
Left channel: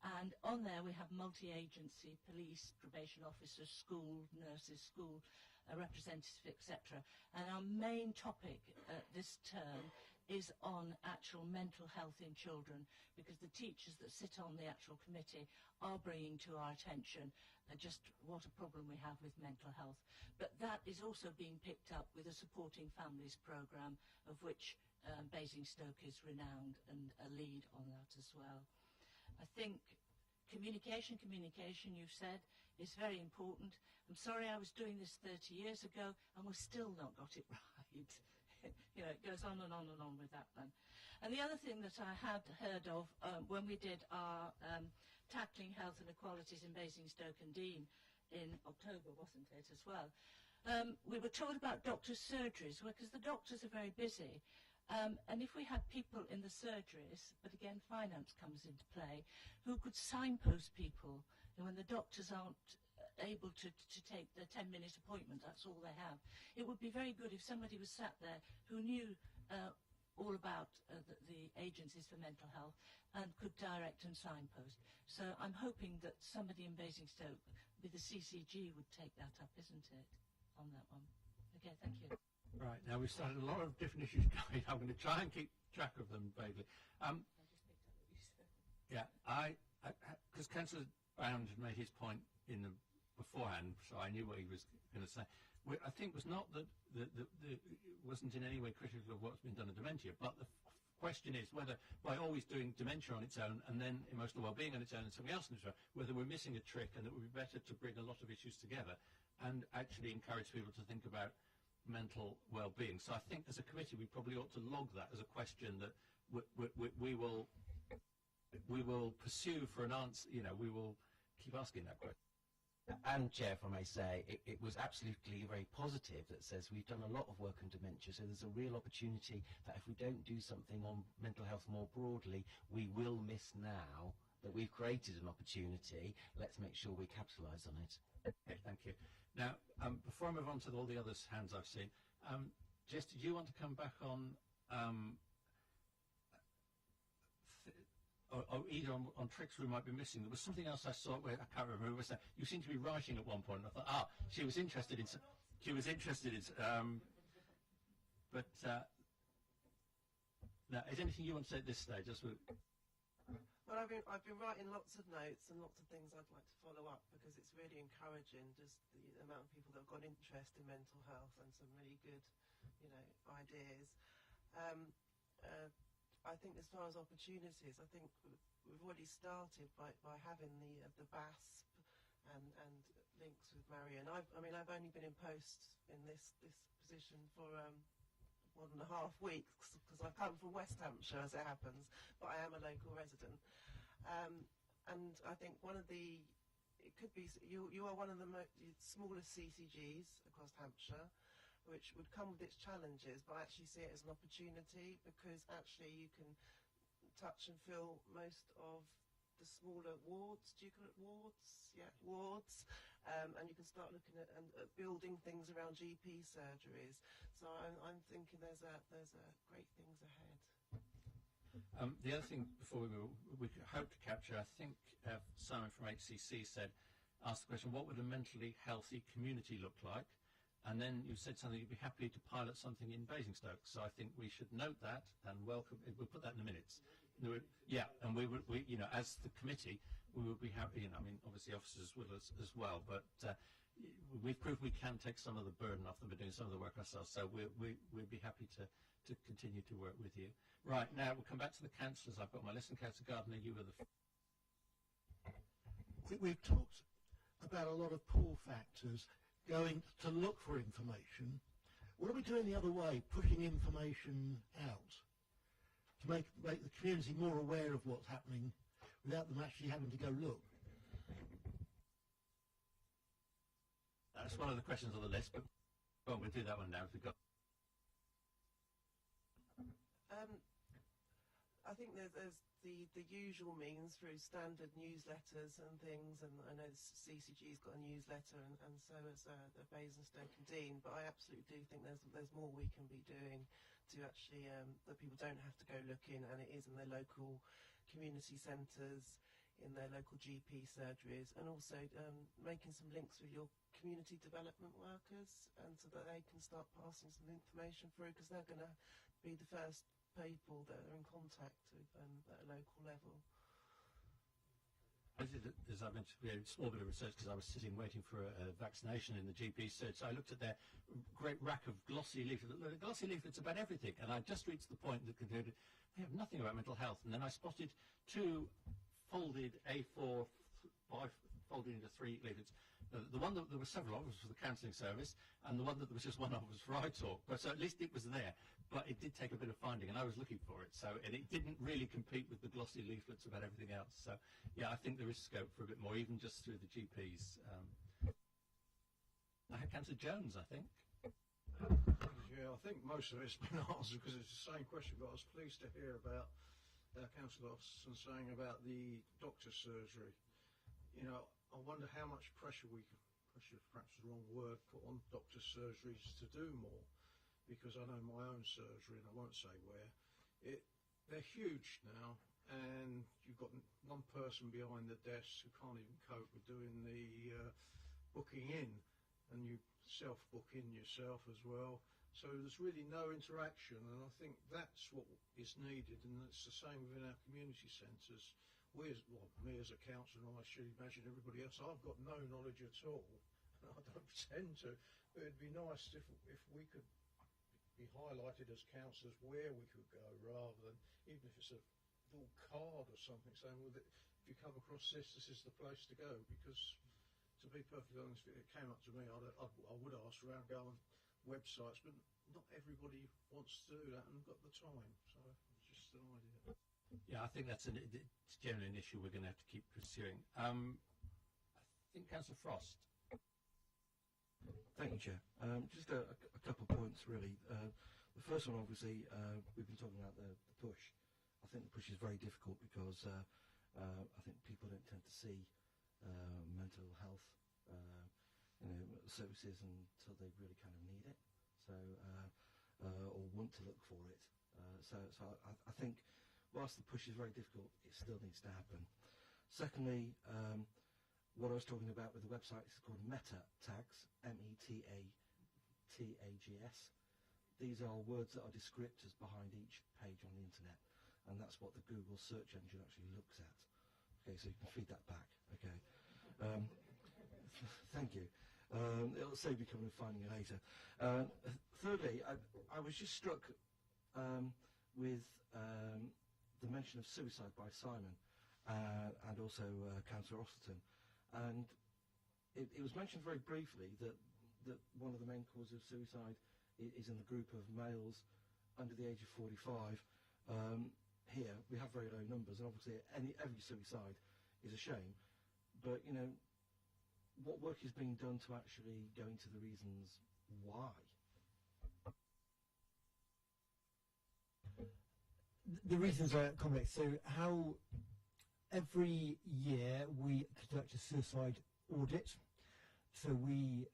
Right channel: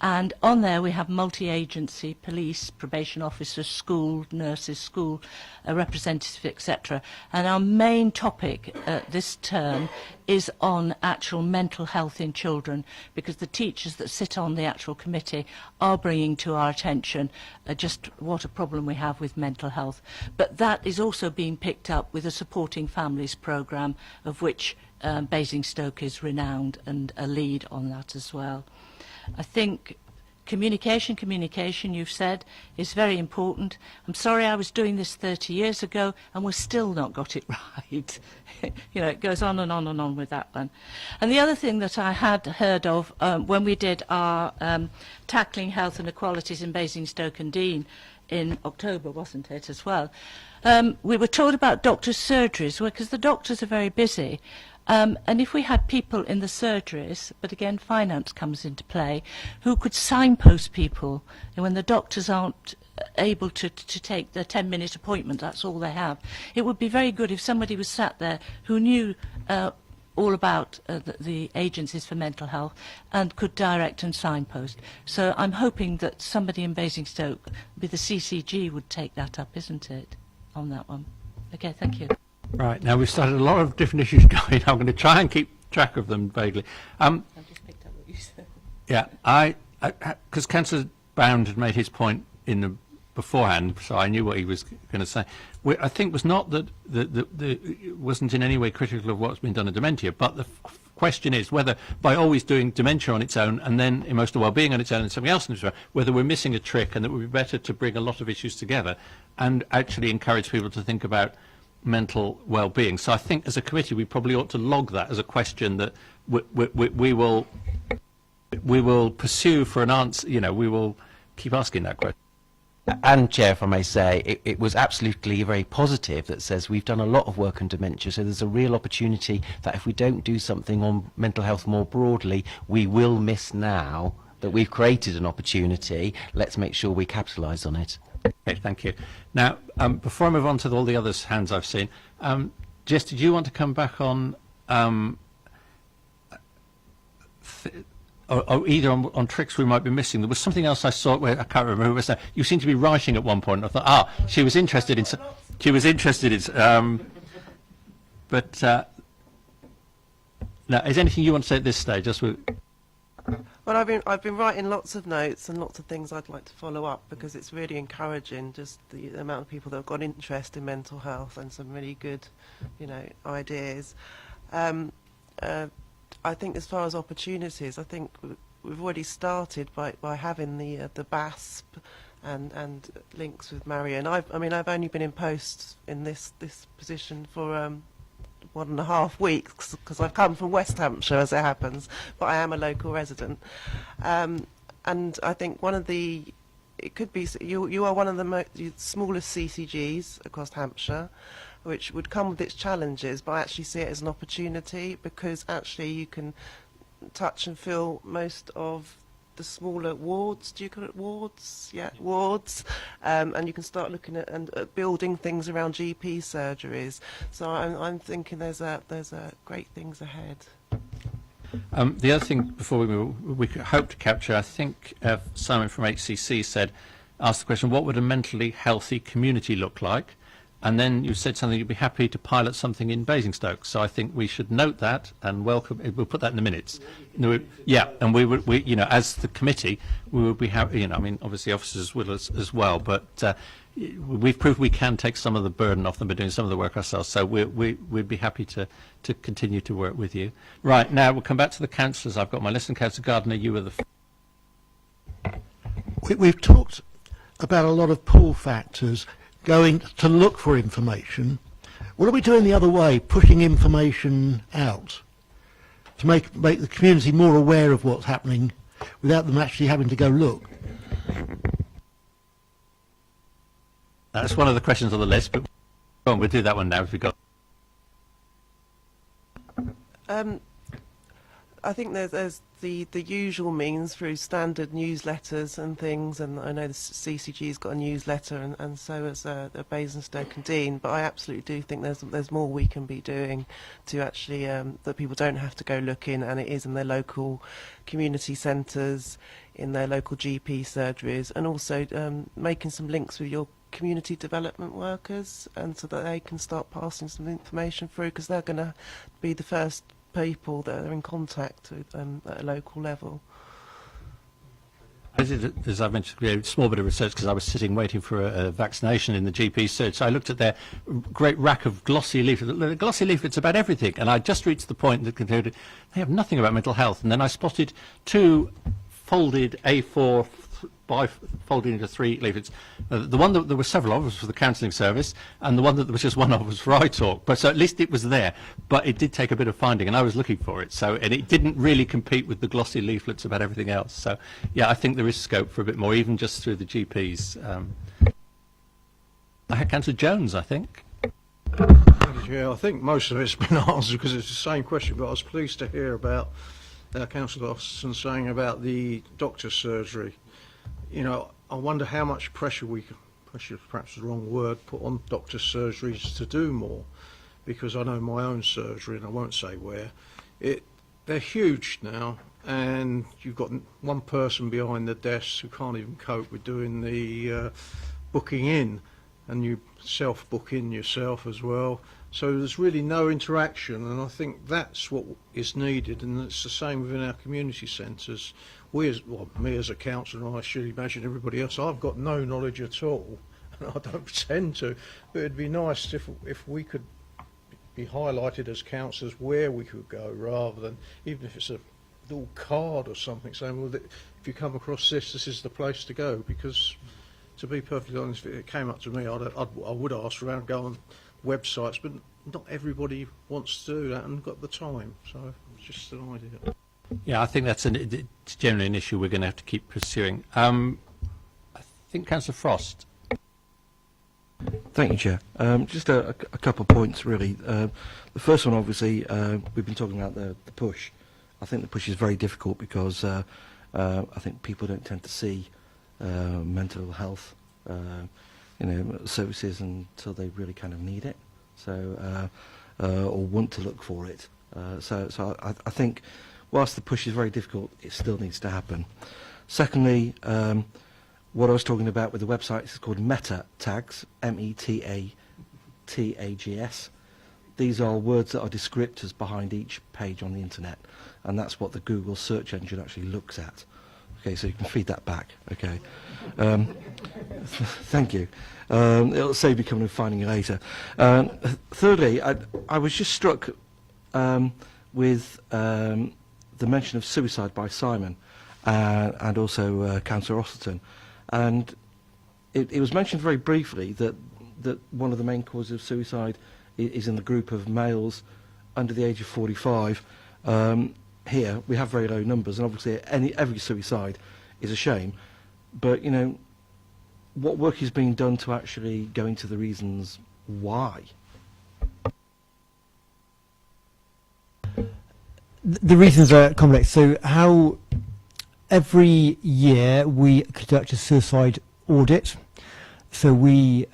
And on there we have multi-agency, police, probation officers, school nurses, school representatives, etc. And our main topic this term is on actual mental health in children, because the teachers that sit on the actual committee are bringing to our attention just what a problem we have with mental health. But that is also being picked up with a Supporting Families programme, of which Basingstoke is renowned and a lead on that as well. I think communication, you've said, is very important. I'm sorry I was doing this 30 years ago and we've still not got it right. You know, it goes on and on and on with that one. And the other thing that I had heard of when we did our Tackling Health and Equalities in Basingstoke and Dean in October, wasn't it, as well, we were told about doctors' surgeries, because the doctors are very busy. And if we had people in the surgeries, but again finance comes into play, who could signpost people, and when the doctors aren't able to take their 10-minute appointment, that's all they have. It would be very good if somebody was sat there who knew all about the agencies for mental health and could direct and signpost. So I'm hoping that somebody in Basingstoke, with the CCG, would take that up, isn't it, on that one? Okay, thank you. Right, now we've started a lot of different issues going. I'm going to try and keep track of them vaguely. I've just picked up what you said. Yeah, because Councillor Bound had made his point in the beforehand, so I knew what he was going to say. I think was not that it wasn't in any way critical of what's been done in dementia, but the question is whether by always doing dementia on its own and then emotional well-being on its own and something else on its own, whether we're missing a trick, and that it would be better to bring a lot of issues together and actually encourage people to think about mental well-being. So I think as a committee we probably ought to log that as a question that we will pursue for an answer. You know, we will keep asking that question. And, Chair, if I may say, it was absolutely very positive that says we've done a lot of work on dementia, so there's a real opportunity that if we don't do something on mental health more broadly, we will miss now that we've created an opportunity. Let's make sure we capitalise on it. Okay, thank you. Now, before I move on to all the other hands I've seen, Jess, did you want to come back on or either on tricks we might be missing? There was something else I saw where I can't remember who was that. You seemed to be writing at one point. I thought, she was interested in. But now, is anything you want to say at this stage? Well, I've been writing lots of notes and lots of things I'd like to follow up, because it's really encouraging, just the amount of people that have got interest in mental health and some really good, ideas. I think as far as opportunities, I think we've already started by having the BASP and links with Marion. I've only been in post in this position for 1.5 weeks, because I've come from West Hampshire, as it happens, but I am a local resident. And I think it could be, you are one of the smallest CCGs across Hampshire, which would come with its challenges, but I actually see it as an opportunity, because actually you can touch and feel most of the smaller wards. Do you call it wards? Yeah, wards. And you can start looking at building things around GP surgeries. So I'm thinking there's great things ahead. The other thing before we move, we could hope to capture, I think Simon from HCC asked the question, what would a mentally healthy community look like? And then you said something, you'd be happy to pilot something in Basingstoke. So I think we should note that and welcome. We'll put that in the minutes. Yeah, and we as the committee, we would be happy. Obviously officers will as well. But we've proved we can take some of the burden off them by doing some of the work ourselves. So we'd be happy to continue to work with you. Right, now we'll come back to the councillors. I've got my list. And Councillor Gardner, you were the. We've talked about a lot of pull factors, going to look for information. What are we doing the other way, pushing information out to make the community more aware of what's happening without them actually having to go look? That's one of the questions on the list, but we'll do that one now if we've got. I think there's the usual means through standard newsletters and things, and I know the CCG's got a newsletter, and so has the Basingstoke and Dean. But I absolutely do think there's more we can be doing to actually that people don't have to go looking, and it is in their local community centres, in their local GP surgeries, and also making some links with your community development workers, and so that they can start passing some information through, because they're going to be the first people that are in contact with at a local level. I did, as I mentioned, a small bit of research because I was sitting waiting for a vaccination in the GP search. So I looked at their great rack of glossy leaflets. The glossy leaflets about everything, and I just reached the point that concluded they have nothing about mental health. And then I spotted two folded A4 folded into 3 leaflets. The one that there were several of was for the counselling service, and the one that there was just one of was for iTalk. But so at least it was there. But it did take a bit of finding, and I was looking for it. So, and it didn't really compete with the glossy leaflets about everything else. So, yeah, I think there is scope for a bit more, even just through the GPs. I had Councillor Jones, I think. Yeah, I think most of it's been answered because it's the same question. But I was pleased to hear about Councillor Austin saying about the doctor's surgery. I wonder how much pressure pressure perhaps is the wrong word, put on doctor surgeries to do more. because I know my own surgery, and I won't say where. They're huge now, and you've got one person behind the desk who can't even cope with doing the booking in, and you self-book in yourself as well. So there's really no interaction, and I think that's what is needed, and it's the same within our community centres. Me as a councillor, and I should imagine everybody else, I've got no knowledge at all, and I don't pretend to, but it'd be nice if we could be highlighted as councillors where we could go, rather than, even if it's a little card or something saying, well, if you come across this is the place to go. Because to be perfectly honest, if it came up to me, I would ask around, go on websites, but not everybody wants to do that and got the time, so it's just an idea. Yeah, I think it's generally an issue we're going to have to keep pursuing. I think Councillor Frost. Thank you, Chair. Just a couple of points, really. The first one, obviously, we've been talking about the push. I think the push is very difficult because I think people don't tend to see mental health services until they really kind of need it, so or want to look for it. So I think whilst the push is very difficult, it still needs to happen. Secondly, what I was talking about with the website is called meta tags, M-E-T-A-T-A-G-S. These are words that are descriptors behind each page on the internet, and that's what the Google search engine actually looks at. Okay, so you can feed that back. Okay, thank you. It'll save you coming and finding it later. Thirdly, I was just struck with the mention of suicide by Simon and also Councillor Osterton. And it was mentioned very briefly that one of the main causes of suicide is in the group of males under the age of 45. Here we have very low numbers, and obviously every suicide is a shame. But what work is being done to actually go into the reasons why? The reasons are complex. So how every year we conduct a suicide audit. So we,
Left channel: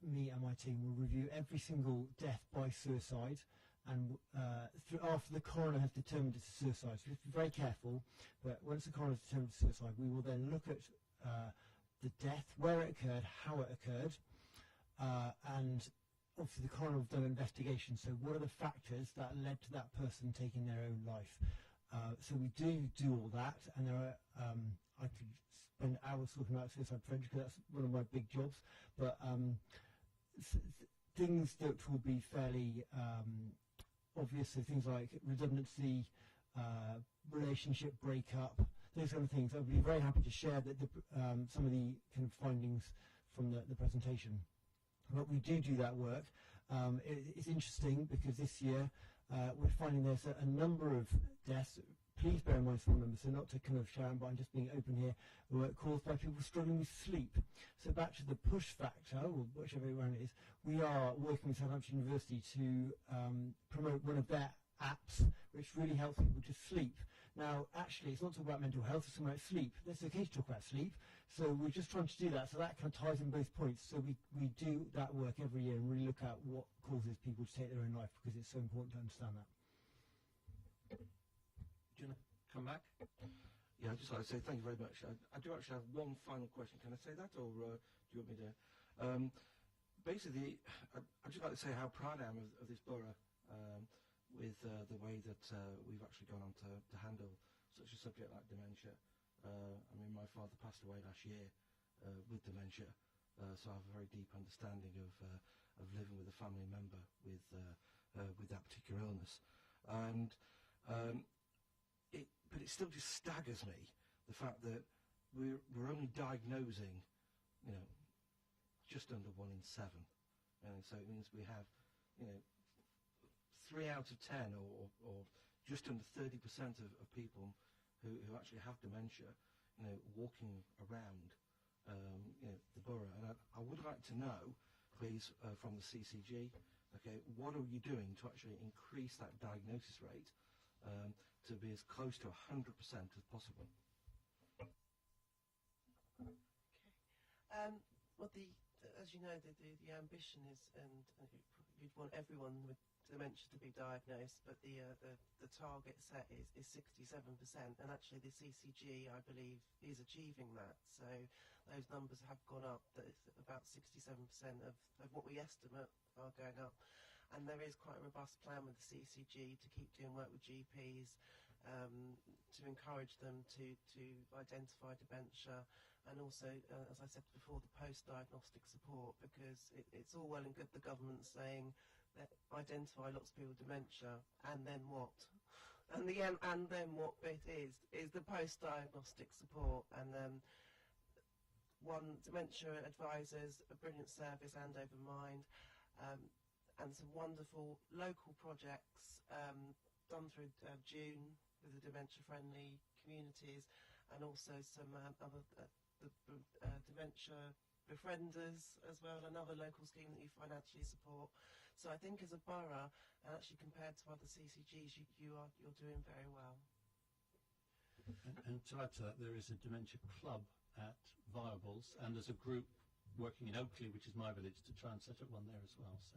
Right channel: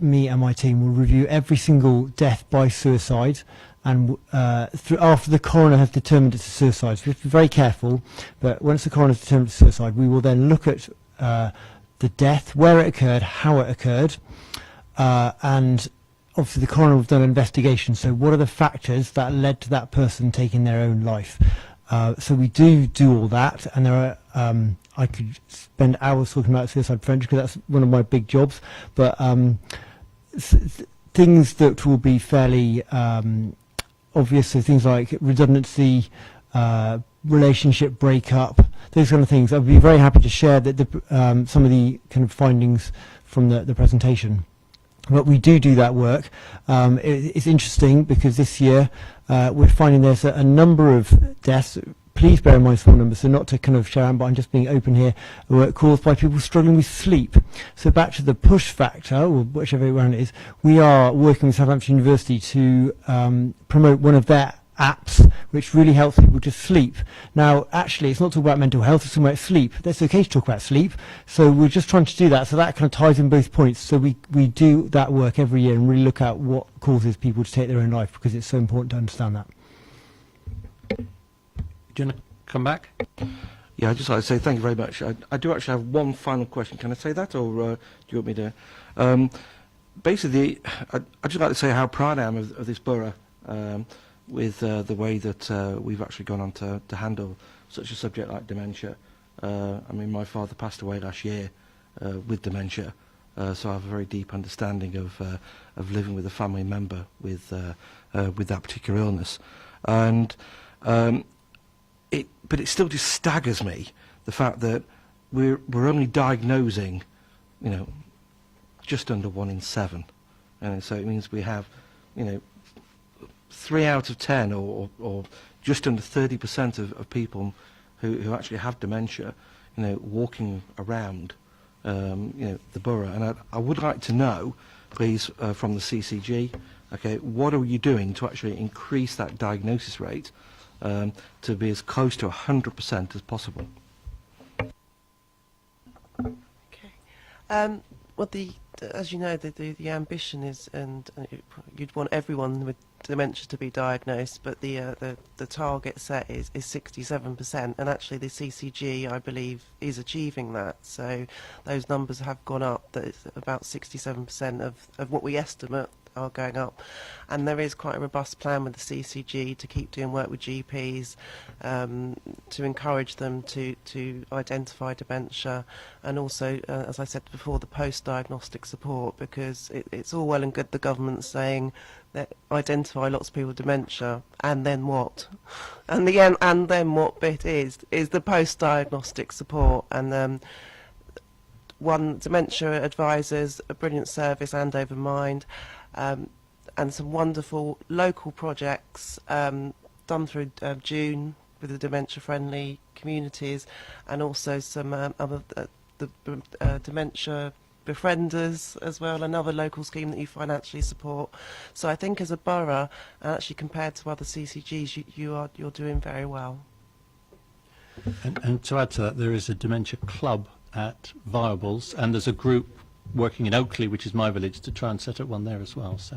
me and my team, will review every single death by suicide, and after the coroner has determined it's a suicide. So we have to be very careful, but once the coroner has determined it's a suicide, we will then look at the death, where it occurred, how it occurred, and obviously the coroner will have done an investigation. So what are the factors that led to that person taking their own life? So we do all that, and there are, I could spend hours talking about suicide prevention because that's one of my big jobs, but things that will be fairly obvious, so things like redundancy, relationship breakup, those kind of things. I'd be very happy to share that some of the kind of findings from the presentation. But we do that work. It's interesting because this year we're finding there's a number of deaths. Please bear in mind small numbers, so not to kind of share, but I'm just being open here, caused by people struggling with sleep. So back to the push factor, or whichever one it is, we are working with Southampton University to promote one of their apps which really helps people to sleep. Now actually it's not talking about mental health, it's talking about sleep. That's okay to talk about sleep, so we're just trying to do that, so that kind of ties in both points. So we do that work every year and really look at what causes people to take their own life, because it's so important to understand that. Do you want to come back? Yeah, I'd just like to say thank you very much. I do actually have one final question. Can I say that, or do you want me to? Basically, I'd just like to say how proud I am of this borough with the way that we've actually gone on to handle such a subject like dementia. I mean, my father passed away last year with dementia, so I have a very deep understanding of living with a family member with that particular illness. And but it still just staggers me, the fact that we're only diagnosing, just under 1 in 7, and so it means we have, 3 out of 10, or just under 30% of people who actually have dementia, walking around, the borough. And I would like to know, please, from the CCG, okay, what are you doing to actually increase that diagnosis rate to be as close to 100% as possible? Okay. Well, the as you know, the ambition is, and you'd want everyone with dementia to be diagnosed, but the target set is 67%, and actually the CCG, I believe, is achieving that. So those numbers have gone up. That it's about 67% of what we estimate are going up, and there is quite a robust plan with the CCG to keep doing work with GPs, to encourage them to identify dementia, and also, as I said before, the post-diagnostic support, because it's all well and good the government saying that identify lots of people with dementia, and then what? And the end, and then what bit is the post-diagnostic support, and one dementia advisors, a brilliant service, Andover Mind, and some wonderful local projects done through June with the dementia-friendly communities, and also some other the dementia befrienders as well, another local scheme that you financially support. So I think as a borough, and actually compared to other CCGs, you're doing very well. And to add to that, there is a dementia club at Viables, and there's a group working in Oakley, which is my village, to try and set up one there as well. So,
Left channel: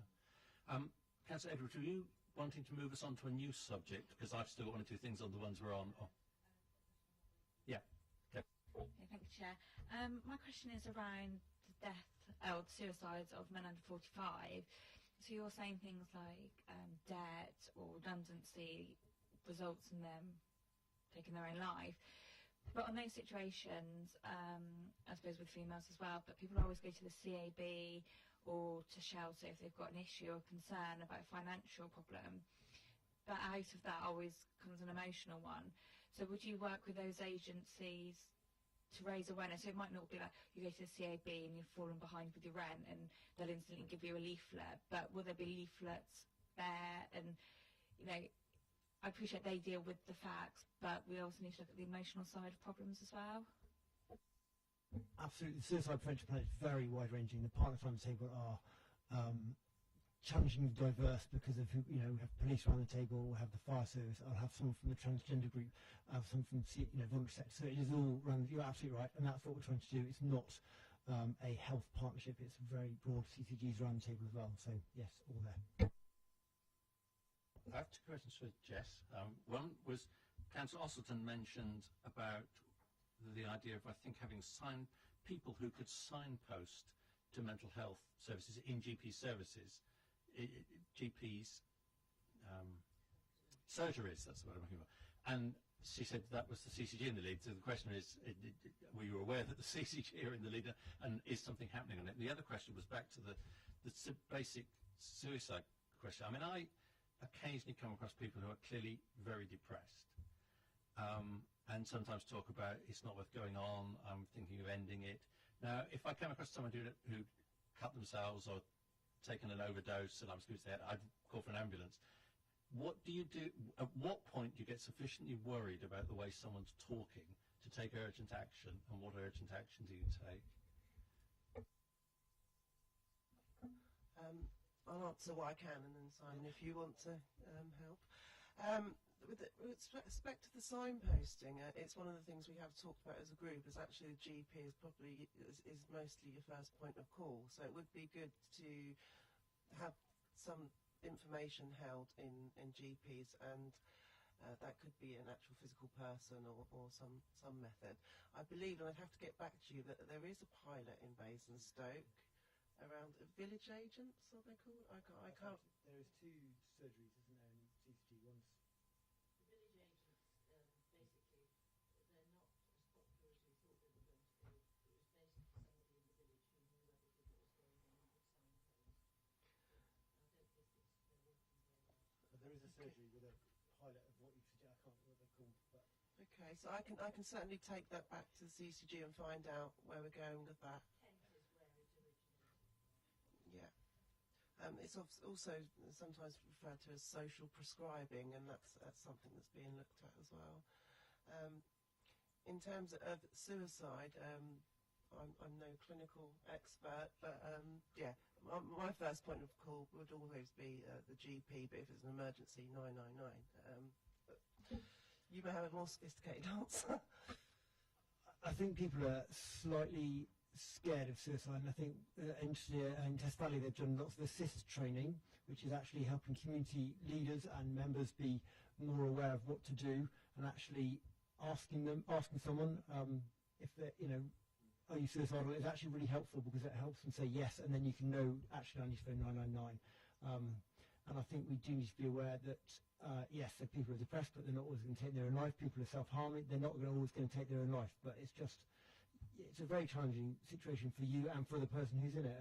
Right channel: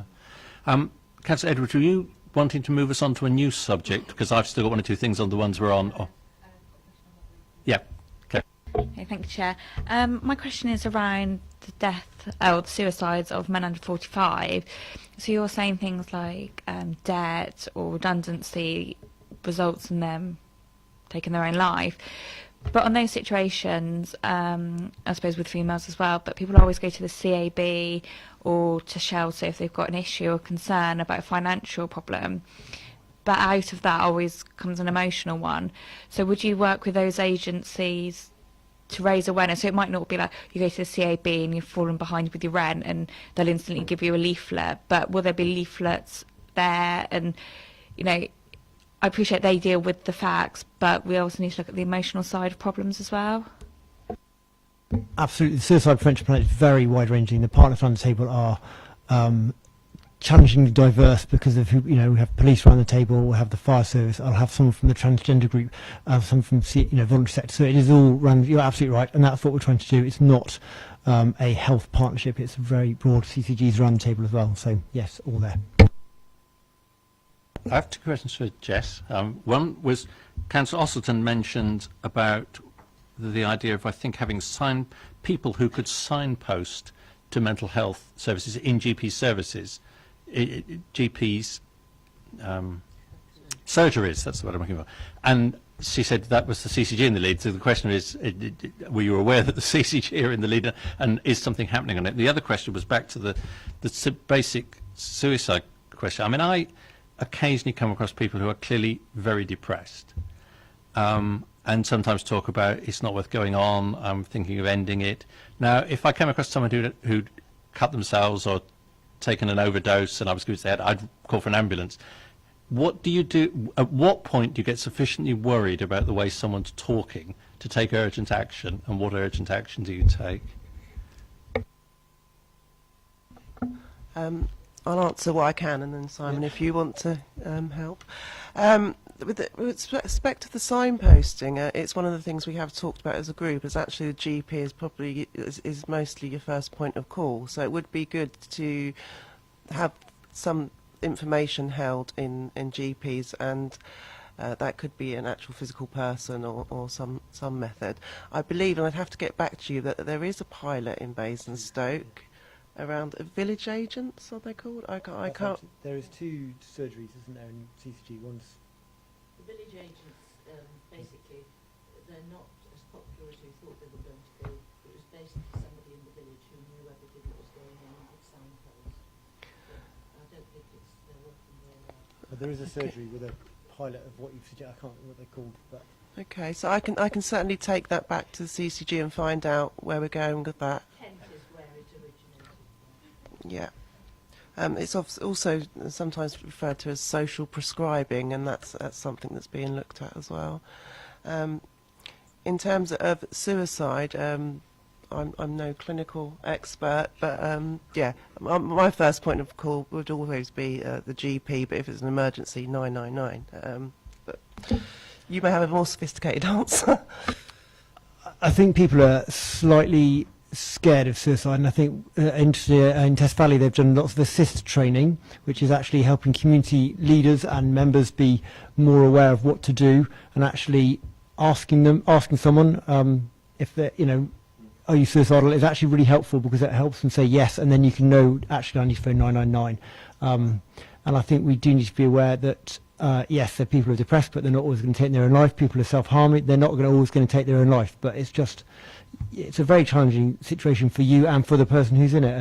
Councillor Edwards, were you wanting to move us on to a new subject? Because I've still got one or two things on the ones we're on. Oh. Yeah. Okay. Okay, thank you, Chair. My question is around the death or the suicides of men under 45. So you're saying things like debt or redundancy results in them taking their own life. But on those situations, I suppose with females as well, but people always go to the CAB or to shelter if they've got an issue or concern about a financial problem. But out of that always comes an emotional one. So would you work with those agencies to raise awareness? So it might not be like you go to the CAB and you've fallen behind with your rent and they'll instantly give you a leaflet, but will there be leaflets there? And, you know, I appreciate they deal with the facts, but we also need to look at the emotional side of problems as well. Absolutely. The suicide prevention plan is very wide-ranging. The partners around the table are challengingly diverse because of who, you know, we have police around the table, we'll have the fire service, I'll have someone from the transgender group, some from voluntary sector. So it is all run. You're absolutely right, and that's what we're trying to do. It's not a health partnership. It's a very broad. CCGs around the table as well. So yes, all there. I have two questions for Jess. One was, Councillor Ossleton mentioned about the idea of, I think, having people who could signpost to mental health services in GP services, GPs, surgeries, that's what I'm looking for. And she said that was the CCG in the lead, so the question is, were you aware that the CCG are in the lead, and is something happening on it? The other question was back to the basic suicide question. I mean, I occasionally come across people who are clearly very depressed, and sometimes talk about it's not worth going on, I'm thinking of ending it. Now, if I came across someone who'd cut themselves or taken an overdose and I was going to say I'd call for an ambulance, what do you do? At what point do you get sufficiently worried about the way someone's talking to take urgent action, and what urgent action do you take? I'll answer what I can, and then Simon, if you want to help. With respect to the signposting, it's one of the things we have talked about as a group. Is actually the GP is mostly your first point of call. So it would be good to have some information held in GPs, and that could be an actual physical person or some method. I believe, and I'd have to get back to you, that there is a pilot in Basingstoke around village agents, are they called? I can't. There is two surgeries, isn't there, in CCG? One's the village agents. Basically, they're not as popular as we thought they were going to be. It was basically somebody in the village who knew everything that was going on with signposts. I don't think they're working very well. But there is a surgery with a pilot of what you suggest. I can't remember what they're called, but. Okay, so I can certainly take that back to the CCG and find out where we're going with that. Kent is where it originated. Yeah. It's also sometimes referred to as social prescribing, and that's something that's being looked at as well. In terms of suicide, I'm no clinical expert, but yeah, my first point of call would always be the GP, but if it's an emergency, 999. But you may have a more sophisticated answer. I think people are slightly scared of suicide, and I think in Test Valley they've done lots of assist training, which is actually helping community leaders and members be more aware of what to do, and actually asking someone if they're, are you suicidal, is actually really helpful, because it helps them say yes, and then you can know, actually I need to phone 999. And I think we do need to be aware that yes, there are people who are depressed, but they're not always going to take their own life. People who are self-harming, they're not always going to take their own life. But it's a very challenging situation for you and for the person who's in it.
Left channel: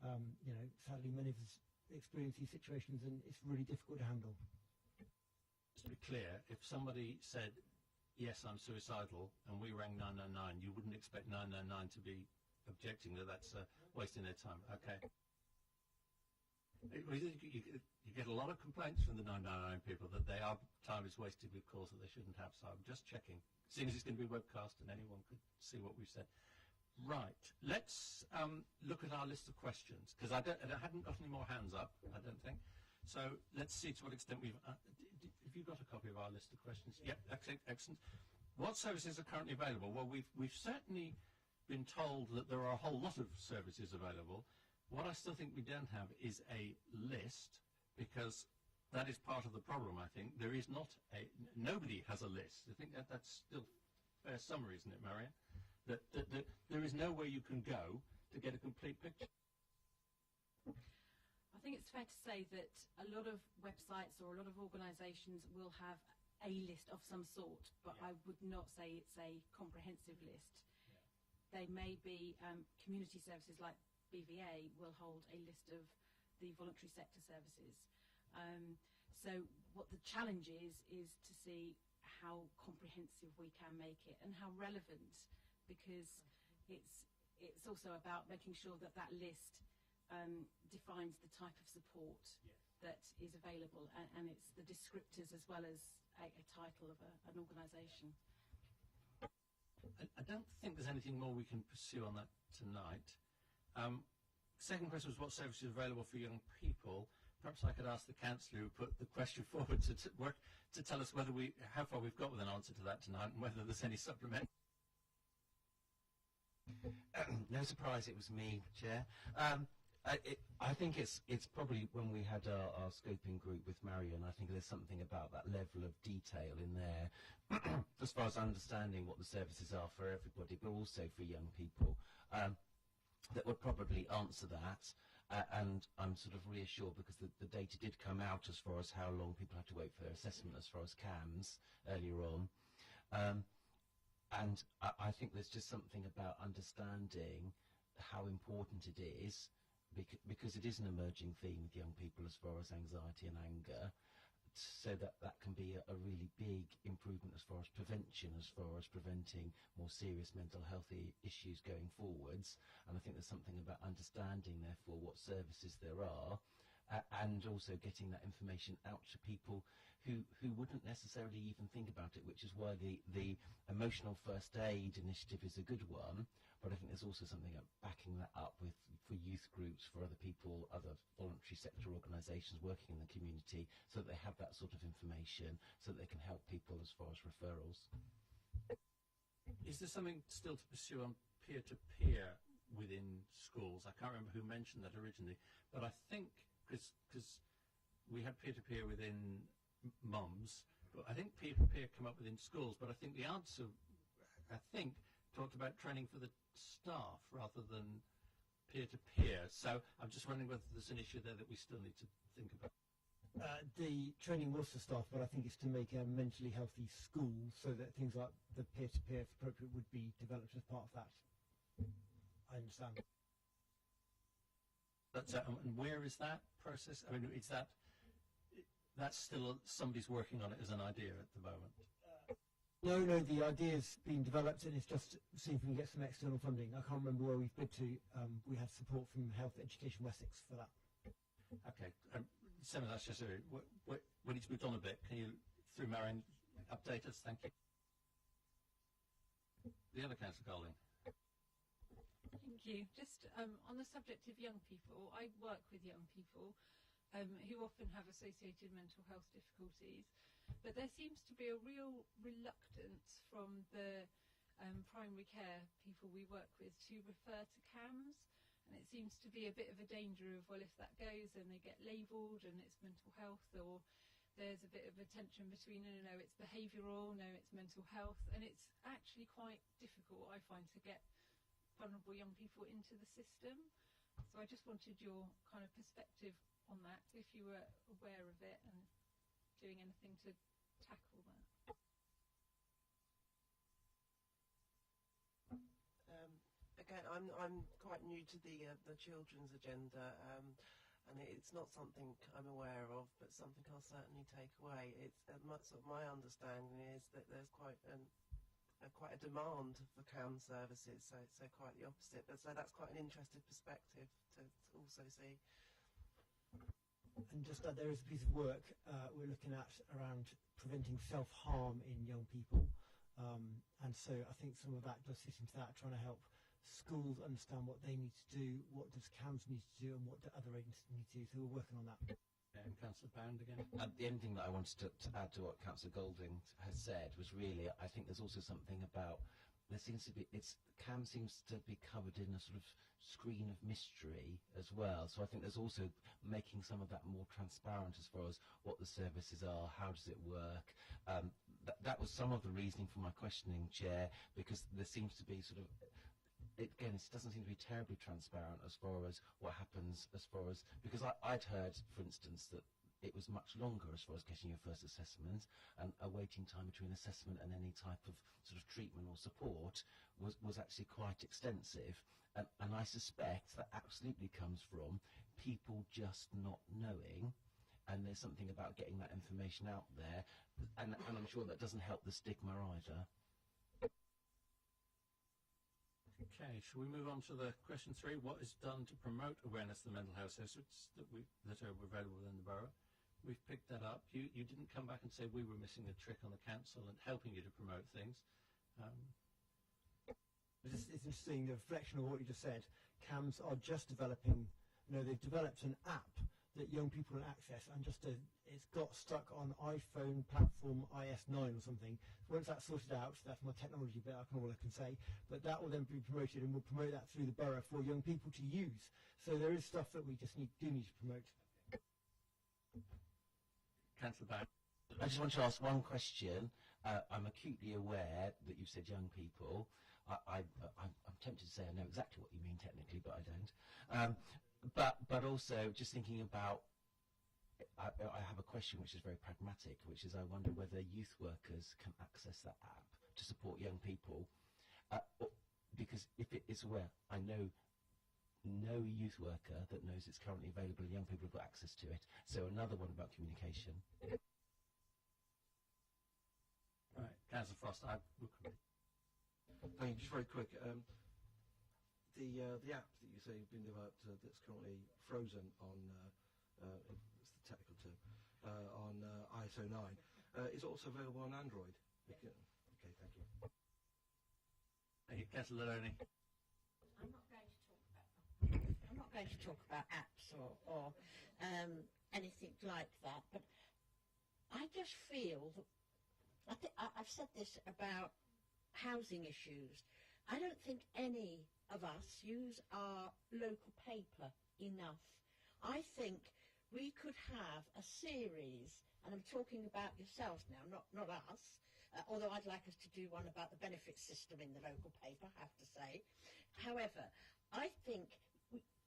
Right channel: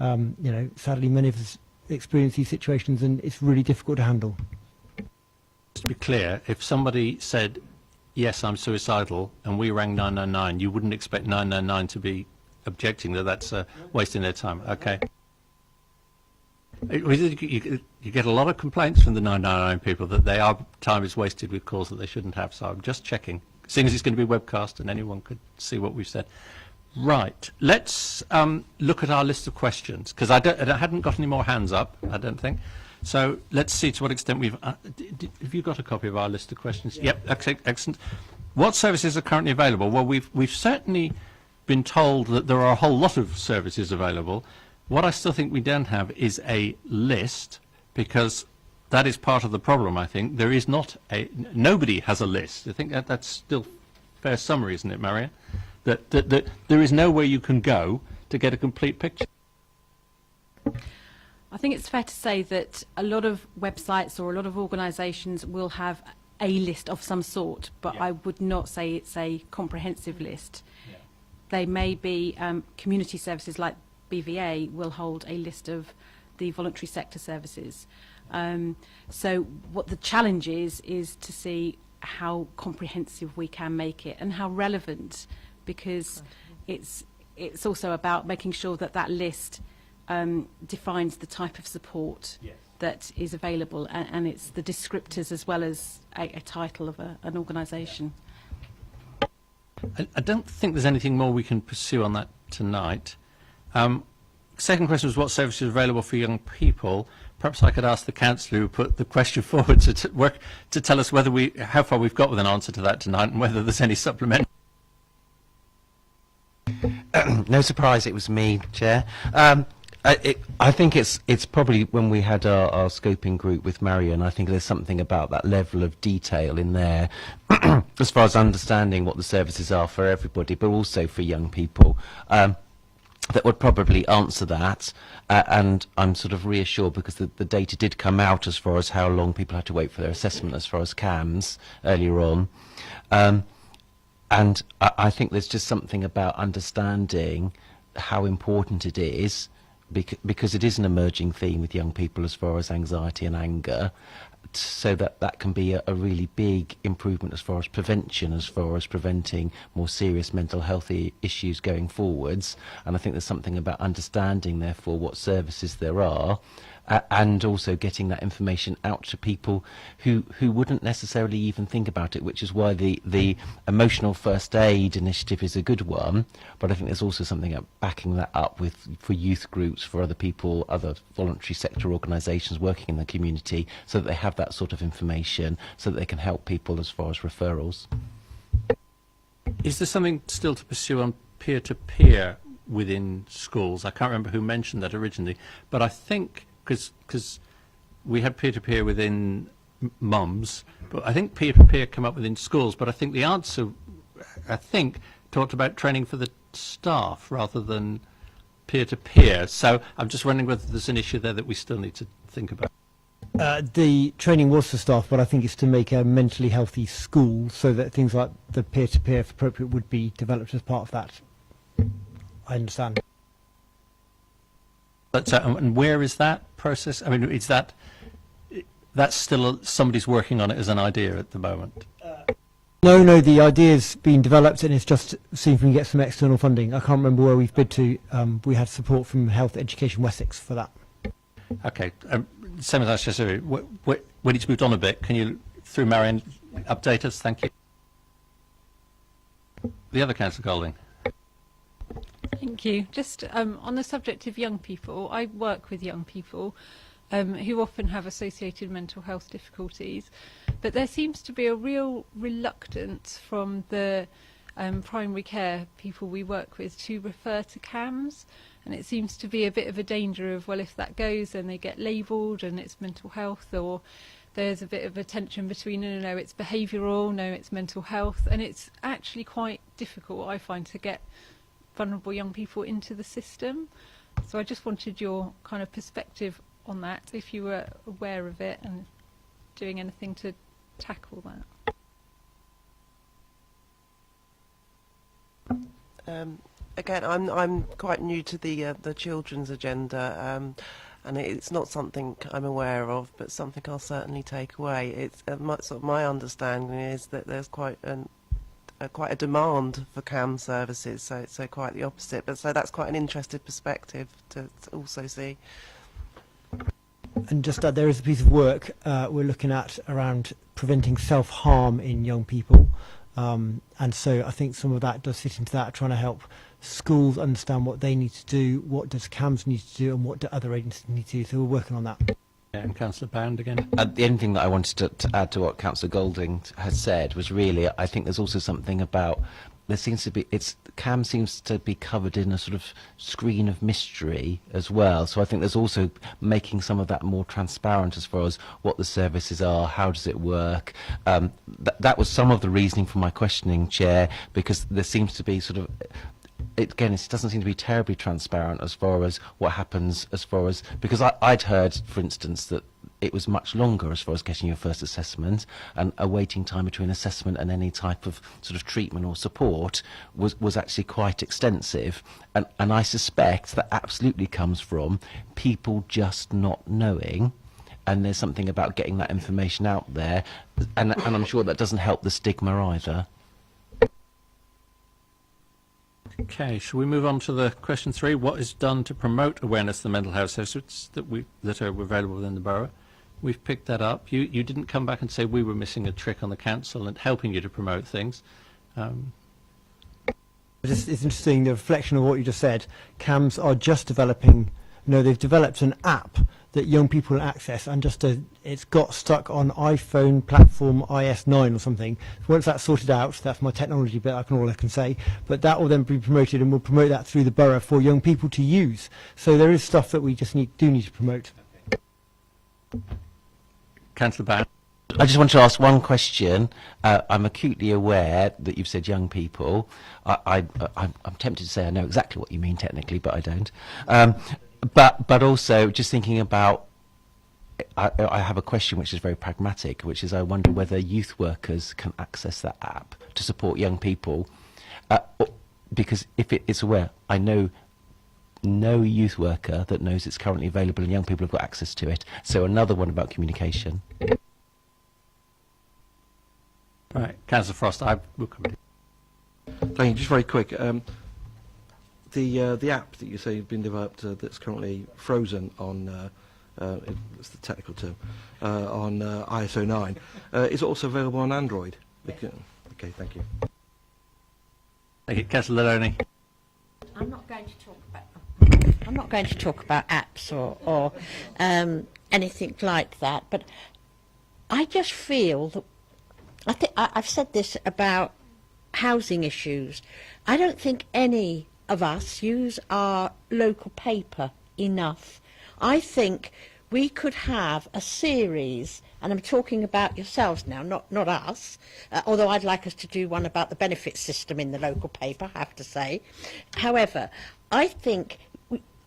And sadly, many of us experience these situations, and it's really difficult to handle. Just to be clear, if somebody said, yes, I'm suicidal, and we rang 999, you wouldn't expect 999 to be objecting that that's wasting their time. Okay. You get a lot of complaints from the 999 people that their time is wasted with calls that they shouldn't have, so I'm just checking. Seeing as it's going to be webcast and anyone could see what we've said. Right, let's look at our list of questions, because I hadn't got any more hands up, I don't think. So let's see to what extent we've... have you got a copy of our list of questions? Yeah. Yep, excellent. What services are currently available? Well, we've certainly been told that there are a whole lot of services available. What I still think we don't have is a list, because that is part of the problem, I think. There is not nobody has a list. I think that's still fair summary, isn't it, Marion? That there is nowhere you can go to get a complete picture. I think it's fair to say that a lot of websites or a lot of organisations will have a list of some sort, but I would not say it's a comprehensive list. Yeah. They may be community services like BVA will hold a list of the voluntary sector services. So what the challenge is to see how comprehensive we can make it and how relevant, because it's also about making sure that that list defines the type of support that is available, and it's the descriptors as well as a title of an organisation. I don't think there's anything more we can pursue on that tonight. Second question was what services are available for young people. Perhaps I could ask the councillor who put the question forward to tell us how far we've got with an answer to that tonight, and whether there's any supplementary. No surprise, it was me, Chair. I think it's probably when we had our scoping group with Marion, I think there's something about that level of detail in there as far as understanding what the services are for everybody, but also for young people. That would probably answer that, and I'm sort of reassured because the data did come out as far as how long people had to wait for their assessment as far as CAMS earlier on. And I think there's just something about understanding how important it is, because it is an emerging theme with young people as far as anxiety and anger, so that can be a really big improvement as far as prevention, as far as preventing more serious mental health issues going forwards. And I think there's something about understanding, therefore, what services there are, and also getting that information out to people who wouldn't necessarily even think about it, which is why the emotional first aid initiative is a good one. But I think there's also something about backing that up for youth groups, for other people, other voluntary sector organisations working in the community, so that they have that sort of information, so that they can help people as far as referrals. Is there something still to pursue on peer-to-peer within schools? I can't remember who mentioned that originally, but I think because we had peer-to-peer within mums, but I think peer-to-peer come up within schools. But I think the answer, talked about training for the staff rather than peer-to-peer. So I'm just wondering whether there's an issue there that we still need to think about. The training was for staff, but I think it's to make a mentally healthy school, so that things like the peer-to-peer, if appropriate, would be developed as part of that. I understand. But, and where is that process? I mean, is that's still somebody's working on it as an idea at the moment? No, the idea's been developed, and it's just seeing if we can get some external funding. I can't remember where we've bid to. We had support from Health Education Wessex for that. Okay. Same as I said earlier, when it's moved on a bit, can you, through Marion, update us? Thank you. The other Councillor Golding. Thank you. Just on the subject of young people, I work with young people who often have associated mental health difficulties, but there seems to be a real reluctance from the primary care people we work with to refer to CAMS, and it seems to be a bit of a danger of, well, if that goes, then they get labelled and it's mental health, or there's a bit of a tension between, no, it's behavioural, no, it's mental health, and it's actually quite difficult, I find, to get vulnerable young people into the system. So I just wanted your kind of perspective on that, if you were aware of it and doing anything to tackle that. Again, I'm quite new to the children's agenda, and it's not something I'm aware of, but something I'll certainly take away. It's my understanding is that there's quite a demand for CAM services, so quite the opposite. But so that's quite an interesting perspective to also see. And just that there is a piece of work we're looking at around preventing self-harm in young people. And so I think some of that does fit into that, trying to help schools understand what they need to do, what does CAMS need to do, and what do other agencies need to do. So we're working on that. Yeah, and Councillor Bound again. The only thing that I wanted to add to what Councillor Golding has said was really, I think there's also something about, there seems to be, CAM seems to be covered in a sort of screen of mystery as well. So I think there's also making some of that more transparent as far as what the services are, how does it work. That was some of the reasoning for my questioning, Chair, because there seems to be sort of, again, it doesn't seem to be terribly transparent as far as what happens, as far as, because I'd heard, for instance, that it was much longer as far as getting your first assessment, and a waiting time between assessment and any type of sort of treatment or support was actually quite extensive, and I suspect that absolutely comes from people just not knowing, and there's something about getting that information out there, and I'm sure that doesn't help the stigma either. Okay, shall we move on to the question 3? What is done to promote awareness of the mental health services that are available within the borough? We've picked that up. You didn't come back and say we were missing a trick on the council and helping you to promote things. It's interesting, the reflection of what you just said. CAMS are just developing, they've developed an app that young people access, and it's got stuck on iPhone platform iOS 9 or something. Once that's sorted out, that's my technology bit, all I can say, but that will then be promoted, and we'll promote that through the borough for young people to use. So there is stuff that we just do need to promote. Councillor Bound. I just want to ask one question. I'm acutely aware that you've said young people. I'm tempted to say I know exactly what you mean technically, but I don't. But also just thinking about, I have a question which is very pragmatic, which is I wonder whether youth workers can access that app to support young people, because if it's aware, I know no youth worker that knows it's currently available and young people have got access to it. So another one about communication. Right, Councillor Frost, will come to you. Thank you. Just very quick. The app that you say has been developed that's currently frozen on, it's the technical term, on ISO 9, is also available on Android. Yes. Okay, thank you. Thank you, Councillor Laloney. I'm not going to talk about apps or anything like that, but I just feel that I've said this about housing issues. I don't think any of us use our local paper enough. I think we could have a series, and I'm talking about yourselves now, not us, although I'd like us to do one about the benefit system in the local paper, I have to say. However, I think,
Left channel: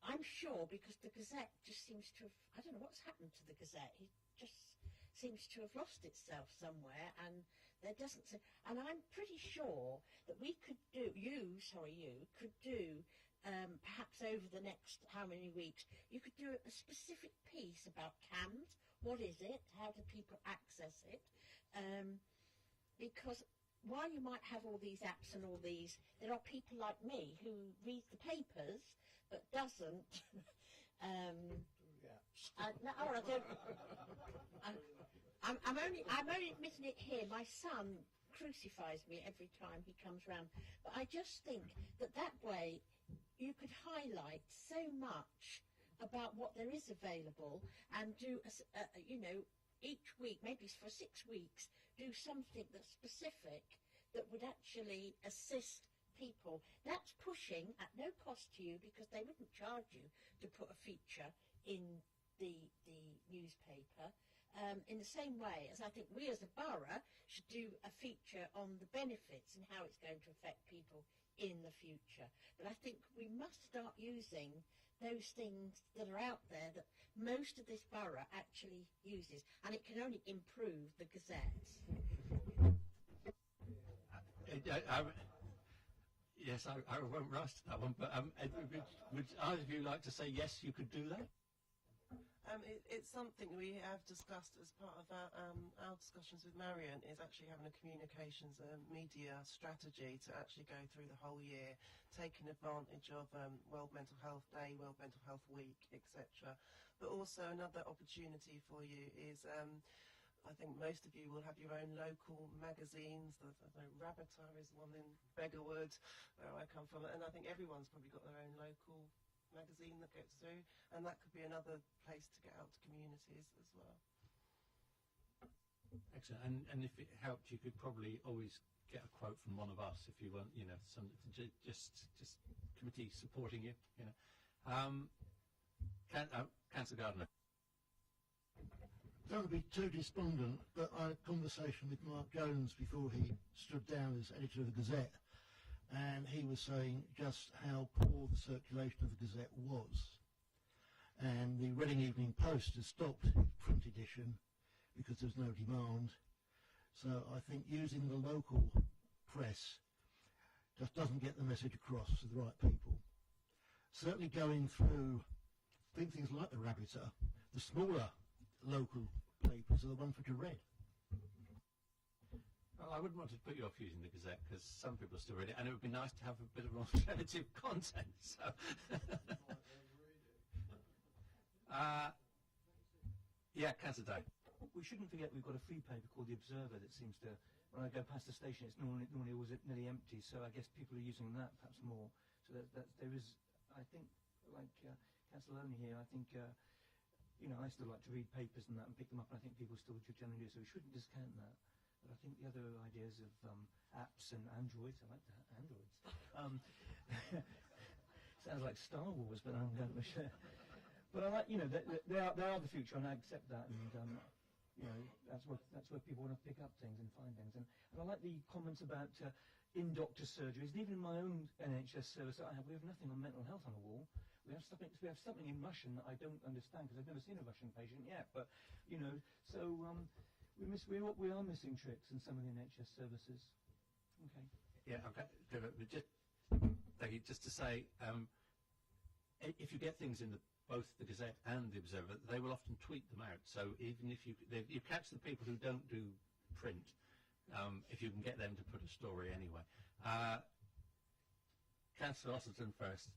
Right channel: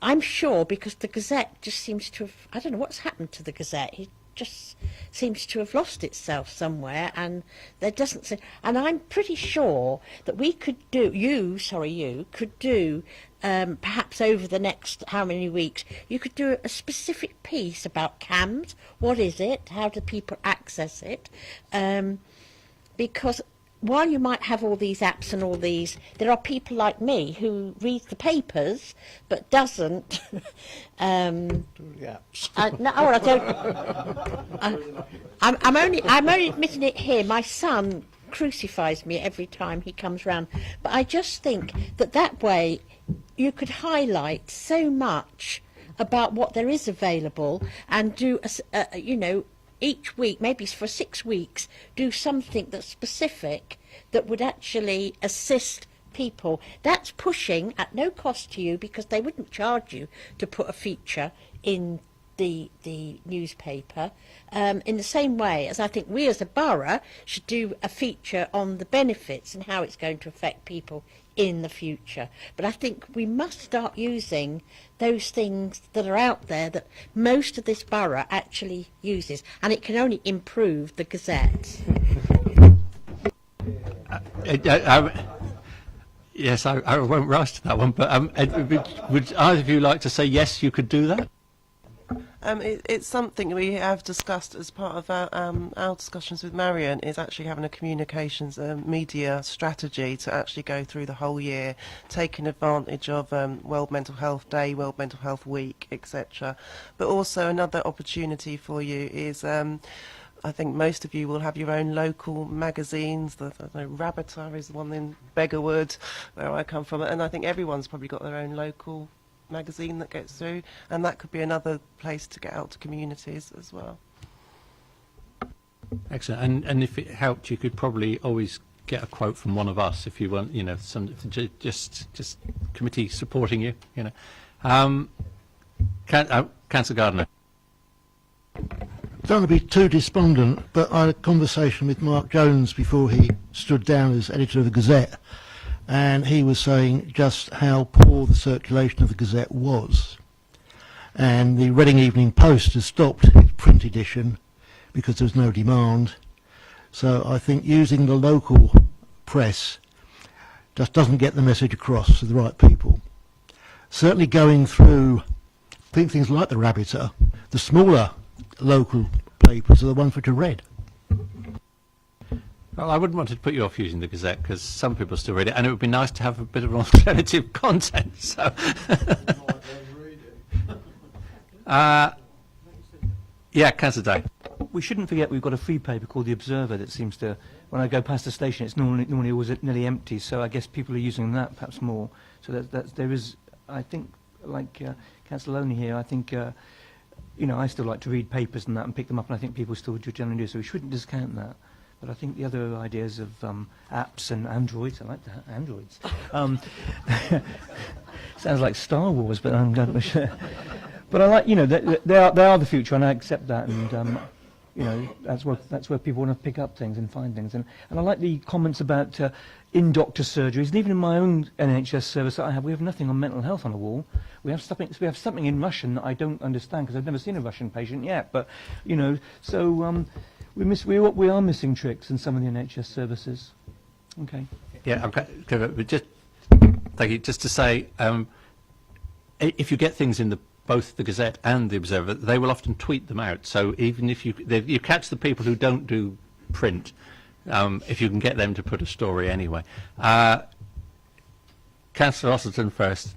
I'm sure, because the Gazette just seems to have, I don't know what's happened to the Gazette, it just seems to have lost itself somewhere, and there doesn't seem, and I'm pretty sure that we could do, you could do, perhaps over the next how many weeks, you could do a specific piece about CAMS. What is it? How do people access it? Because while you might have all these apps and all these, there are people like me who reads the papers but doesn't. No, I don't. I'm only admitting it here. My son crucifies me every time he comes round. But I just think that way you could highlight so much about what there is available, and do each week, maybe for 6 weeks, do something that's specific that would actually assist people. That's pushing at no cost to you, because they wouldn't charge you to put a feature in the newspaper, in the same way as I think we as a borough should do a feature on the benefits and how it's going to affect people in the future. But I think we must start using those things that are out there that most of this borough actually uses, and it can only improve the Gazette. Yes, I won't rise to that one, but would either of you like to say yes, you could do that? It's something we have discussed as part of our discussions with Marion, is actually having a communications media strategy to actually go through the whole year, taking advantage of World Mental Health Day, World Mental Health Week, etc. But also another opportunity for you is I think most of you will have your own local magazines. The Rabbiter is the one in Beggarwood, where I come from, and I think everyone's probably got their own local magazine that gets through, and that could be another place to get out to communities as well. Excellent. And if it helped, you could probably always get a quote from one of us if you want, you know, some just committee supporting you, you know. Councillor Gardner. Don't want to be too despondent, but I had a conversation with Mark Jones before he stood down as editor of the Gazette, and he was saying just how poor the circulation of the Gazette was. And the Reading Evening Post has stopped its print edition because there was no demand. So I think using the local press just doesn't get the message across to the right people. Certainly going through things like the Rabbiter, the smaller local papers are the ones which are read. Well, I wouldn't want to put you off using the Gazette because some people still read it, and it would be nice to have a bit of alternative content. So, yeah, Councillor Day. We shouldn't forget we've got a free paper called The Observer that seems to, when I go past the station, it's normally always nearly empty. So I guess people are using that perhaps more. So there is, I think, like Councillor Loney here, I think, you know, I still like to read papers and that and pick them up, and I think people still generally do. So we shouldn't discount that. But I think the other ideas of apps and Androids, I like that, Androids. Sounds like Star Wars, but I'm not sure. But I like, you know, they are the future, and I accept that. And you know, that's where people want to pick up things and find things. And I like the comments about in-doctor surgeries, and even in my own NHS service that I have, we have nothing on mental health on the wall. We have something in Russian that I don't understand because I've never seen a Russian patient yet. But you know, so. We are missing tricks in some of the NHS services. Okay. Yeah, okay. But just thank you. Just to say, if you get things in both the Gazette and the Observer, they will often tweet them out. So even if you catch the people who don't do print, if you can get them to put a story anyway. Councillor Osterton first.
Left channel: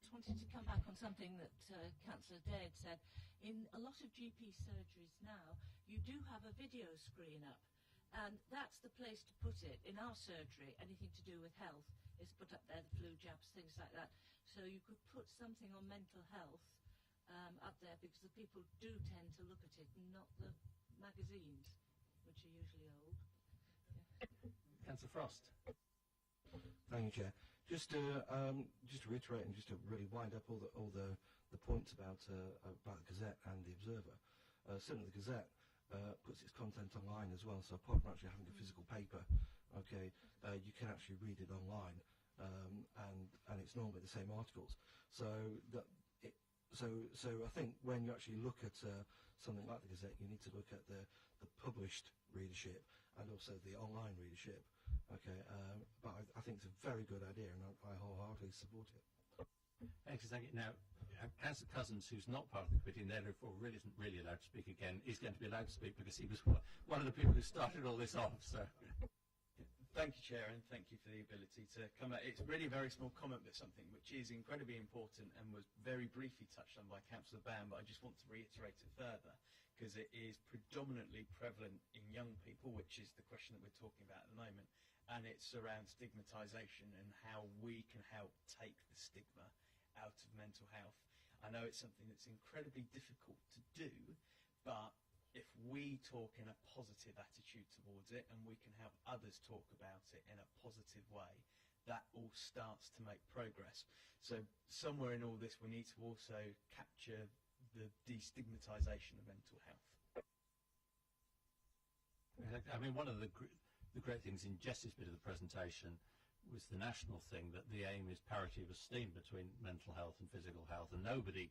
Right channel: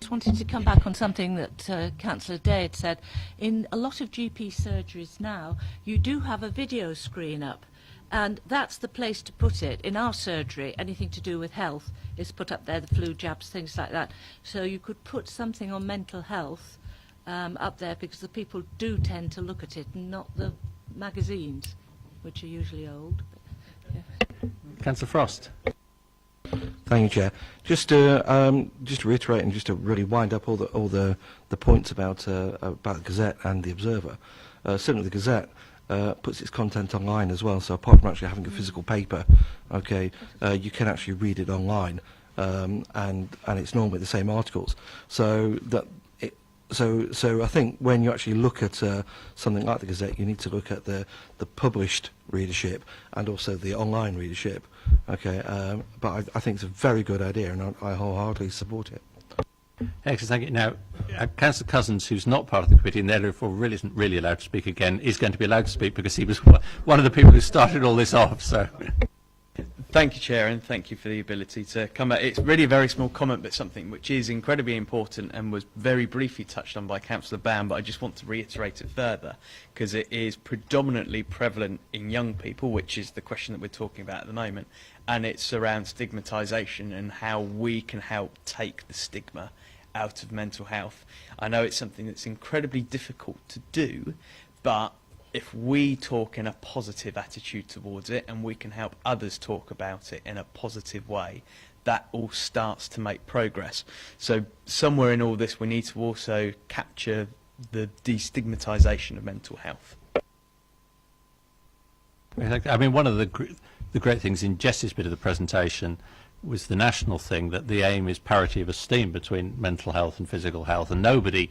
Just wanted to come back on something that Councillor Day had said. In a lot of GP surgeries now, you do have a video screen up, and that's the place to put it. In our surgery, anything to do with health is put up there, the flu jabs, things like that. So you could put something on mental health up there, because the people do tend to look at it, and not the magazines, which are usually old. But, yeah. Councillor Frost. Thank you, Chair. Just to reiterate and just to really wind up all the points about the Gazette and the Observer. Certainly, the Gazette puts its content online as well. So apart from actually having a physical paper, okay, you can actually read it online, and it's normally the same articles. So I think when you actually look at something like the Gazette, you need to look at the published readership and also the online readership. Okay, but I think it's a very good idea, and I wholeheartedly support it. Excellent, thank you. Now, Councillor Cousins, who's not part of the committee and therefore really isn't really allowed to speak again, is going to be allowed to speak because he was one of the people who started all this off. So. Thank you, Chair, and thank you for the ability to come back. It's really a very small comment, but something which is incredibly important and was very briefly touched on by Councillor Bam, but I just want to reiterate it further, because it is predominantly prevalent in young people, which is the question that we're talking about at the moment, and it's around stigmatisation and how we can help take the stigma out of mental health. I know it's something that's incredibly difficult to do, but if we talk in a positive attitude towards it and we can help others talk about it in a positive way, that all starts to make progress. So somewhere in all this we need to also capture the destigmatisation of mental health. I mean, one of the great things in Jess's bit of the presentation was the national thing, that the aim is parity of esteem between mental health and physical health, and nobody,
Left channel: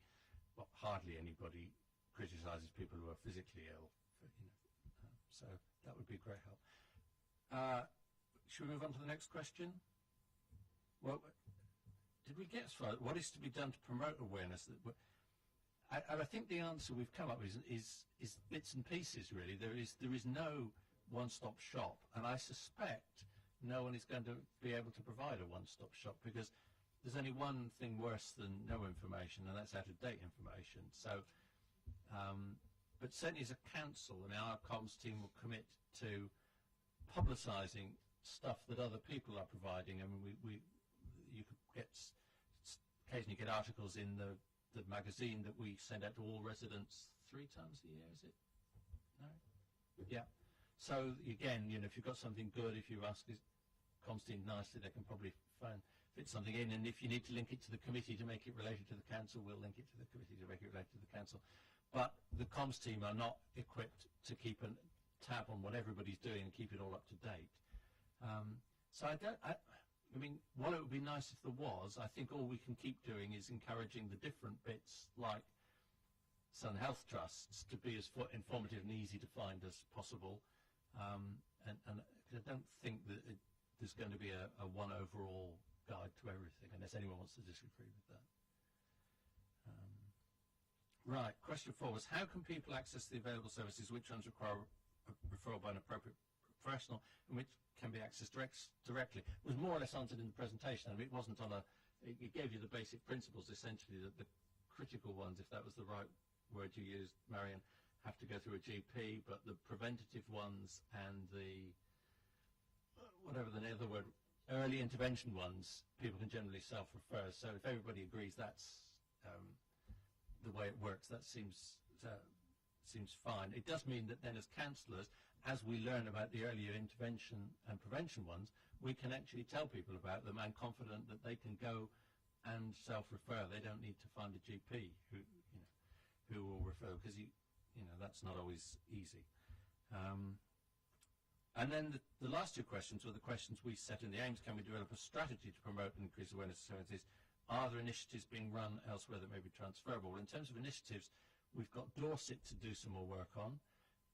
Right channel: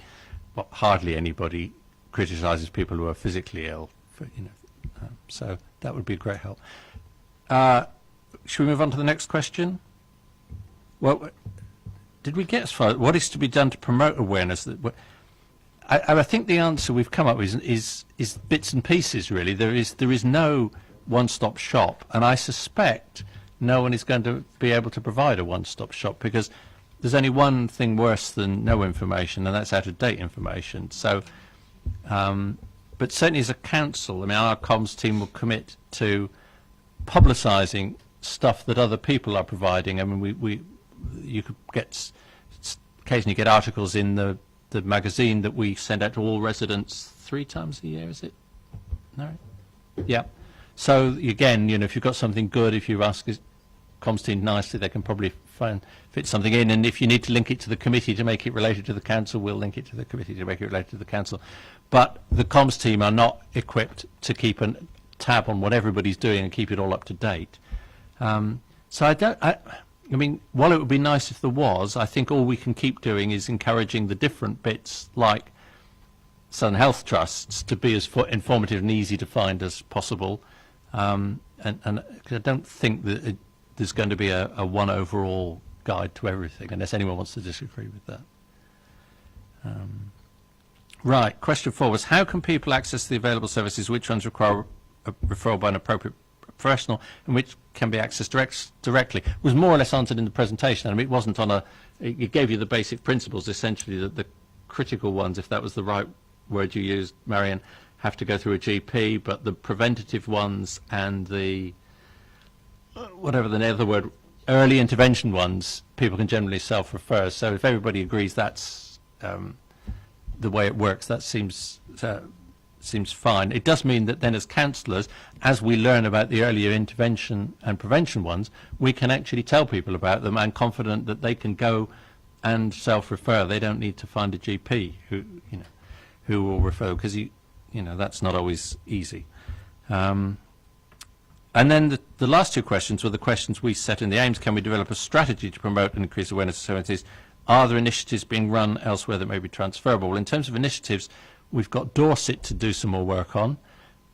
well, hardly anybody, criticises people who are physically ill. So that would be a great help. Should we move on to the next question? Well, did we get as far? What is to be done to promote awareness? That I think the answer we've come up with is bits and pieces. Really, there is no one-stop shop, and I suspect no one is going to be able to provide a one-stop shop, because there's only one thing worse than no information, and that's out-of-date information. So, but certainly as a council, I mean, our comms team will commit to publicising stuff that other people are providing. I mean, you could occasionally get articles in the magazine that we send out to all residents 3 times a year, is it? No? Yeah. So again, if you've got something good, if you ask comms team nicely, they can probably fit something in. And if you need to link it to the committee to make it related to the council, we'll link it to the committee to make it related to the council. But the comms team are not equipped to keep a tab on what everybody's doing and keep it all up to date. So I mean, while it would be nice if there was, I think all we can keep doing is encouraging the different bits, like Southern Health Trusts, to be as informative and easy to find as possible. And I don't think that there's going to be a one overall guide to everything, unless anyone wants to disagree with that. Right, question 4 was, how can people access the available services? Which ones require a referral by an appropriate professional, and which can be accessed directly? It was more or less answered in the presentation. I mean, it wasn't on it gave you the basic principles, essentially, that the critical ones, if that was the right word you used, Marion, have to go through a GP, but the preventative ones and the, whatever the other word, early intervention ones, people can generally self-refer. So if everybody agrees that's the way it works, that seems fine. It does mean that then as counsellors, as we learn about the earlier intervention and prevention ones, we can actually tell people about them and confident that they can go and self-refer. They don't need to find a GP who will refer, because that's not always easy. And then the last 2 questions were the questions we set in the aims. Can we develop a strategy to promote and increase awareness of services? Are there initiatives being run elsewhere that may be transferable? Well, in terms of initiatives, we've got Dorset to do some more work on.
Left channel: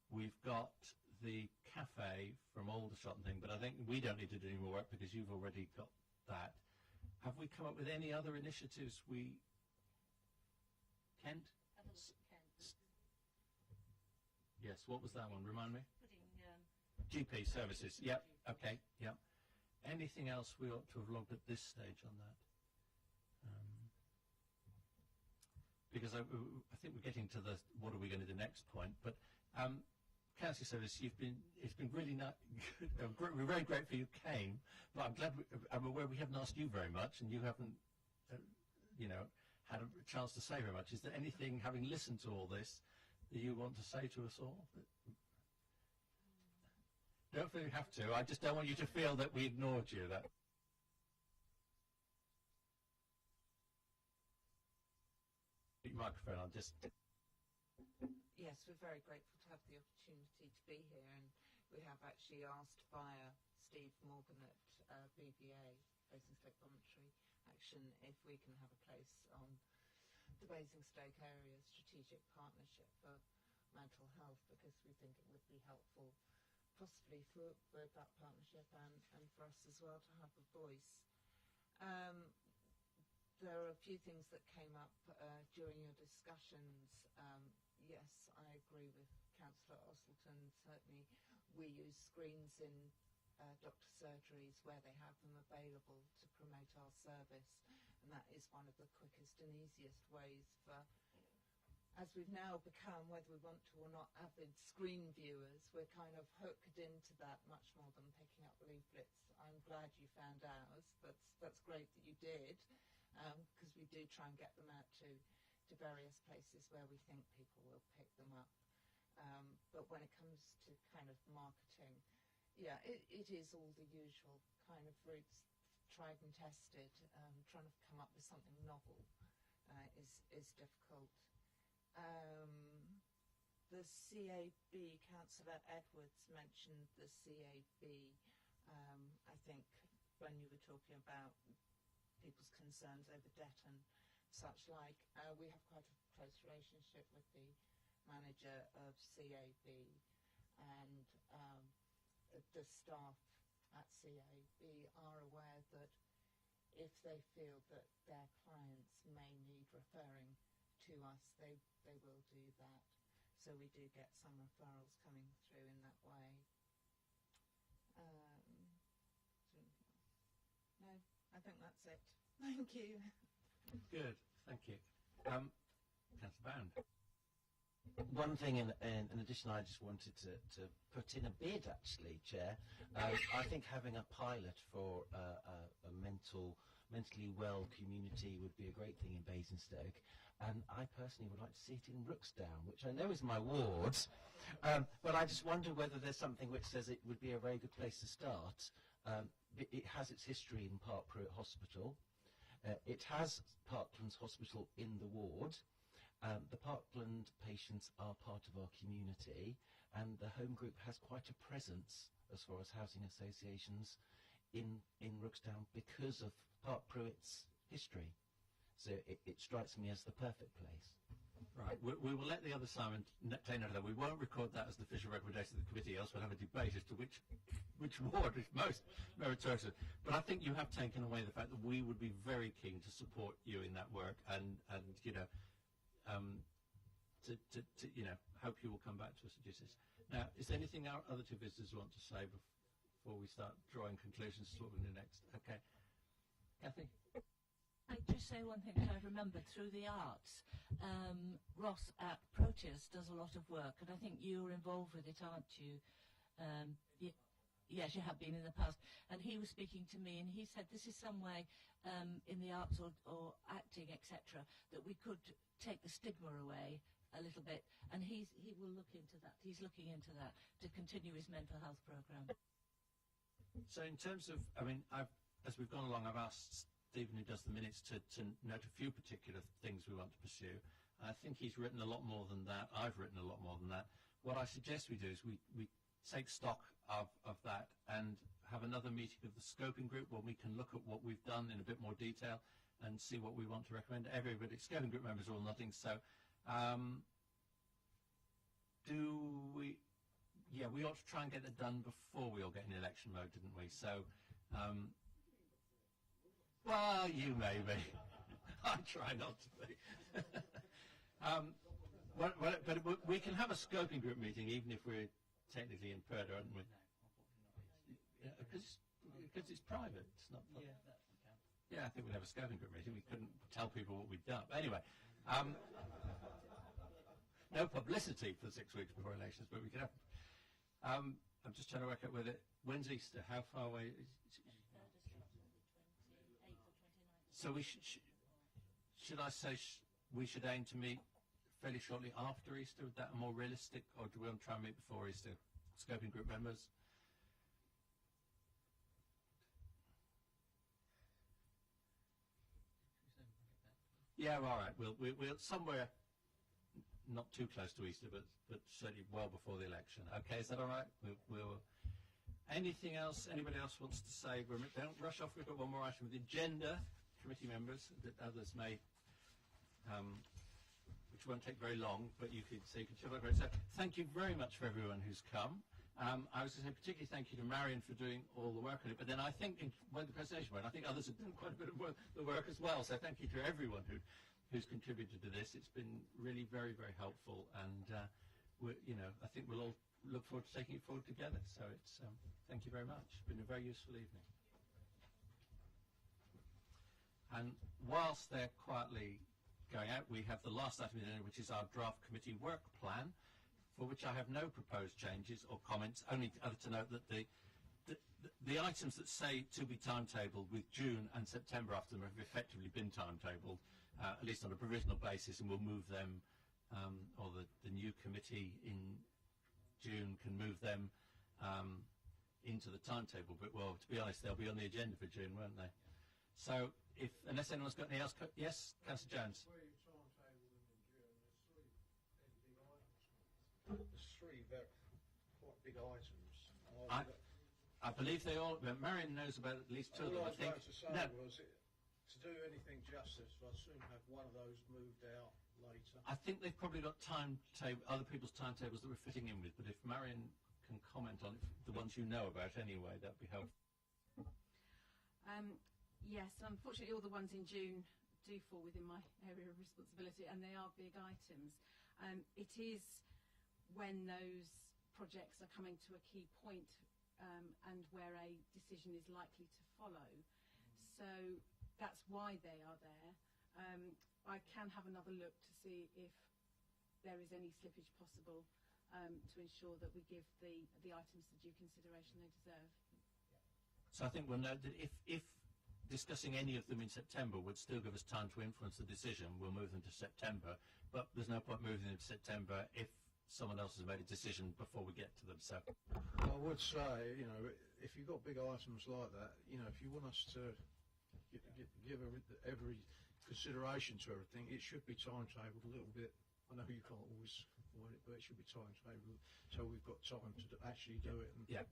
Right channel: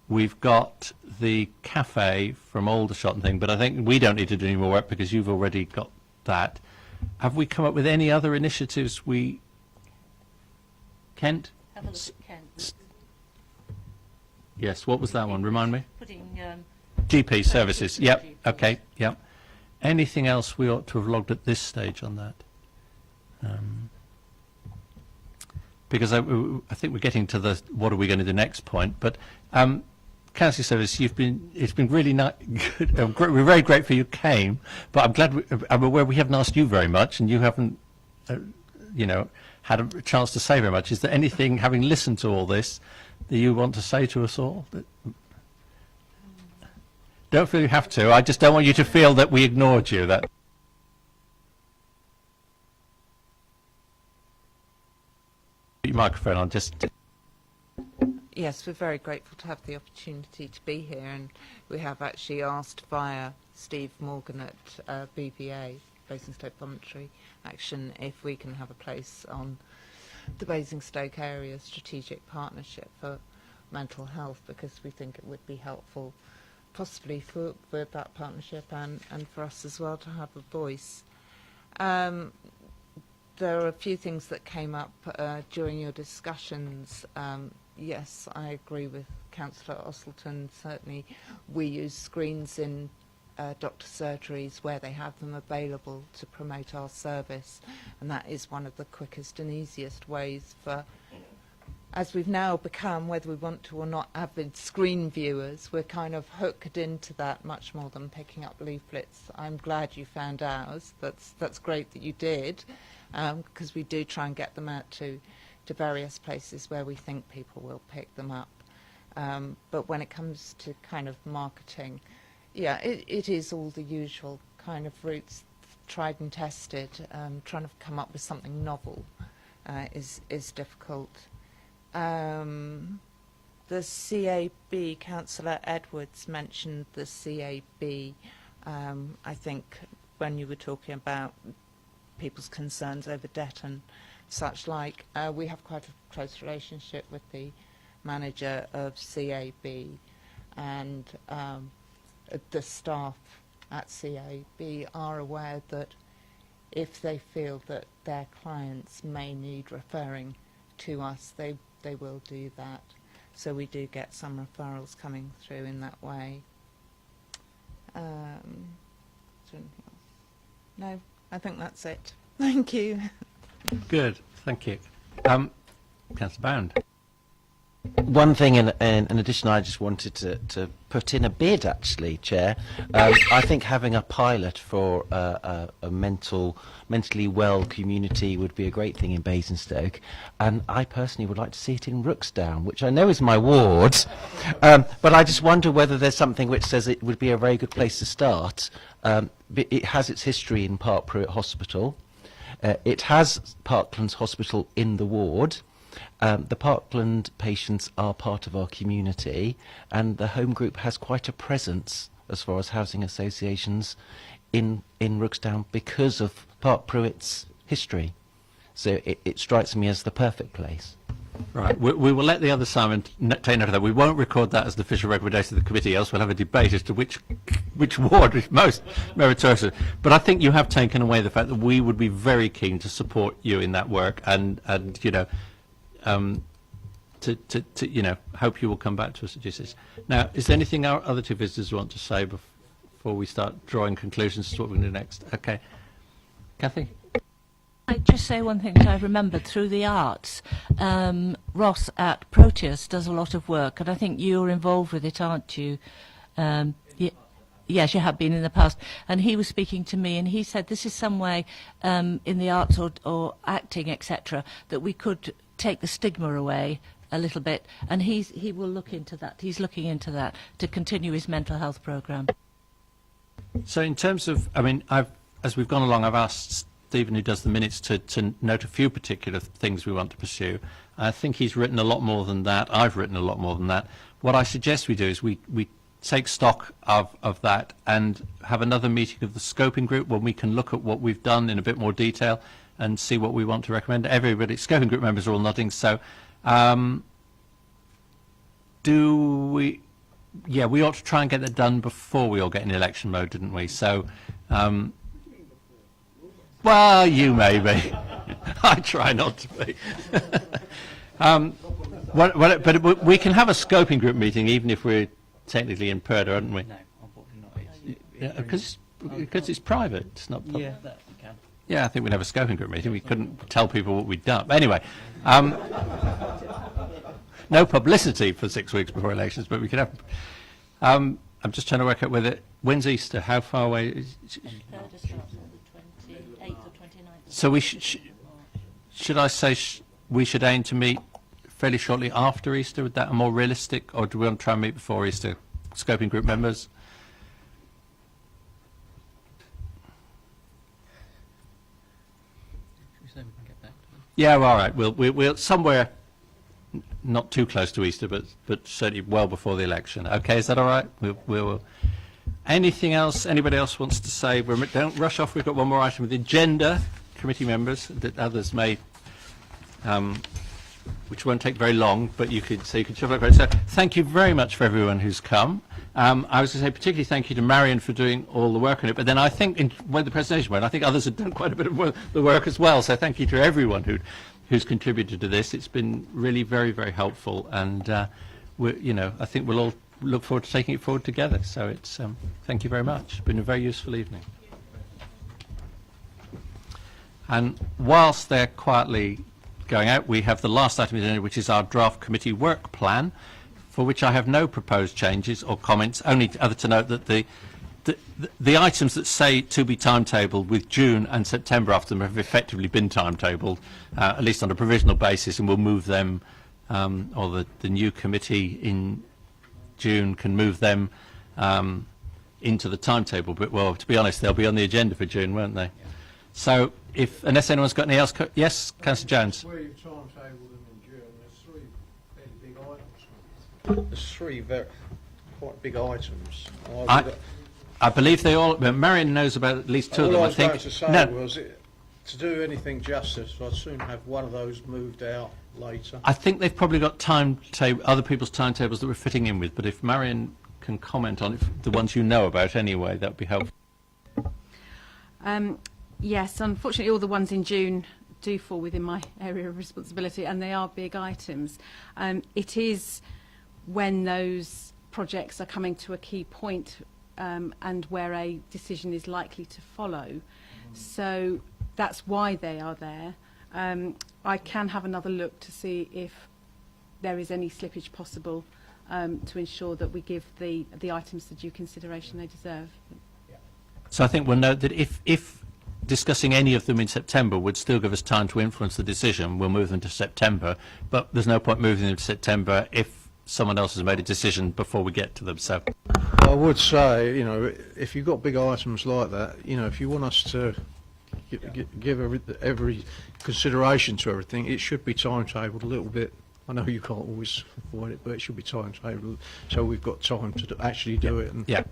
We've got the cafe from Aldershot and thing, but I think we don't need to do any more work because you've already got that. Have we come up with any other initiatives Kent? Have a look at Kent. Yes, what was that one? Remind me. Putting GP services. Yep. Okay. Yep. Anything else we ought to have logged at this stage on that? Because I think we're getting to the what are we going to do next point. But Counselling Service, it's been really good. We're very grateful you came, but I'm glad I'm aware we haven't asked you very much, and you haven't had a chance to say very much. Is there anything, having listened to all this, that you want to say to us all? Don't feel you have to. I just don't want you to feel that we ignored you. That. Put your microphone on. Yes, we're very grateful to have the opportunity to be here, and we have actually asked via Steve Morgan at BPA, Basingstoke Voluntary Action, if we can have a place on the Basingstoke Area Strategic Partnership for Mental Health, because we think it would be helpful possibly for that partnership and for us as well to have a voice. There are a few things that came up during your discussions. Yes, I agree with Councillor Ostleton. Certainly we use screens in doctor surgeries where they have them available to promote our service, and that is one of the quickest and easiest ways for, as we've now become, whether we want to or not, avid screen viewers, we're kind of hooked into that much more than picking up leaflets. I'm glad you found ours. That's great that you did, because we do try and get them out to various places where we think people will pick them up. But when it comes to kind of marketing, yeah, it is all the usual kind of routes, tried and tested. Trying to come up with something novel is difficult. The CAB, Councillor Edwards mentioned the CAB. I think when you were talking about people's concerns over debt and such like, we have quite a close relationship with the manager of CAB, and the staff at CAB are aware that if they feel that their clients may need referring to us, they will do that. So we do get some referrals coming through in that way. Is there anything else? No, I think that's it. Thank you. Good, thank you. Councillor Bound. One thing in addition, I just wanted to put in a bid, actually, Chair. I think having a pilot for a mentally well community would be a great thing in Basingstoke, and I personally would like to see it in Rooksdown, which I know is my ward, but I just wonder whether there's something which says it would be a very good place to start. It has its history in Park Pruitt Hospital. It has Parklands Hospital in the ward. The Parkland patients are part of our community, and the home group has quite a presence as far as housing associations in Rooksdown because of Park Pruitt's history. So it strikes me as the perfect place. Right, we will let the other Simon take note of that. We won't record that as the official recommendation of the committee, else we'll have a debate as to which ward is most meritorious. But I think you have taken away the fact that we would be very keen to support you in that work, and you know, to you know, hope you will come back to us at GCs. Now, is there anything our other two visitors want to say before we start drawing conclusions as to what we're going to do next? Okay, Kathy. I'd just say one thing that I remembered through the arts. Ross at Proteus does a lot of work, and I think you're involved with it, aren't you? Yes, you have been in the past. And he was speaking to me, and he said this is some way in the arts or acting, etc., that we could take the stigma away a little bit, and he will look into that. He's looking into that to continue his mental health programme. So in terms of, I mean, as we've gone along, I've asked Stephen, who does the minutes, to note a few particular things we want to pursue. I think he's written a lot more than that. I've written a lot more than that. What I suggest we do is we take stock of that and have another meeting of the scoping group when we can look at what we've done in a bit more detail and see what we want to recommend. Everybody, scoping group members are all nodding, so yeah, we ought to try and get that done before we all get in election mode, didn't we? So well, you may be. I try not to be. But we can have a scoping group meeting even if we're technically in Purda, aren't we? No, unfortunately not. Because it's private. It's not public. Yeah, that we can. Yeah, I think we'd have a scoping group meeting. We couldn't tell people what we'd done. But anyway, no publicity for 6 weeks before elections, but we could have. I'm just trying to work out when's Easter? How far away is? So we should I say we should aim to meet fairly shortly after Easter? Would that be more realistic, or do we want to try and meet before Easter? Scoping group members. Yeah, well, all right. We'll somewhere not too close to Easter, but certainly well before the election. Okay, is that all right? We'll anything else? Anybody else wants to say? Don't rush off. We've got one more item of the agenda. Committee members that others may, which won't take very long, but you could shuffle it. So thank you very much for everyone who's come. I was going to say particularly thank you to Marion for doing all the work on it, but then I think when the presentation went, I think others have done quite a bit of the work as well. So thank you to everyone who's contributed to this. It's been really very, very helpful, and I think we'll all look forward to taking it forward together. So it's thank you very much. It's been a very useful evening. And whilst they're quietly going out, we have the last item in the agenda, which is our draft committee work plan, for which I have no proposed changes or comments, only other to note that the items that say to be timetabled with June and September after them have effectively been timetabled, at least on a provisional basis, and we'll move them or the new committee in June can move them into the timetable. But, well, to be honest, they'll be on the agenda for June, won't they? So, unless anyone's got any else, yes, Councillor Jones. Where you've timetabled them in June, there's 3 fairly big items. There's 3 quite big items. I believe they all. Marion knows about at least 2 of them. All I was think. going to say was, to do anything justice, I'd soon have one of those moved out later. I think they've probably got other people's timetables that we're fitting in with. But if Marion can comment on the ones you know about anyway, that would be helpful. Yes, unfortunately, all the ones in June do fall within my area of responsibility, and they are big items. It is when those projects are coming to a key point and where a decision is likely to follow. So that's why they are there. I can have another look to see if there is any slippage possible to ensure that we give the items the due consideration they deserve. So I think we'll note that if discussing any of them in September would still give us time to influence the decision, we'll move them to September. But there's no point moving them to September if someone else has made a decision before we get to them. So I would say, if you've got big items like that, if you want us to give every consideration to everything, it should be timetabled a little bit. I know you can't always avoid it, but it should be timetabled so we've got time to actually do it. And yeah,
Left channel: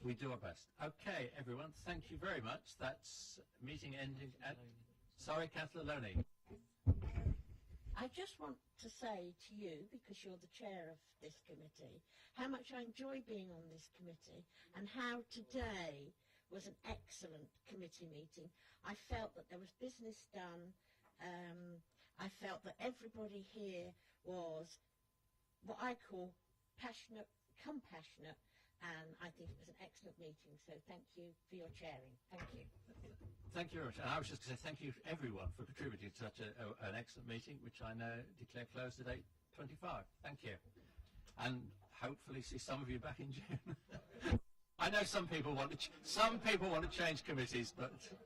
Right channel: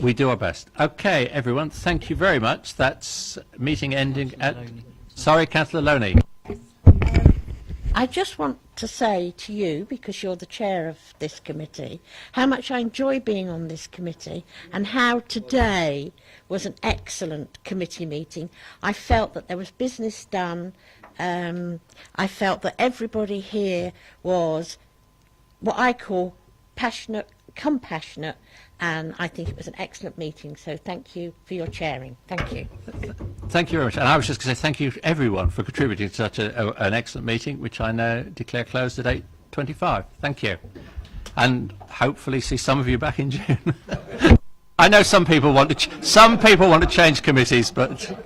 we do our best. Okay, everyone, thank you very much. That's meeting ending at... Sorry, Councillor Loney. I just want to say to you, because you're the chair of this committee, how much I enjoy being on this committee and how today was an excellent committee meeting. I felt that there was business done. I felt that everybody here was what I call passionate, compassionate, and I think it was an excellent meeting. So thank you for your chairing. Thank you. Thank you very much. And I was just going to say thank you to everyone for contributing to such an excellent meeting, which I now declare closed at 8:25. Thank you. And hopefully see some of you back in June. I know some people want to change committees, but